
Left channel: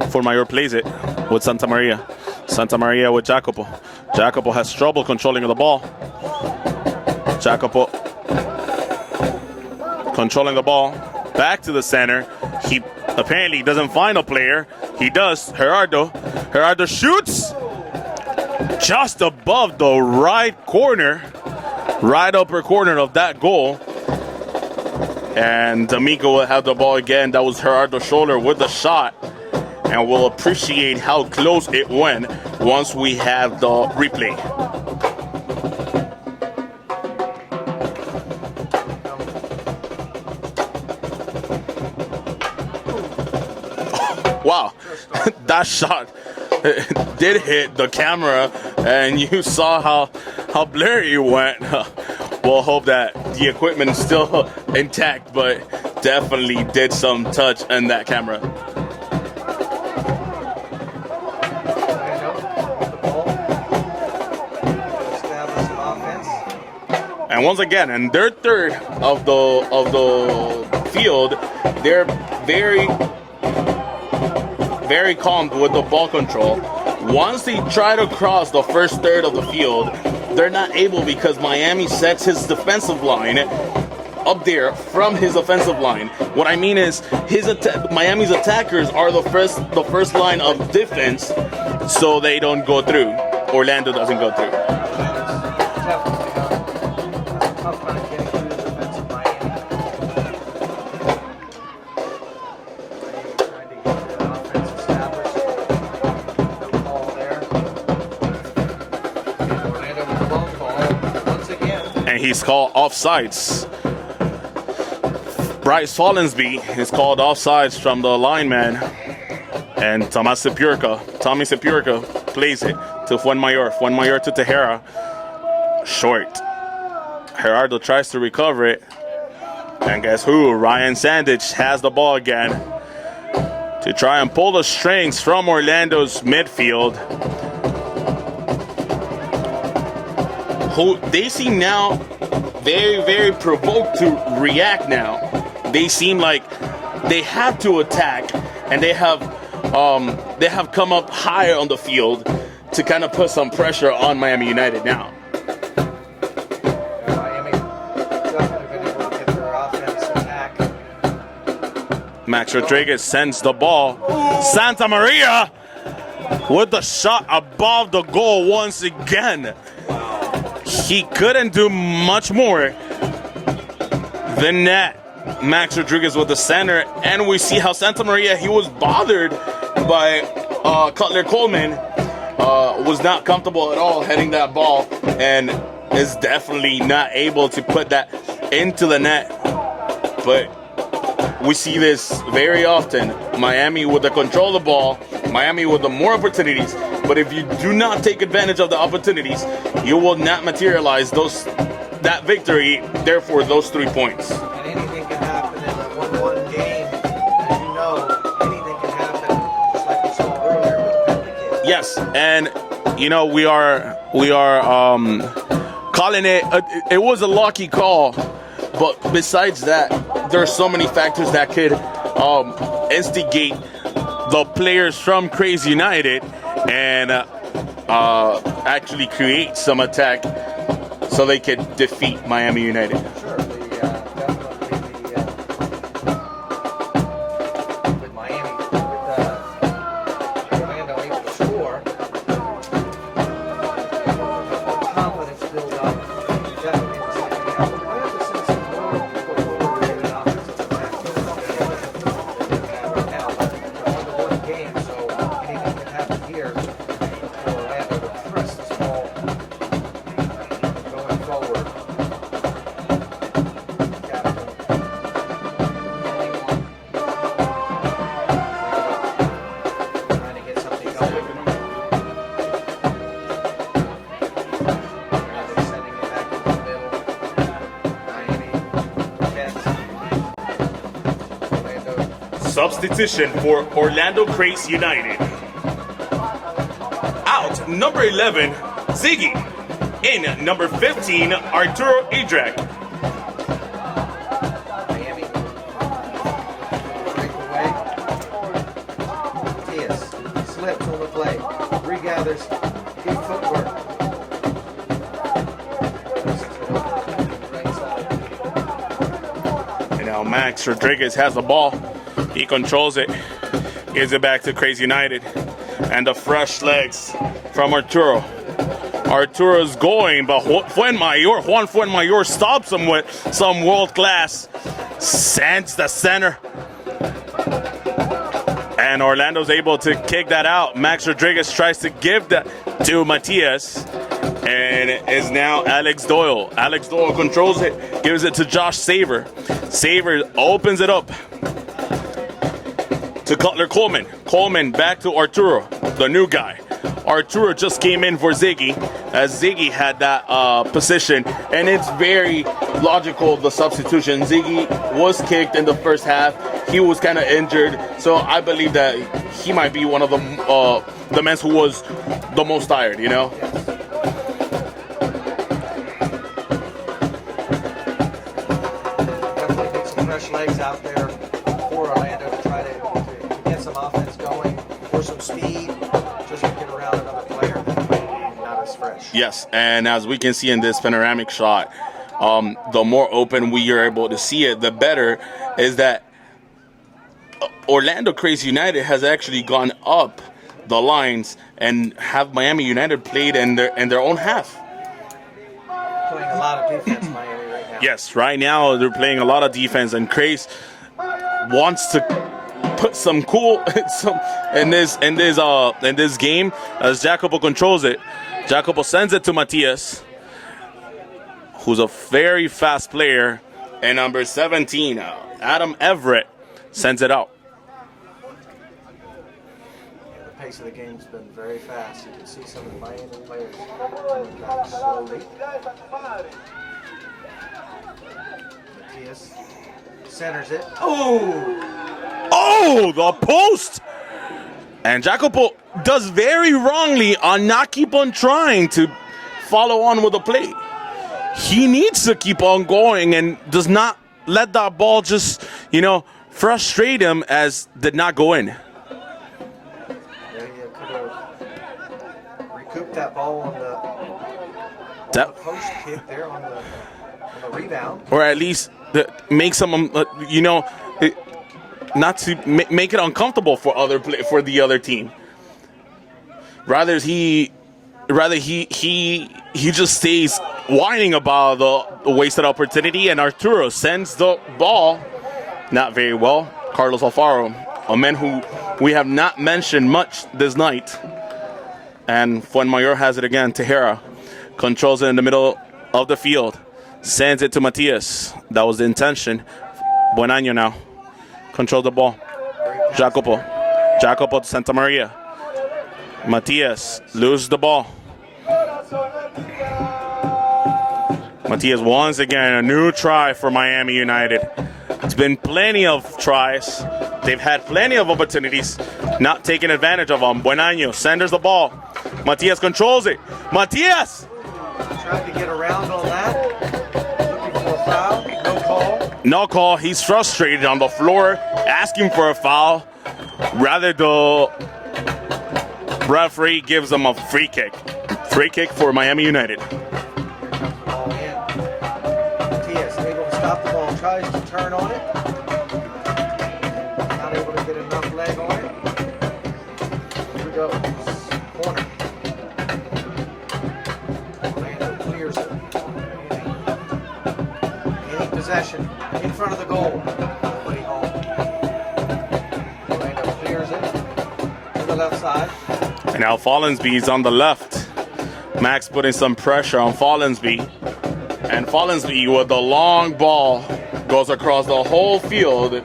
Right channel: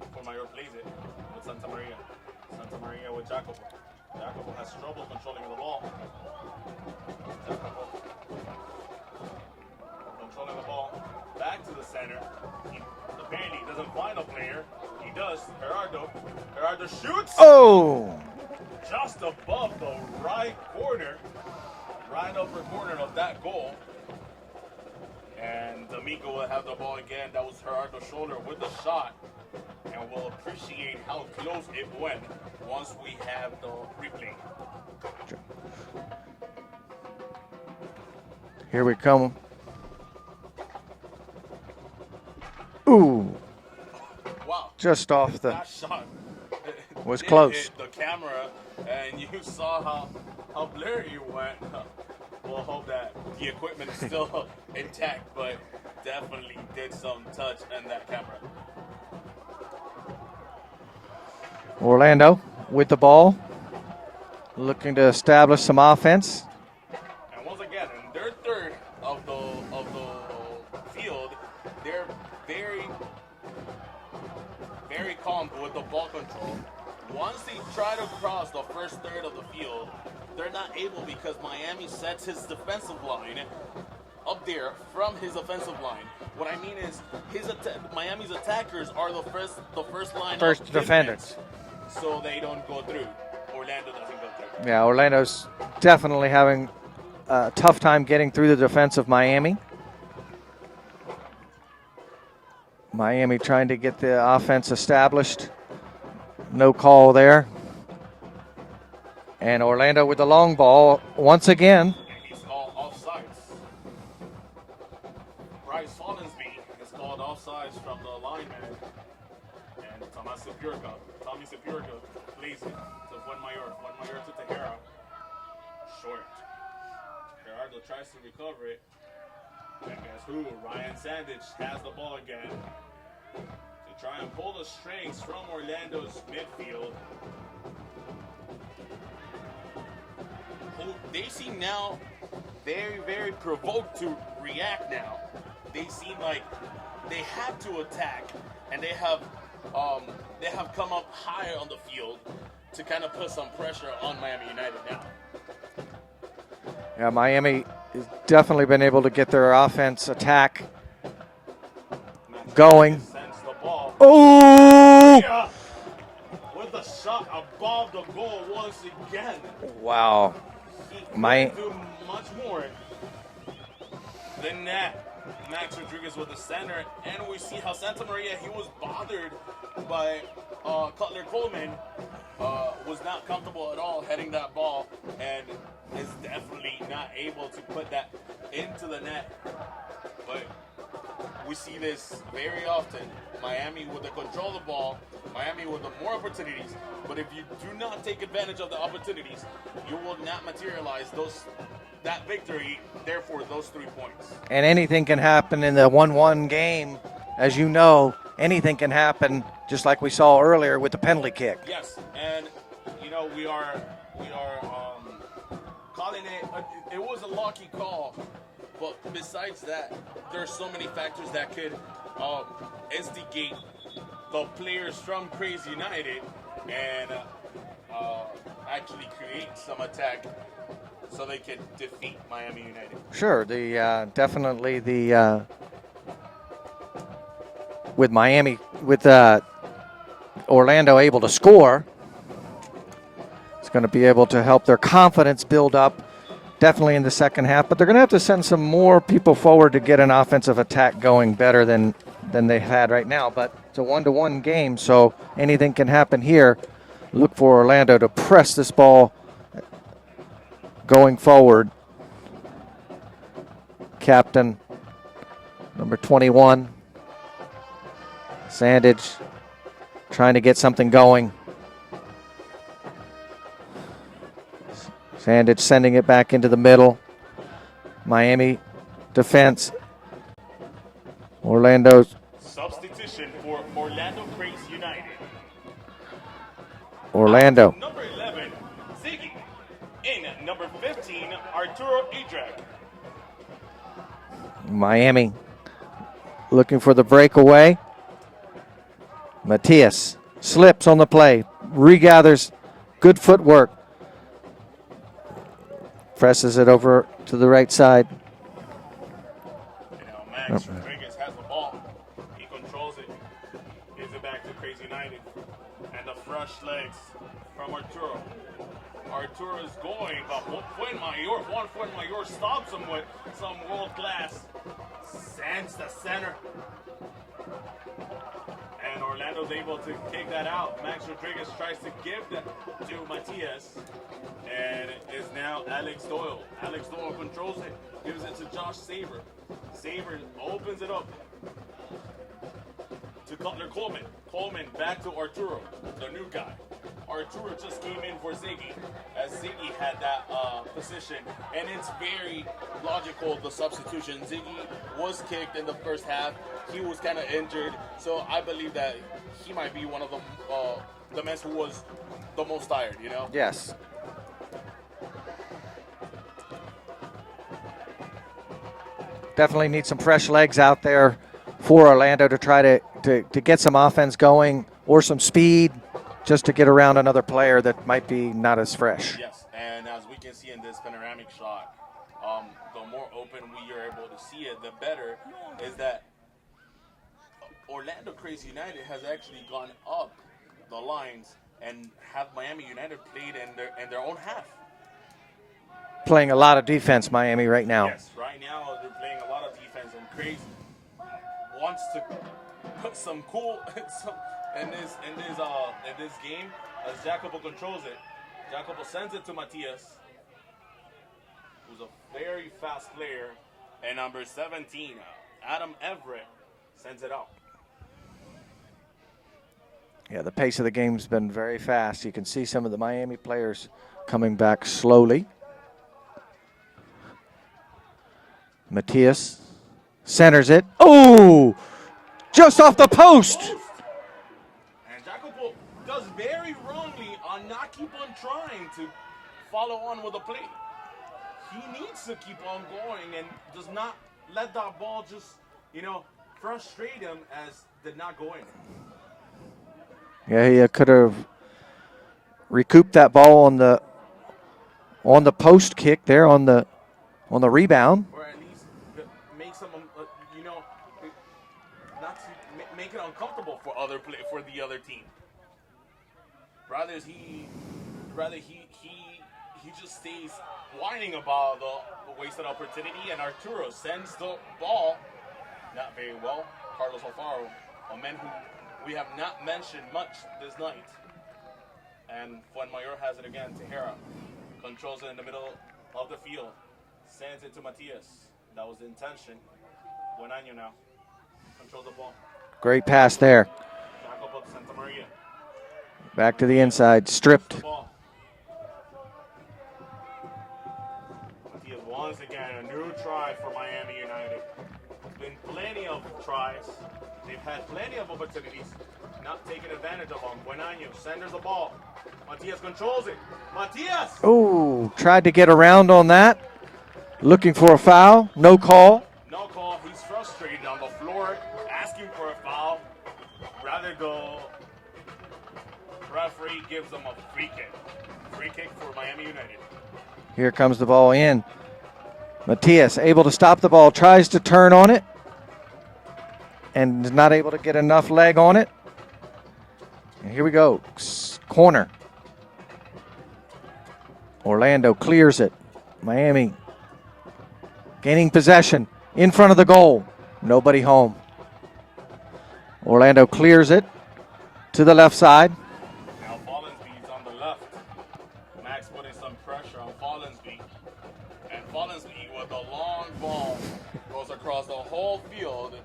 Fuenmayor plays it with Santa Maria. Santa Maria with Jacopo. Jacopo has trouble controlling the ball. Jacopo controlling the ball. Back to the center. He apparently doesn't find a player. He does. Gerardo shoots. Oh! Just above the right corner. Right upper corner of that goal. And D'Amico will have the ball again. That was Gerardo's shoulder with the shot. And we'll appreciate how close it went once we have the replay. Here we come. Ooh. Wow. Just off the... That shot did close. hit the camera, and you saw how blurry it went. We'll hope that the equipment is still intact, but definitely did some touch in that camera. Orlando with the ball, looking to establish some offense. And once again, in their third of the field, they're very calm with the ball control. Once they try to cross the first third of the field, they're not able, because Miami sets his defensive line up there from his offensive line. What I mean is, Miami's attackers are the first line of defense, so they don't go through. Orlando doesn't go through. Yeah, Orlando's definitely having a tough time getting through the defense of Miami. Miami trying to get the offense established. No call there. And Orlando with the long ball once again. And he's called offsides. Bryce Follensby is called offsides from the lineman. And Tommy Sepurka plays it to Fuenmayor. Fuenmayor to Tejera. Short. Gerardo tries to recover it. And guess who? Ryan Sandich has the ball again to try and pull the strings from Orlando's midfield. Who they seem now very, very provoked to react now. they seem like they have to attack, and they have come up higher on the field to kind of put some pressure on Miami United now. Yeah, Miami definitely been able to get their offense attack. Max going. Rodriguez sends the ball. Santa Maria with the shot above the goal once again. Wow. He couldn't do much more than that. Max Rodriguez with the center, and we see how Santa Maria, he was bothered by Cutler Coleman. Was not comfortable at all heading that ball, and is definitely not able to put that into the net. But we see this very often. Miami with the control of the ball, Miami with the more opportunities, but if you do not take advantage of the opportunities, you will not materialize that victory, therefore those 3 points. And anything can happen in the 1-1 game. As you know, anything can happen, just like we saw earlier with the penalty kick. Yes, and you know, we are calling it, it was a lucky call, but besides that, there's so many factors that could instigate the players from Kraze United and actually create some attack so they could defeat Miami United. Sure, with Miami, with Orlando able to score, it's going to be able to help their confidence build up, definitely in the second half. But they're going to have to send some more people forward to get an offensive attack going better than they had right now. But it's a 1-1 game, so anything can happen here. Look for Orlando to press this ball going forward. Captain, number 21. Sandage trying to get something going. Sandage sending it back into the middle. Miami defense. Orlando. Substitution for Orlando Kraze United. Orlando. Out, number 11, Ziggy. In number 15, Arturo Idrak. Miami looking for the breakaway. Matias slips on the play, regathers, good footwork, presses it over to the right side. And now Max Rodriguez has the ball. He controls it, gives it back to Kraze United, and the fresh legs from Arturo. Arturo's going, but Juan Fuenmayor stops him with some world class. Sends the center. And Orlando's able to kick that out. Max Rodriguez tries to give that to Matias. And is now Alex Doyle. Alex Doyle controls it, gives it to Josh Saver. Saver opens it up to Cutler Coleman. Coleman back to Arturo, the new guy. Arturo just came in for Ziggy, as Ziggy had that position, and it's very logical, the substitution. Ziggy was kicked in the first half. He was kind of injured, so I believe that he might be one of the men who was the most tired, you know? Yes. Definitely need some fresh legs out there for Orlando to try to get some offense going, or some speed, just to get around another player that might be not as fresh. Yes, and as we can see in this panoramic shot, the more open we are able to see it, the better. Is that Orlando Kraze United has actually gone up the lines and have Miami United played in their own half. Playing a lot of defense, Miami, right now. Yes, right now they're playing a lot of defense, and Kraze wants to put some cool in this game as Jacopo controls it. Jacopo sends it to Matias, who's a very fast player, and number 17, Adam Everett, sends it out. Yeah, the pace of the game's been very fast. You can see some of the Miami players coming back slowly. Matias centers it. Oh! Just off the post. And Jacopo does very wrongly on not keep on trying to follow on with the play. He needs to keep on going and does not let that ball just, frustrate him as did not go in. Yeah, he could have recouped that ball on the post kick there on the rebound, or at least make some, not to make it uncomfortable for the other team. Rather he just stays whining about the wasted opportunity, and Arturo sends the ball not very well. Carlos Alfaro, a man who we have not mentioned much this night. And Fuenmayor has it again. Tejera controls it in the middle of the field. Sends it to Matias. That was the intention. Buen Año now. Controls the ball. Great pass there. Jacopo to Santa Maria. Back Matias to the inside. loses the ball. Matias once again, a new try for Miami United. It's been plenty of tries. They've had plenty of opportunities, not taking advantage of them. Buen Año centers the ball. Matias controls it. Matias! Oh, tried to get around on that. Looking for a foul. No call. No call. He's frustrated on the floor, asking for a foul. Rather, the referee gives him a free kick. Free kick for Miami United. Here comes the ball in. Matias able to stop the ball, tries to turn on it, and is not able to get enough leg on it. Here we go. Corner. Orlando clears it. Miami gaining possession in front of the goal. Nobody home. Orlando clears it to the left side. And now Follensby's on the left. Max putting some pressure on Follensby. And Follensby with the long ball goes across the whole field.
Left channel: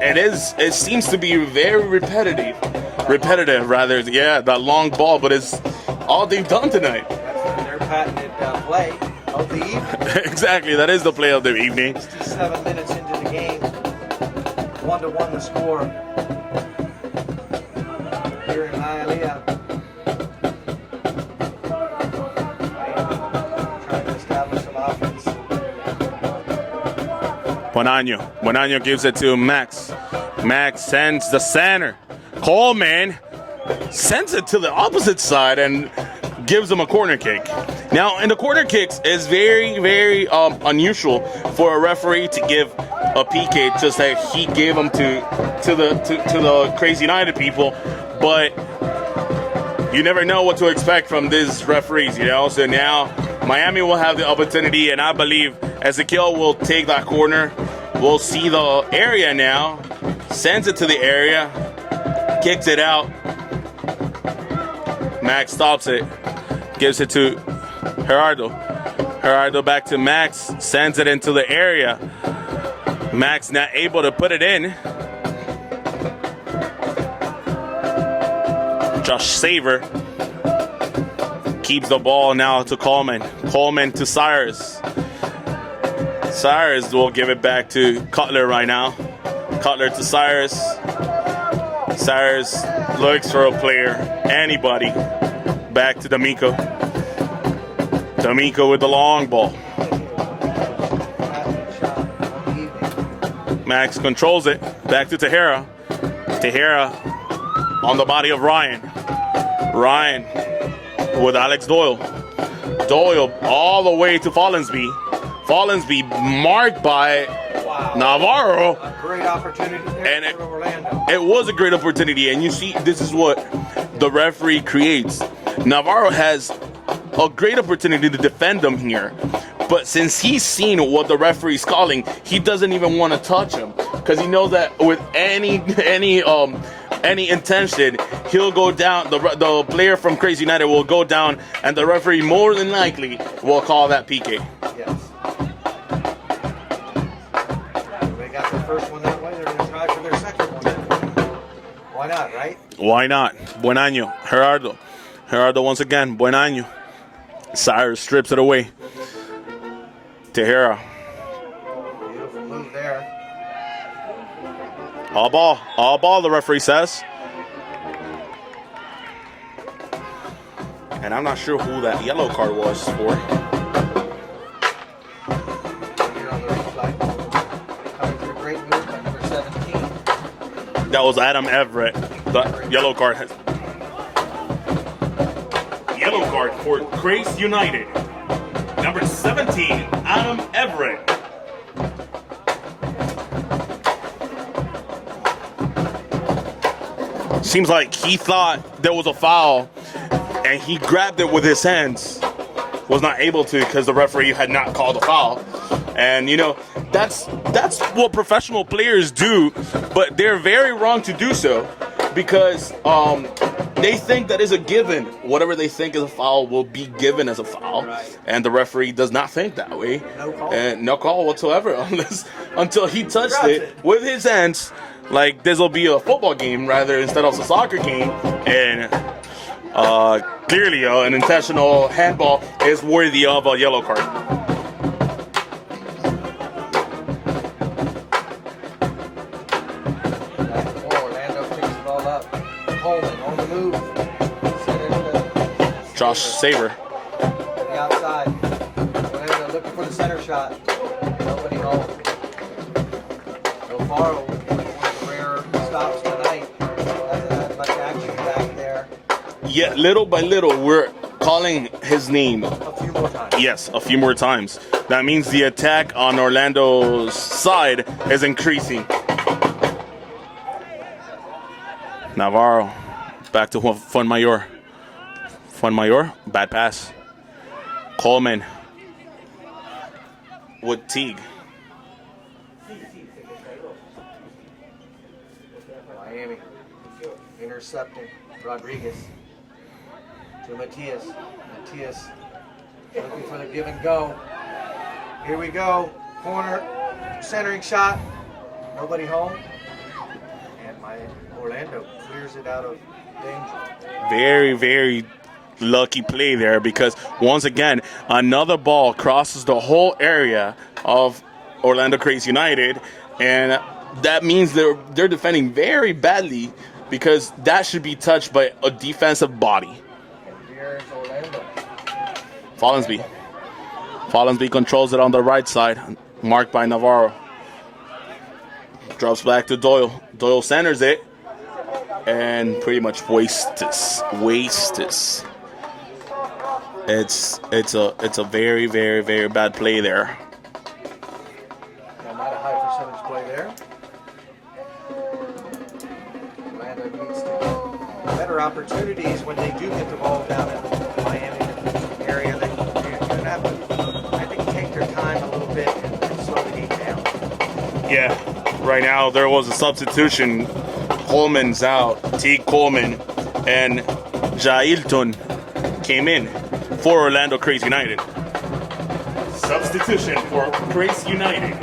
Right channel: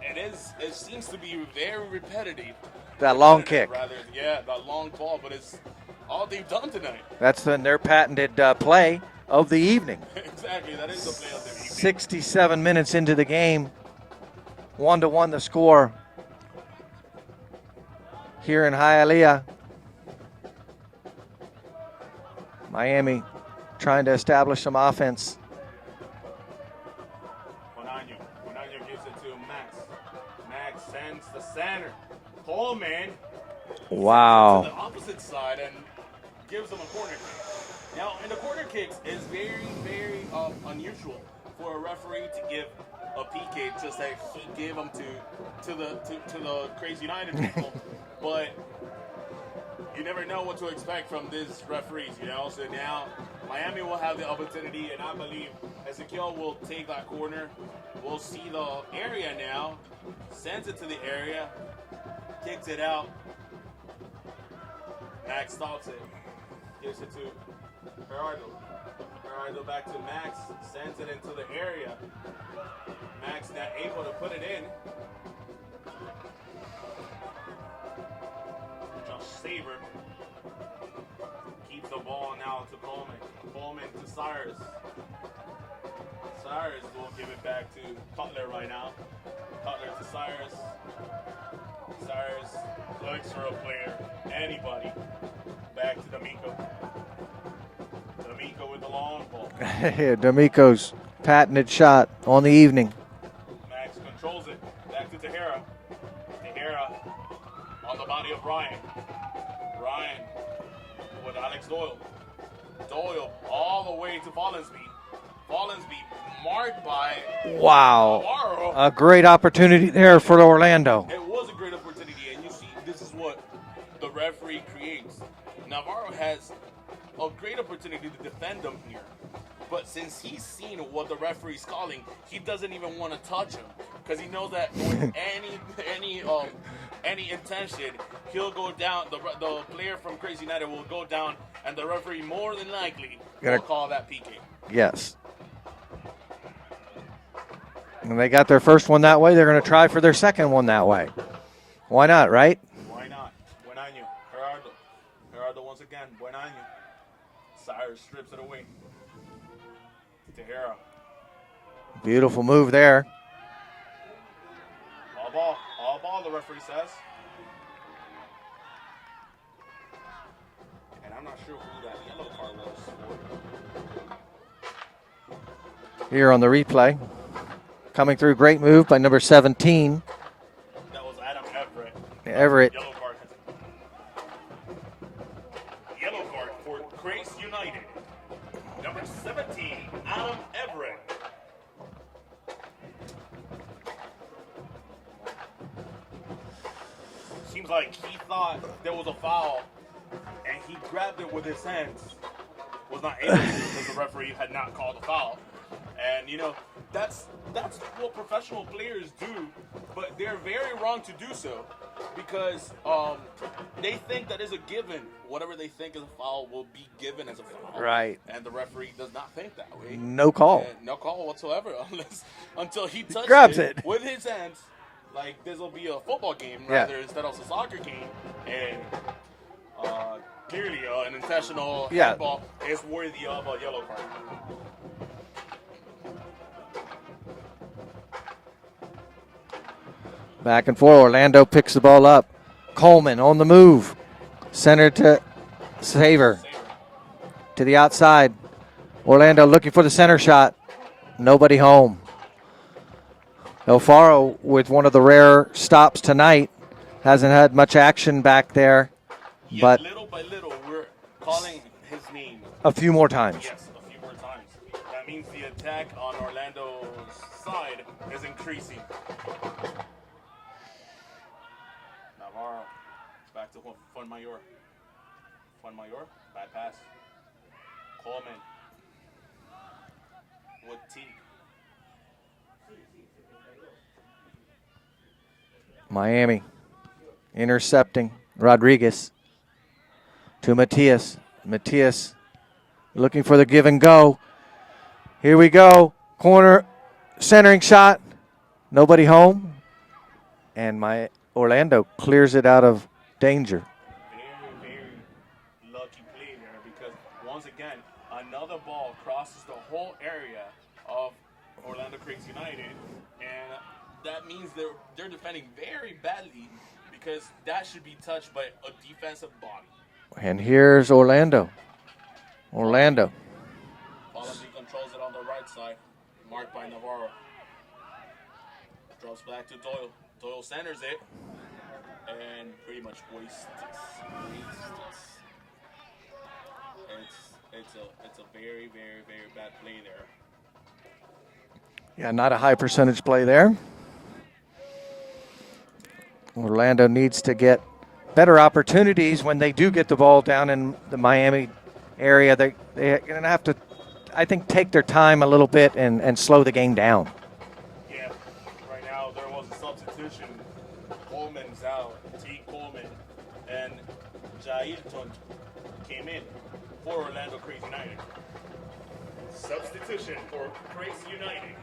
It seems to be very repetitive. That long ball, but it's all they've done tonight. That's their patented play of the evening. Exactly, that is the play of the evening. 67 minutes into the game, 1-1 the score here in Hialeah. Miami trying to establish some offense. Buen Año gives it to Max. Max sends the center. Coleman sends it to the opposite side and gives him a corner kick. Now, in the corner kicks, it's very, very unusual for a referee to give a PK just like he gave them to the Kraze United people, but you never know what to expect from these referees, So now Miami will have the opportunity, and I believe Ezequiel will take that corner. We'll see the area now. Sends it to the area. Kicks it out. Max stops it. Gives it to Gerardo. Gerardo back to Max. Sends it into the area. Max not able to put it in. Josh Saver keeps the ball now to Coleman. Coleman to Cyrus. Cyrus will give it back to Cutler right now. Cutler to Cyrus. Cyrus looks for a player. Anybody. Back to D'Amico. D'Amico with the long ball. D'Amico's patented shot on the evening. Max controls it. Back to Tejera. Tejera on the body of Ryan. Ryan with Alex Doyle. Doyle all the way to Follensby. Follensby marked by Navarro. A great opportunity there for Orlando. It was a great opportunity, and you see, this is what the referee creates. Navarro has a great opportunity to defend them here, but since he's seen what the referee's calling, he doesn't even want to touch him because he knows that with any intention, he'll go down. The player from Kraze United will go down, and the referee more than likely will call that PK. Yes. And they got their first one that way. They're going to try for their second one that way. Why not, right? Why not? Buen Año. Gerardo. Gerardo once again. Buen Año. Cyrus strips it away. Tejera. Beautiful move there. All ball, the referee says. And I'm not sure who that yellow card was for. Here on the replay. Coming through, great move by number 17. That was Adam Everett. The Everett. Yellow card. Yellow card for Kraze United. Number 17, Adam Everett. Seems like he thought there was a foul, and he grabbed it with his hands. Was not able to because the referee had not called a foul. And you know, that's what professional players do, but they're very wrong to do so because they think that is a given. Whatever they think is a foul will be given as a foul. Right. And the referee does not think that way. No call. And no call whatsoever until he touched Grabs it with his hands. Like this will be a football game rather instead of a soccer game. And clearly an intentional handball is worthy of a yellow card. Back and forth. Orlando picks the ball up. Coleman on the move. Center to Saver. Saver. To the outside. Orlando looking for the center shot. Nobody home. Alfaro with one of the rare stops tonight. Hasn't had much action back there. Yet little by little, we're calling his name. A few more times. Yes, a few more times. That means the attack on Orlando's side is increasing. Navarro, back to Fuenmayor. Fuenmayor, bad pass. Coleman with Teague. Miami intercepting Rodriguez to Matias. Matias looking for the give and go. Here we go. Corner, centering shot. Nobody home. And my Orlando clears it out of danger. Very, very lucky play there because once again, another ball crosses the whole area of Orlando Kraze United, and that means they're defending very badly because that should be touched by a defensive body. And here's Orlando. Follansby controls it on the right side, marked by Navarro. Drops back to Doyle. Doyle centers it and pretty much wastes this. It's a very, very, very bad play there. Yeah, not a high percentage play there. Orlando needs to get better opportunities when they do get the ball down in the Miami area. They're going to have to, I think, take their time a little bit and slow the game down. Yeah, right now there was a substitution. Coleman's out, Teague Coleman, and Jailton came in for Orlando Kraze United. Substitution for Kraze United.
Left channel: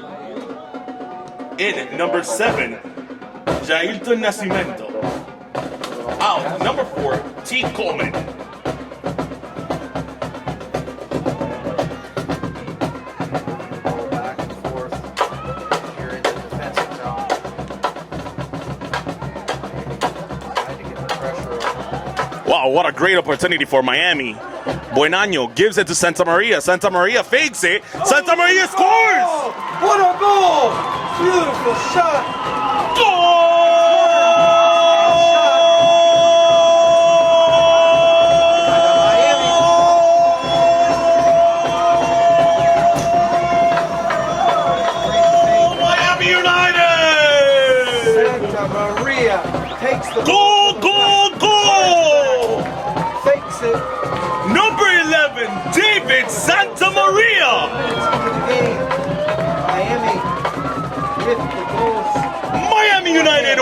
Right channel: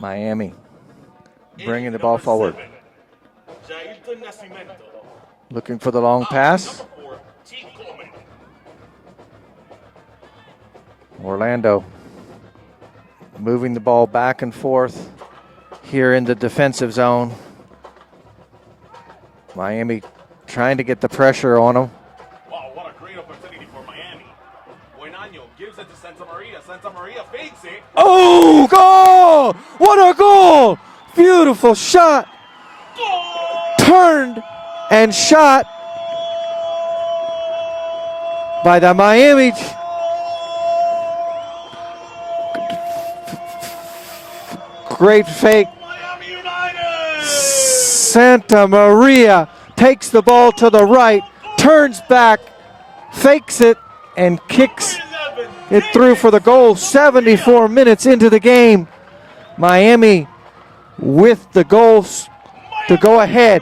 Miami. In number 7, Jailton Nascimento. Looking for the long pass. Number 4, Teague Coleman. Orlando moving the ball back and forth here in the defensive zone. Miami trying to get the pressure on them. Wow, what a great opportunity for Miami. Buenaño gives it to Santa Maria. Santa Maria fades it. Santa Maria goal! What a goal! Beautiful shot. Goal! Turned and shot by the Miami. Great fake. Miami United! Santa Maria takes the ball to the right, turns back, fakes it, and kicks it through for the goal. 74 minutes into the game. Miami with the goals to go ahead.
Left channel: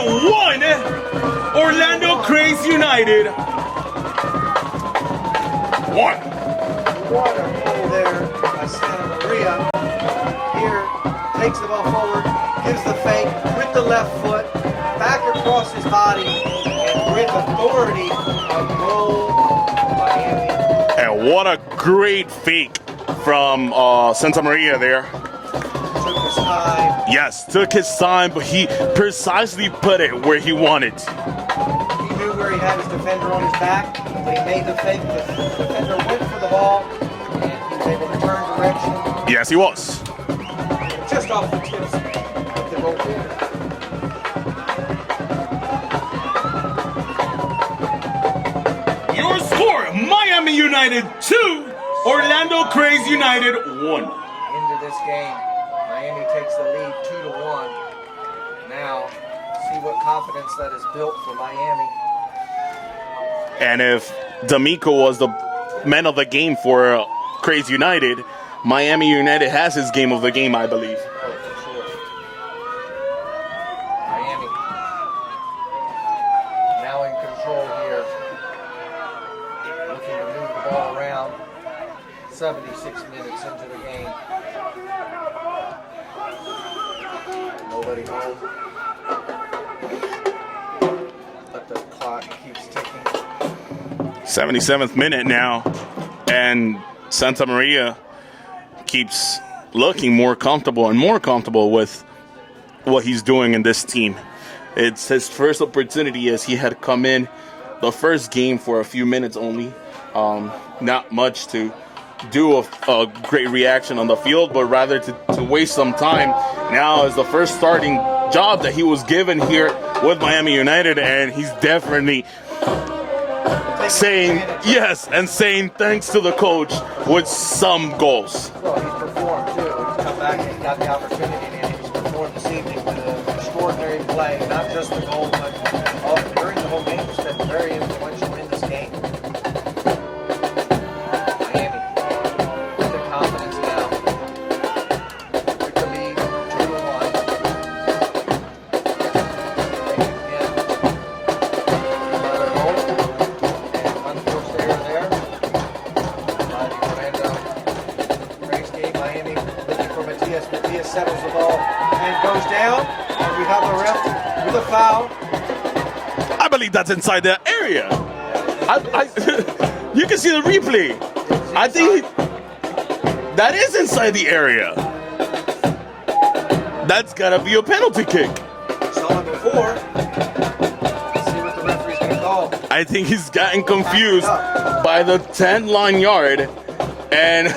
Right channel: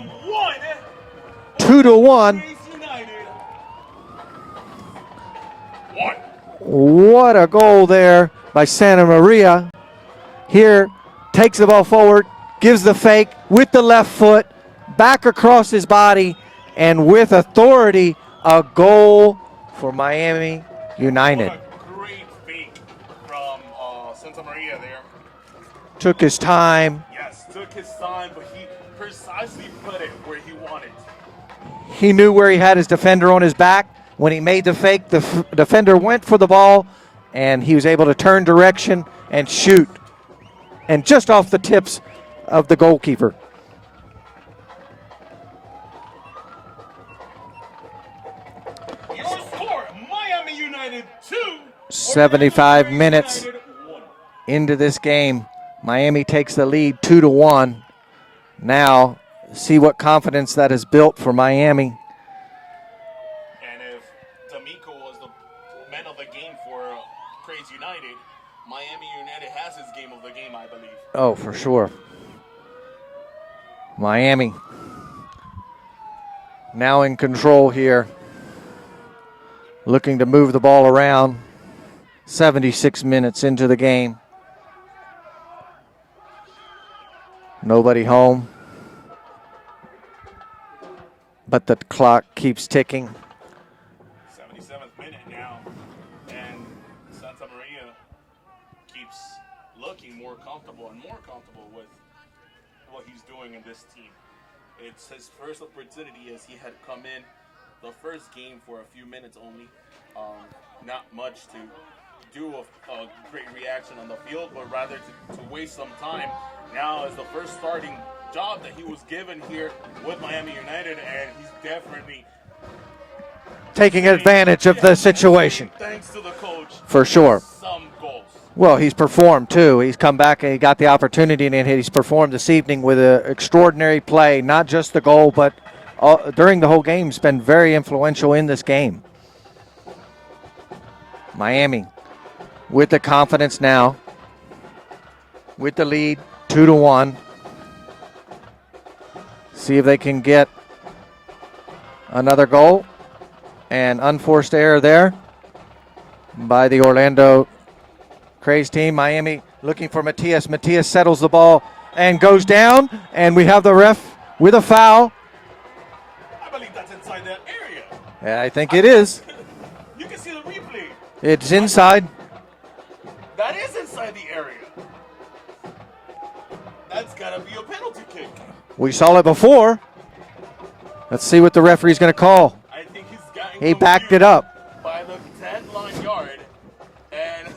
2-1. Kraze United 1. What a goal there by Santa Maria. Here, takes the ball forward, gives the fake with the left foot, back across his body, and with authority, a goal for Miami United. And what a great fake from Santa Maria there. Took his time. Yes, took his time, but he precisely put it where he wanted. He knew where he had his defender on his back. When he made the fake, the defender went for the ball, and he was able to turn direction Yes, and he shoot. was. And just off the tips of the goalkeeper. Your score, Miami United 2, 75 Orlando Kraze minutes. United 1. Into this game, Miami takes the lead 2-1. Now, see what confidence that has built for Miami. And if D'Amico was the man of the game for Kraze United, Miami United has his game of the game, I believe. Oh, for sure. Miami now in control here. Looking to move the ball around. 76 minutes into the game. Nobody home. But the clock keeps ticking. 77th minute now, and Santa Maria keeps looking more comfortable and more comfortable with what he's doing in this team. It's his first opportunity as he had come in the first game for a few minutes only. Not much to do a great reaction on the field, but rather to waste some time. Now is the first starting job that he was given here with Miami United, and he's definitely Taking advantage of the situation. And saying thanks to the coach For with sure. some goals. Well, he's performed too. He's come back and he got the opportunity, and he's performed this evening with an extraordinary play. Not just the goal, but during the whole game, he's been very influential in this game. Miami with the confidence now, with the lead 2-1. See if they can get another goal. And unforced error there by the Orlando Kraze team. Miami looking for Matias. Matias settles the ball and goes down. And we have the ref with a foul. I believe that's inside the area. I think it is. You can see the replay. It's inside. That is inside the area. That's got to be a penalty kick. We saw it before. Let's see what the referee's going to call. I think he's gotten He packed it confused up. by the 10-line yard. And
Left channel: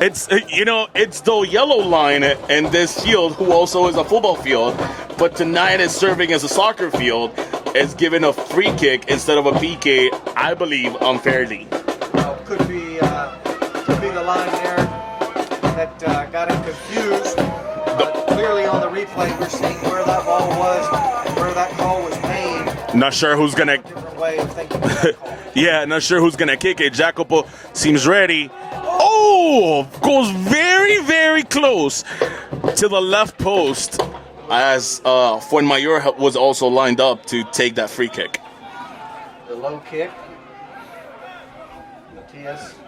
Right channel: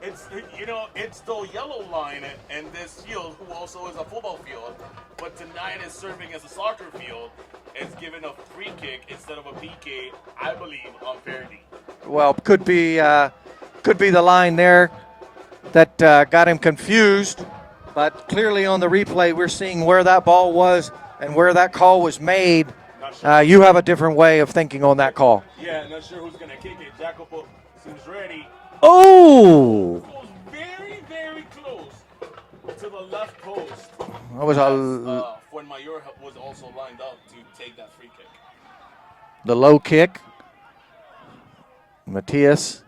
it's the yellow line in this field, who also is a football field, but tonight is serving as a soccer field, is given a free kick instead of a PK, I believe, unfairly. Well, could be the line there that got him confused. But clearly on the replay, we're seeing where that ball was and where that call was made. Not sure who's You gonna... have a different way of thinking on that call. Yeah, not sure who's going to kick it. Jacopo seems ready. Oh! Goes very, very close to the left post as Fuenmayor was also lined up to take that free kick. The low kick. Matias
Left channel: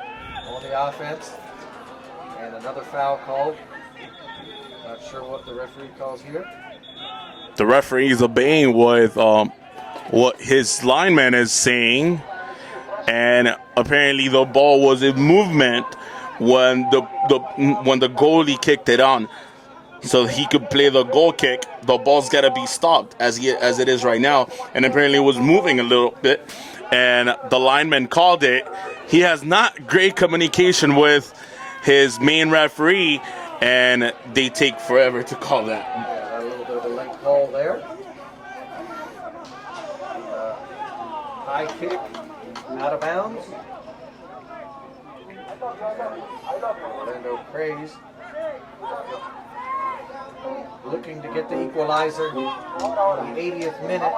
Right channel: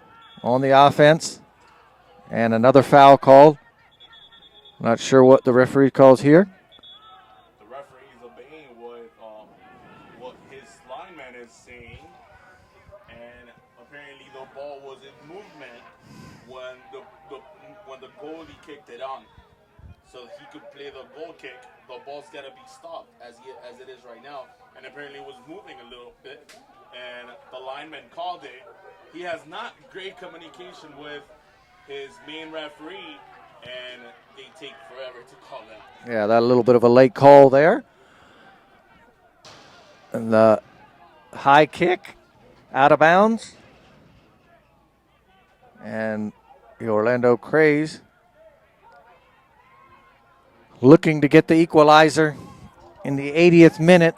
on the offense. And another foul called. Not sure what the referee calls here. The referee is obeying with what his lineman is saying, and apparently the ball was in movement when the goalie kicked it on, so he could play the goal kick. The ball's got to be stopped as it is right now, and apparently it was moving a little bit, and the lineman called it. He has not great communication with his main referee, and they take forever to call that. Yeah, that a little bit of a late call there. And the high kick out of bounds. And the Orlando Kraze looking to get the equalizer in the 80th minute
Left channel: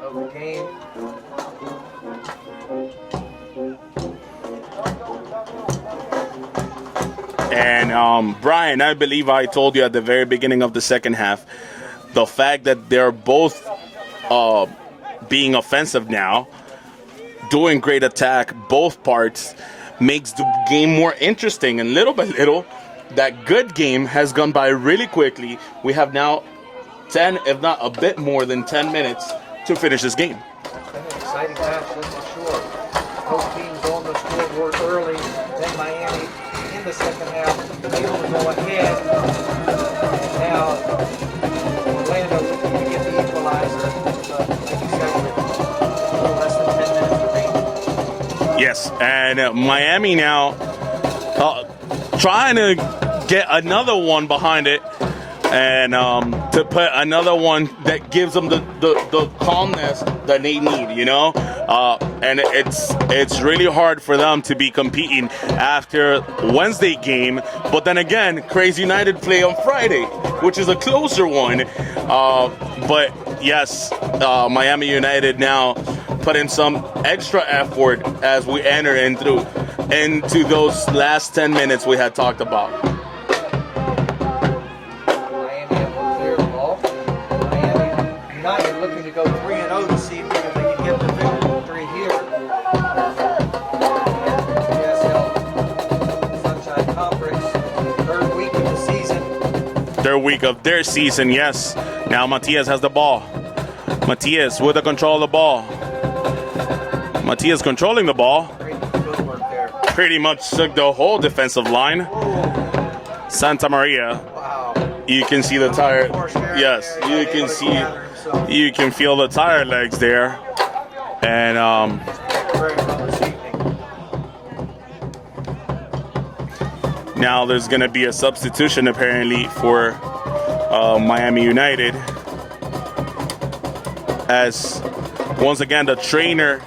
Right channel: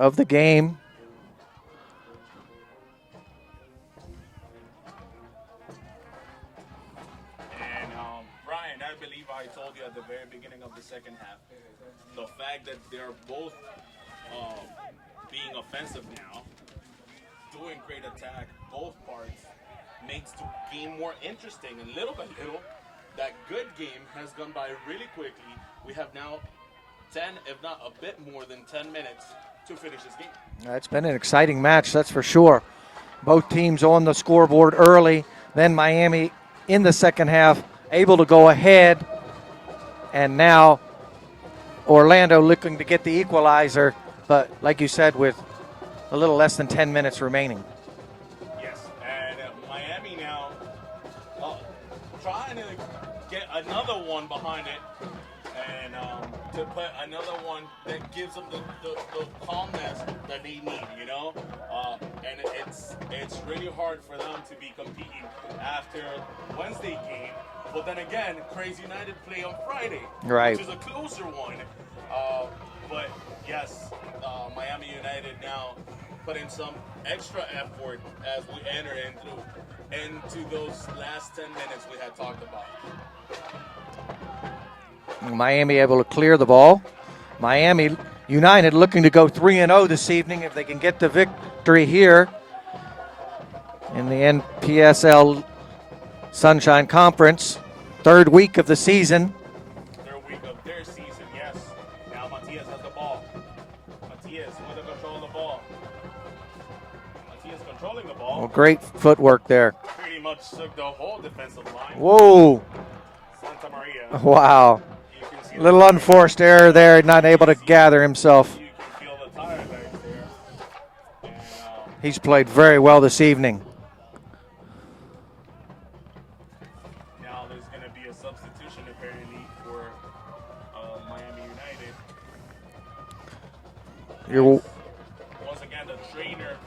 of the game. And Brian, I believe I told you at the very beginning of the second half, the fact that they're both being offensive now, doing great attack, both parts, makes the game more interesting. And little by little, that good game has gone by really quickly. We have now 10, if not a bit more than 10 minutes to finish this game. It's been an exciting match, that's for sure. Both teams on the scoreboard early, then Miami in the second half, able to go ahead, and now Orlando looking to get the equalizer, but like you said, with a little less than 10 minutes remaining. Yes, and Miami now trying to get another one behind it, and to put another one that gives them the calmness that they need, you know. And it's really hard for them to be competing after Wednesday game, but then again, Kraze United play on Friday, Right. which is a closer one. But yes, Miami United now put in some extra effort as we enter into those last 10 minutes we had talked about. Miami able to clear the ball. Miami United looking to go 3-0 this evening if they can get the victory here in the NPSL Sunshine Conference. Third week of the season. Third week of their season, yes. Now Matias has the ball. Matias with the control of the ball. Matias controlling the ball. Great footwork there. Pretty much took the whole defensive line. Whoa. Santa Maria. Wow. You can see the Little tire. unforced error Yes, there, you not able can to see- gather himself. You can feel the tire legs there. And He's played very well this evening. now there's going to be a substitution apparently for Miami United. As once again the trainer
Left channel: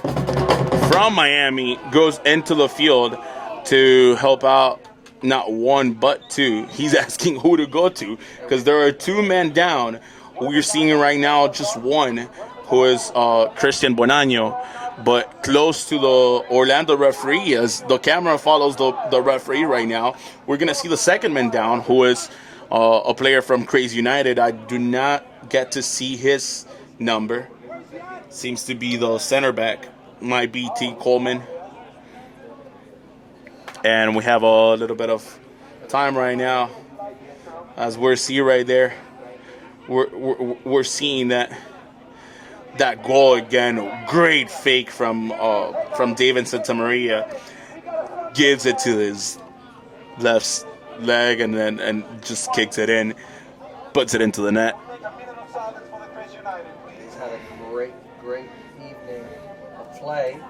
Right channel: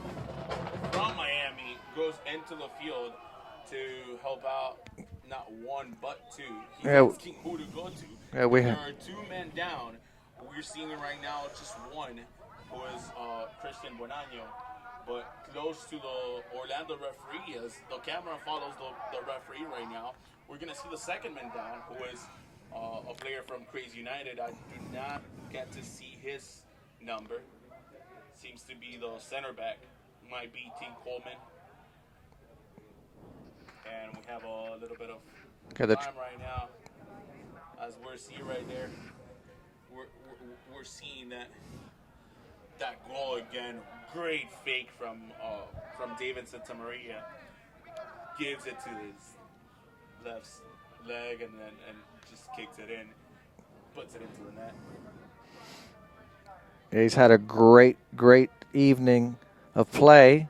from Miami goes into the field to help out not one but two. He's asking who to go to because there are two men down. We're seeing right now just one, who is Christian Bonanno, but close to the Orlando referee as the camera follows the referee right now. We're going to see the second man down, who is a player from Kraze United. I do not get to see his number. Seems to be the center back, might be T. Coleman. And we have a little bit of time right now, as we're seeing right there. We're seeing that goal again. Great fake from David Santamaria. Gives it to his left leg and just kicks it in, puts it into the net. He's had a great evening of play.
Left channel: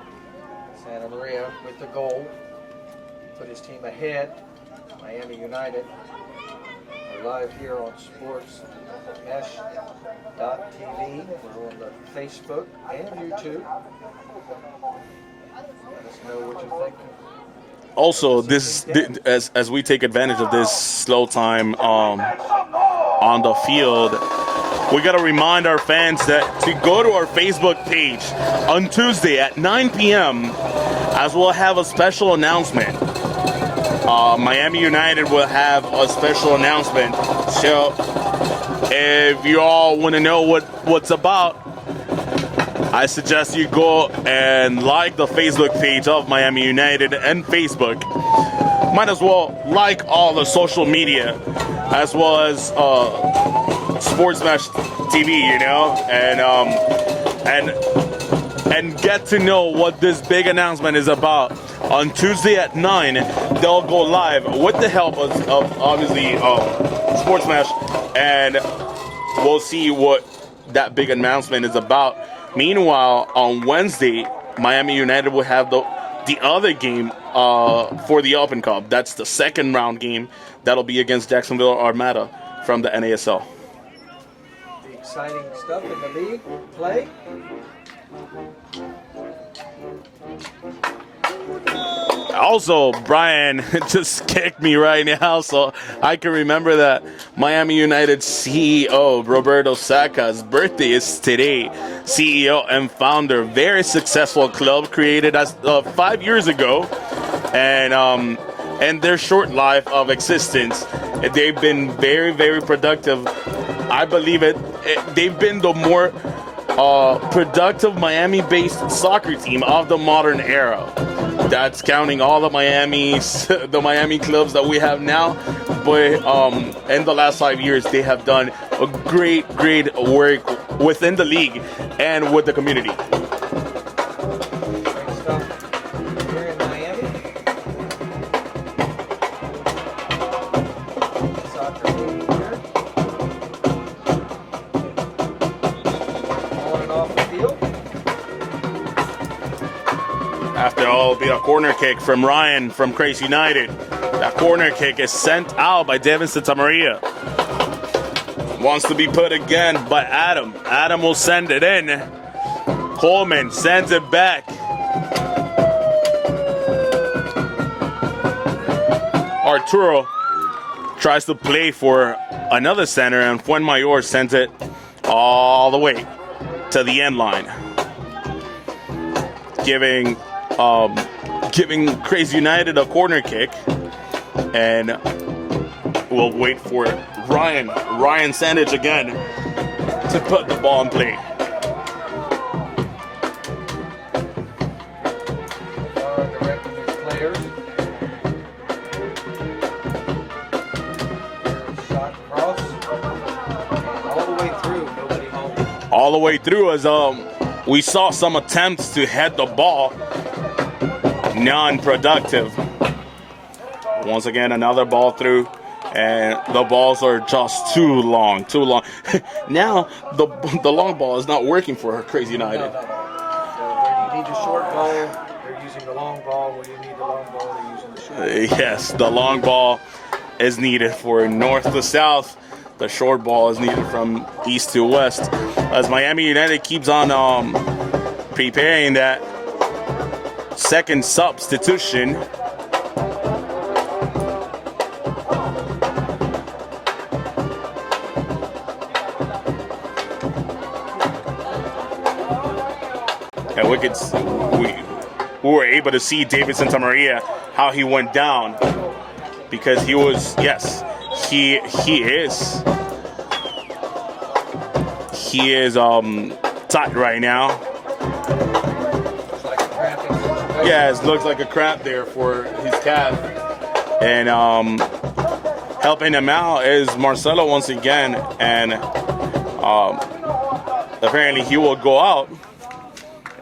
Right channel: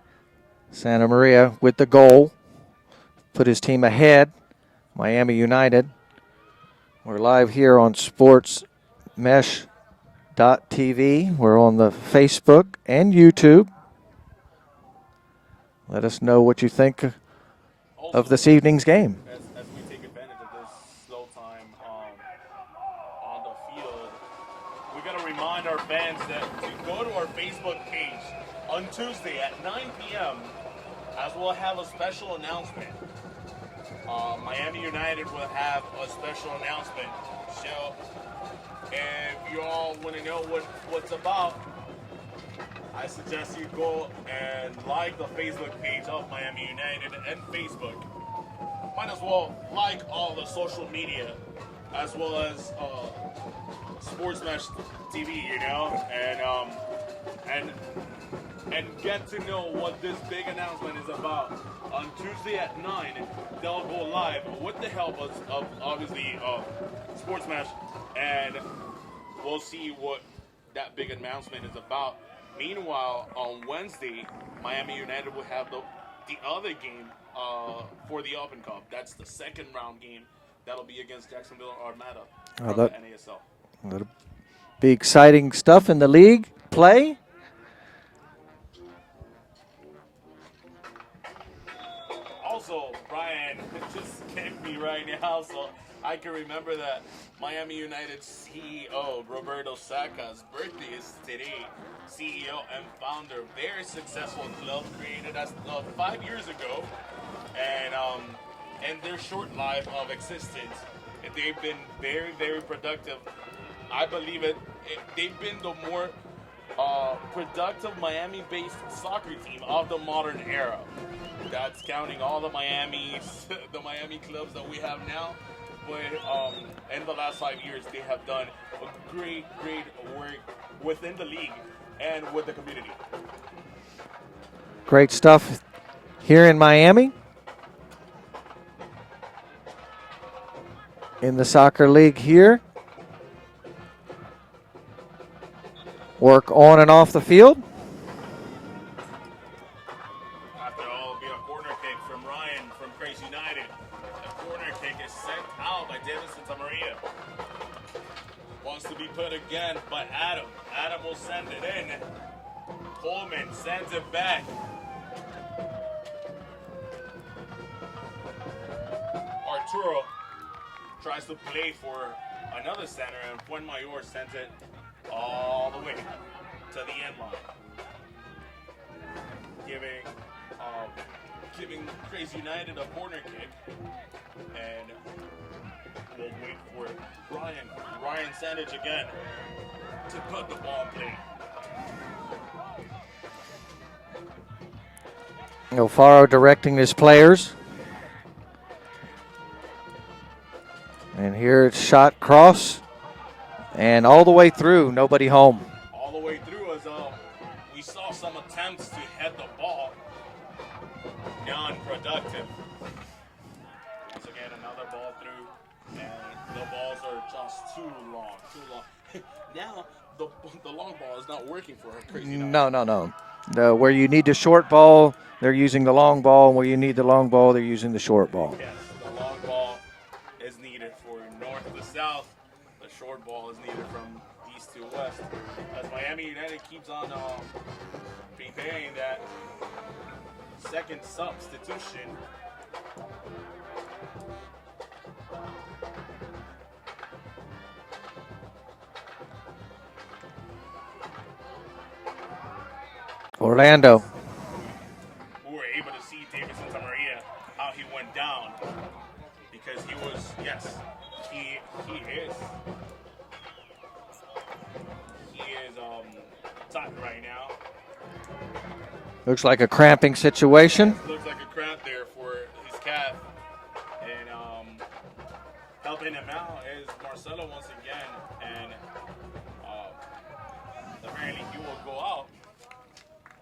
Santa Maria with the goal. Put his team ahead. Miami United. We're live here on sportsmesh.tv. We're on the Facebook and YouTube. Let us know what you think Also, of this evening's game. As we take advantage of this slow time on the field, we got to remind our fans that to go to our Facebook page on Tuesday at 9 p.m. as we'll have a special announcement. Miami United will have a special announcement. So if you all want to know what's about, I suggest you go and like the Facebook page of Miami United and Facebook. Might as well like all the social media as well as Sports Mesh TV, you know, and get to know what this big announcement is about. On Tuesday at 9, they'll go live with the help of obviously Sports Mesh, and we'll see what that big announcement is about. Meanwhile, on Wednesday, Miami United will have the other game for the Open Cup. That's the second round game. That'll be against Jacksonville Armada from the NASL. Be exciting stuff in the league play. Also, Brian just kicked me right now, so I can remember that Miami United CEO Roberto Sacca's birthday is today. CEO and founder, very successful club created as 5 years ago, and their short life of existence, they've been very, very productive. I believe they've been the more productive Miami-based soccer team of the modern era. That's counting all the Miami clubs that we have now. But in the last 5 years, they have done a great work within the league and with the community. Great stuff here in Miami. In the soccer league here. Work on and off the field. After Well, it'll be a corner kick from Ryan from Kraze United. That corner kick is sent out by Devin Santamaria. Wants to be put again by Adam. Adam will send it in. Coleman sends it back. Arturo tries to play for another center, and Fuenmayor sends it all the way to the end line, giving Kraze United a corner kick, and we'll wait for Ryan Sandage again to put the ball in play. Alfaro directing his players. Here it's shot cross, and all the way through, nobody home. All the way through as we saw some attempts to head the ball, non-productive. Once again, another ball through, and the balls are just too long. Now the long ball is not working for Kraze United. No. Where you need the short ball, they're using the long ball, and where you need the long ball, they're using the short ball. Yes, the long ball is needed for north to south. The short ball is needed from east to west. As Miami United keeps on preparing that second substitution. Orlando. We were able to see David Santamaria, how he went down, because he was, yes, he is tight right now. Looks like a cramping situation. Yeah, it looks like a cramp there for his calf. And helping him out is Marcelo once again, and apparently he will go out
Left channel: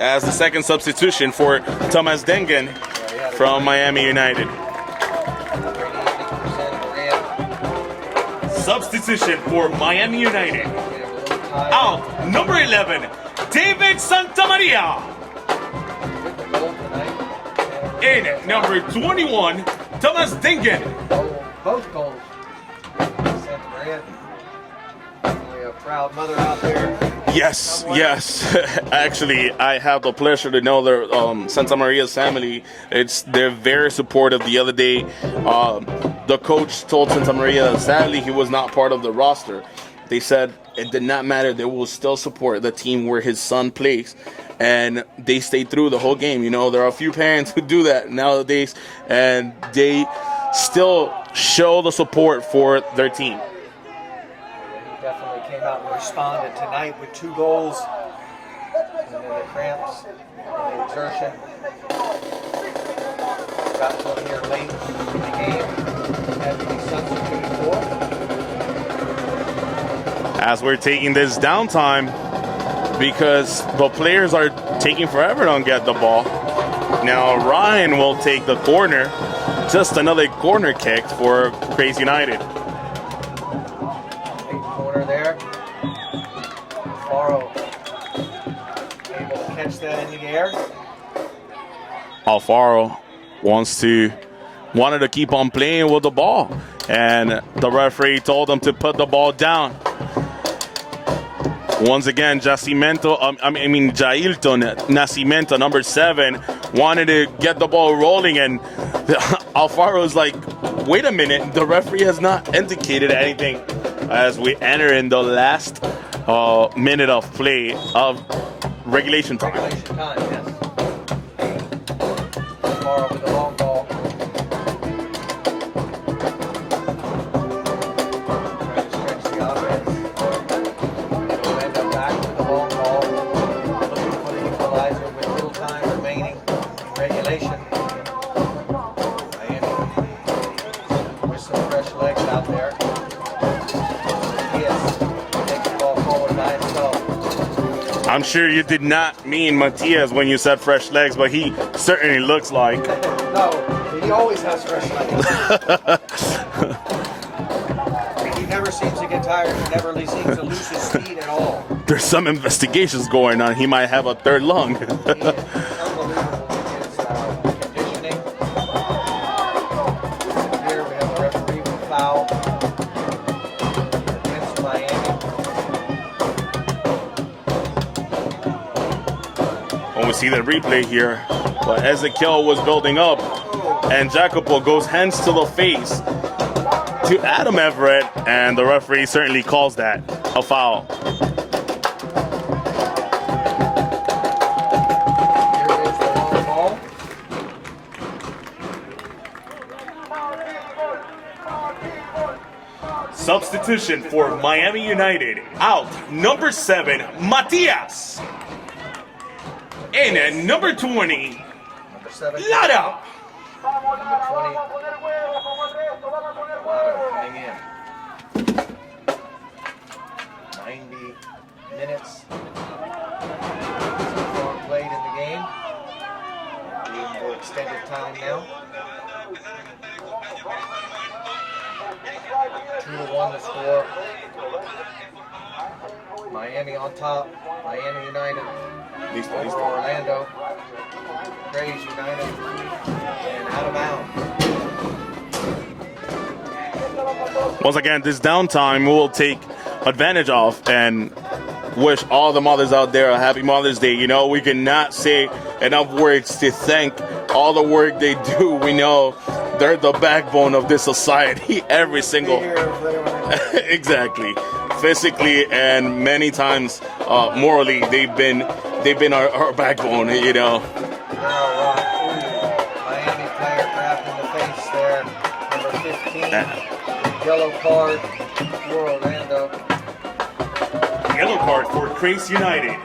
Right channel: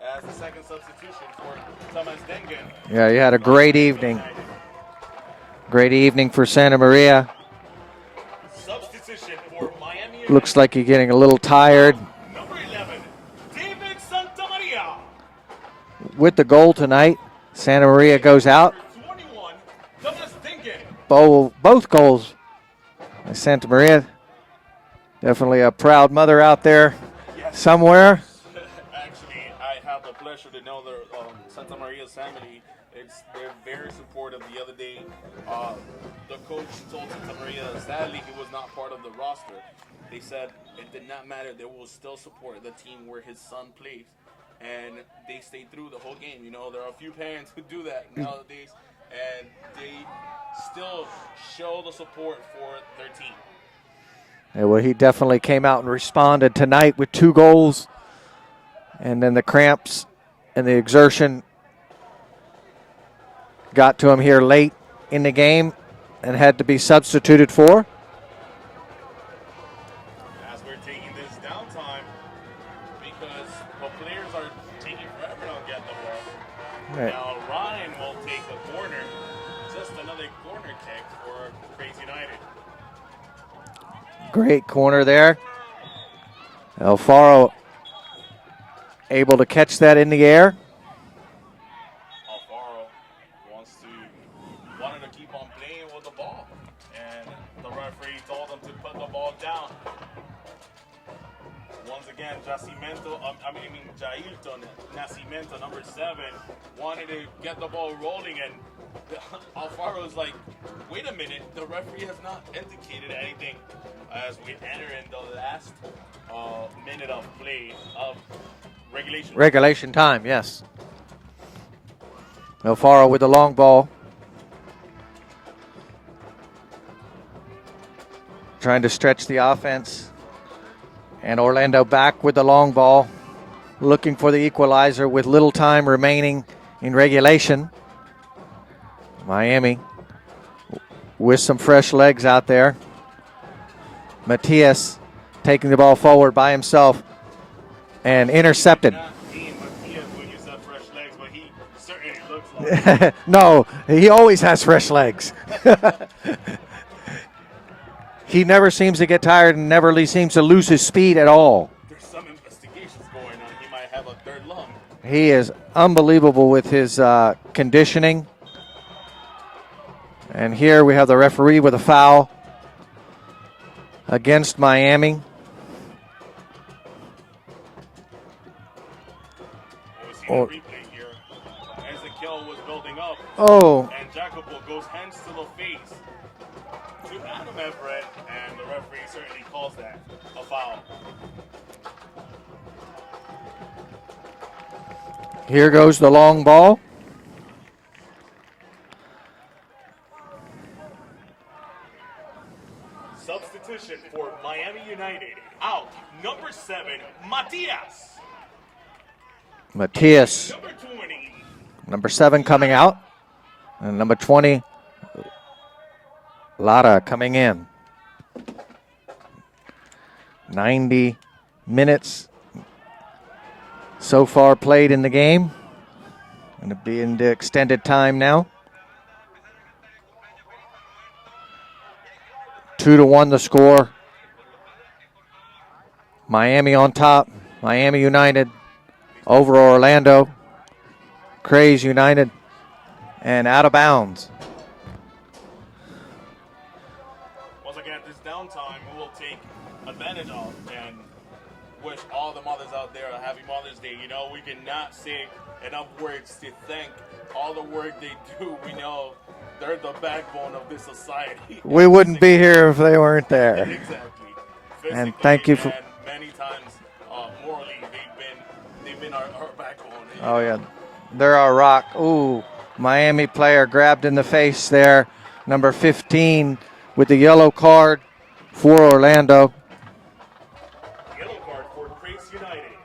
as the second substitution for Thomas Dengen. Yeah, he had a from great Miami evening. United. Great evening for Santa Maria. Substitution for Miami United. Looks like you're getting a little tired. Number 11, David Santamaria. With the goal tonight, Santa Maria goes out. Number 21, Thomas Dengen. Both goals. Santa Maria, definitely a proud mother out there. Yes, somewhere. Yes, actually, I have the pleasure to know their Santa Maria's family. They're very supportive. The other day, the coach told Santa Maria that sadly he was not part of the roster. They said it did not matter. They will still support the team where his son plays, and they stayed through the whole game. You know, there are a few parents who do that nowadays, and they still show the support for their team. Yeah, well, he definitely came out and responded tonight with 2 goals. And then the cramps and the exertion got to him here late in the game and had to be substituted for. As we're taking this downtime, because the players are taking forever to get the ball. Now Ryan will take the corner. Just another corner kick for Kraze United. Great corner there. Alfaro able to catch that in the air. Alfaro wanted to keep on playing with the ball, and the referee told him to put the ball down. Once again, Jailton Nascimento, number 7, wanted to get the ball rolling, and Alfaro's like, wait a minute, the referee has not indicated anything, as we enter in the last minute of play of regulation time. Regulation time, yes. Alfaro with the long ball. Trying to stretch the offense. And Orlando back with the long ball, looking for the equalizer with little time remaining in regulation. Miami with some fresh legs out there. Matias taking the ball forward by himself and I'm sure intercepted. You did not mean Matias when you said fresh legs, but he certainly looks like. No, he always has fresh legs. he never seems to get tired and never seems to lose his speed at all. There's some investigations going on. He might have a third lung. He is unbelievable with his conditioning. And here we have the referee with a foul against Miami. When we see the replay here, but Ezekiel was building up, and Jacopo goes hands to the face to Adam Everett, and the referee certainly calls that a foul. Here goes the long ball. Substitution for Miami United. Out, number 7, Matias. And number 20. Number 7 coming out. And number 20, Lara coming in. 90 minutes so far played in the game. Going to be in the extended time now. 2-1 the score. Miami on top. Miami United over Orlando. Kraze United and out of bounds. Once again, this downtime we will take advantage of and wish all the mothers out there a happy Mother's Day. You know, we cannot say enough words to thank all the work they do. We know they're the backbone of this society. We wouldn't be here if they weren't there. Exactly. Physically and many times morally, they've been our backbone, you know. They're our rock. Ooh, Miami player grabbed in the face there. Number 15 with the yellow card for Orlando. Yellow card for Kraze United.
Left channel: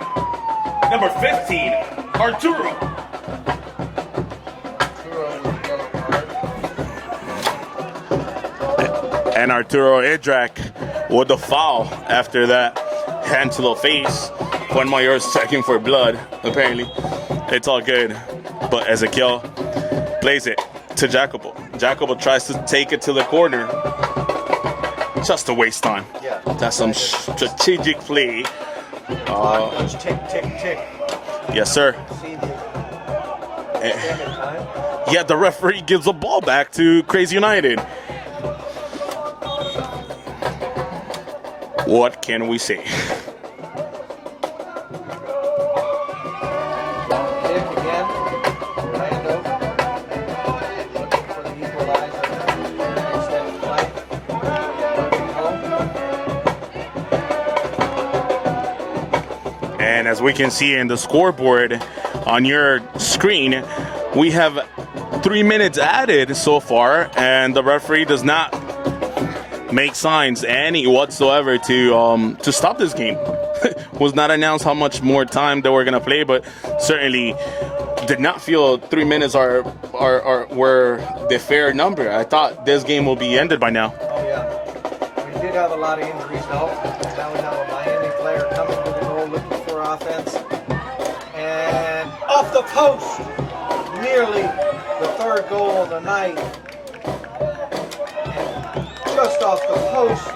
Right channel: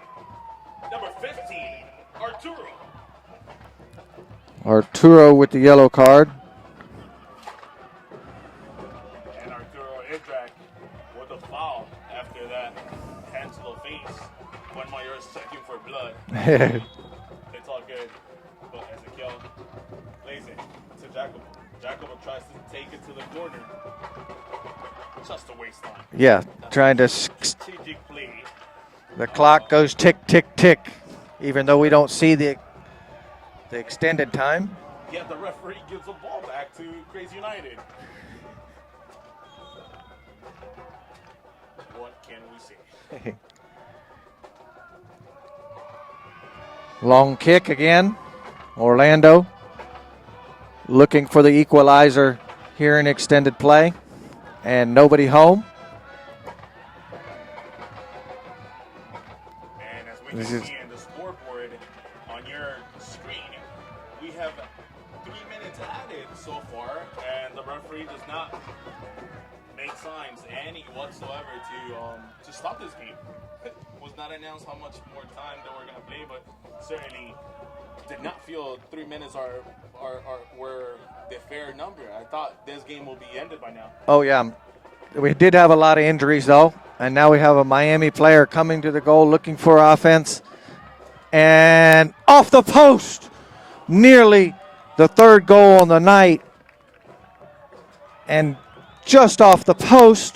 Number 15, Arturo. Arturo with the yellow card. And Arturo Idrak with the foul after that hand to the face. Juan Mayor's checking for blood, apparently. It's all good. But Ezekiel plays it to Jacopo. Jacopo tries to take it to the corner. Just to waste time. Yeah, that's trying some to strategic play. The clock goes tick, tick, tick. Even though we don't see the extended time. Yeah, the referee gives the ball back to Kraze United. What can we say? Long kick again. Orlando looking for the equalizer here in extended play. And nobody home. And as we can see in the scoreboard on your screen, we have 3 minutes added so far, and the referee does not make signs any whatsoever to stop this game. Was not announced how much more time that we're gonna play, but certainly did not feel 3 minutes were the fair number. I thought this game will be ended by now. Oh yeah, we did have a lot of injuries though, and now we have a Miami player coming to the goal looking for offense, and off the post, nearly the third goal on the night, and just off the post.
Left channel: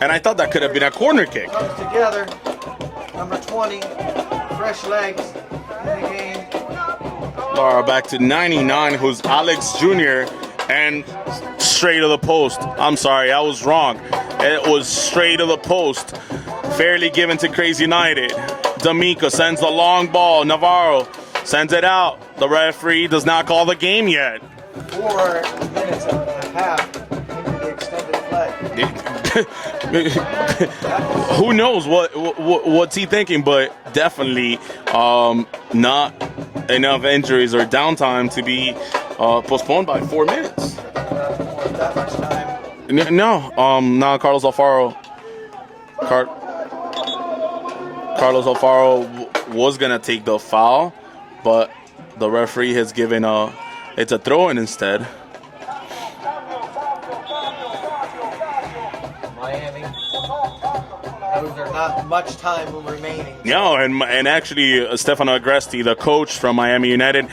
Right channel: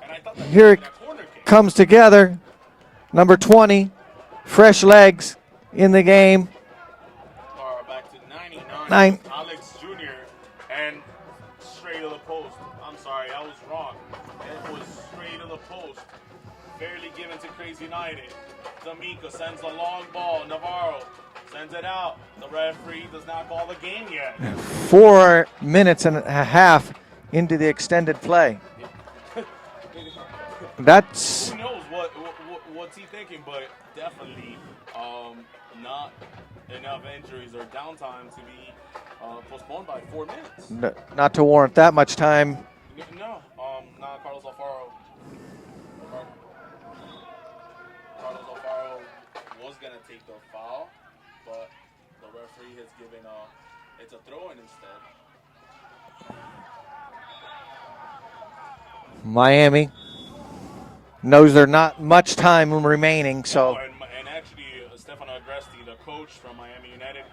And I thought that could have been a corner kick. Comes together, number 20, fresh legs in the game. Laura back to 99, who's Alex Jr., and straight to the post. I'm sorry, I was wrong. It was straight to the post. Fairly given to Kraze United. D'Amico sends the long ball. Navarro sends it out. The referee does not call the game yet. 4 minutes and a half into the extended play. That's who knows what's he thinking, but definitely not enough injuries or downtime to be postponed by 4 minutes. Not to warrant that much time. No, Carlos Alfaro. Carlos Alfaro was gonna take the foul, but the referee has given it's a throw-in instead. Miami knows there's not much time remaining. No, and actually, Stefano Agresti, the coach from Miami United,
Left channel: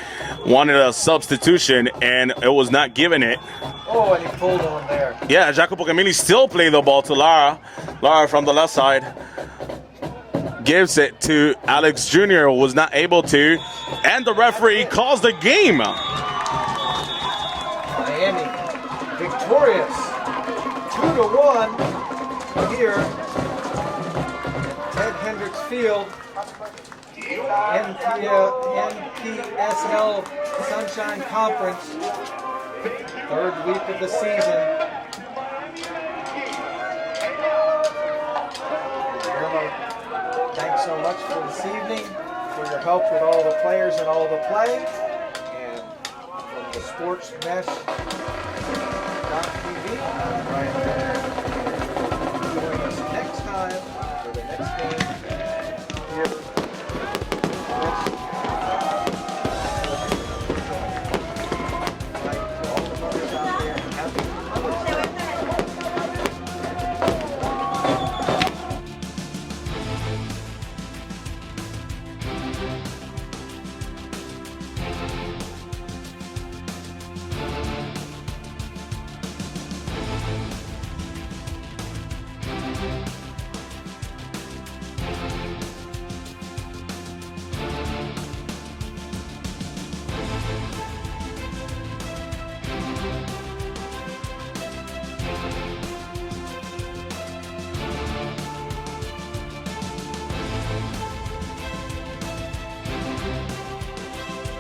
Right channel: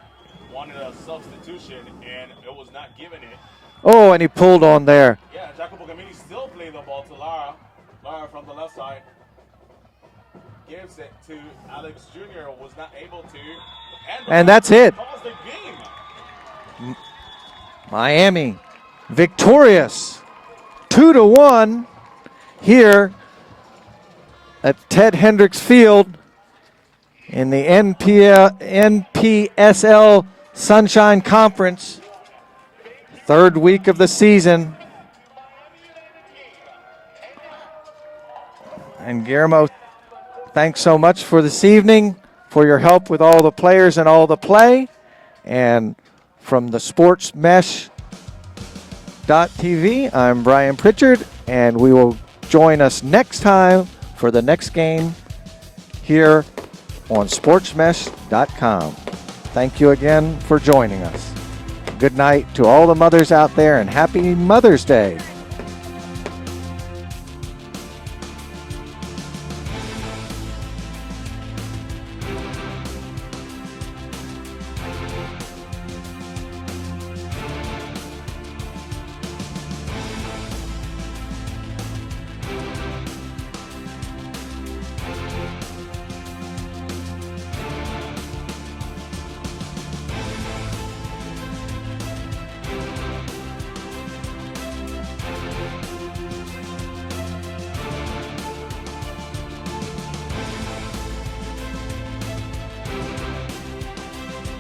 wanted a substitution, and it was not given it. Oh, and he pulled on there. Yeah, Jacopo Camilli still played the ball to Lara. Lara from the left side gives it to Alex Jr., who was not able to, and the referee calls the game. Miami victorious 2-1 here at Ted Hendricks Field in the NPSL Sunshine Conference, third week of the season. And Guillermo, thanks so much for this evening, for your help with all the players and all the play. And from the SportsMesh.tv, I'm Brian Pritchard, and we will join us next time for the next game here on SportsMesh.com. Thank you again for joining us. Good night to all the mothers out there, and happy Mother's Day.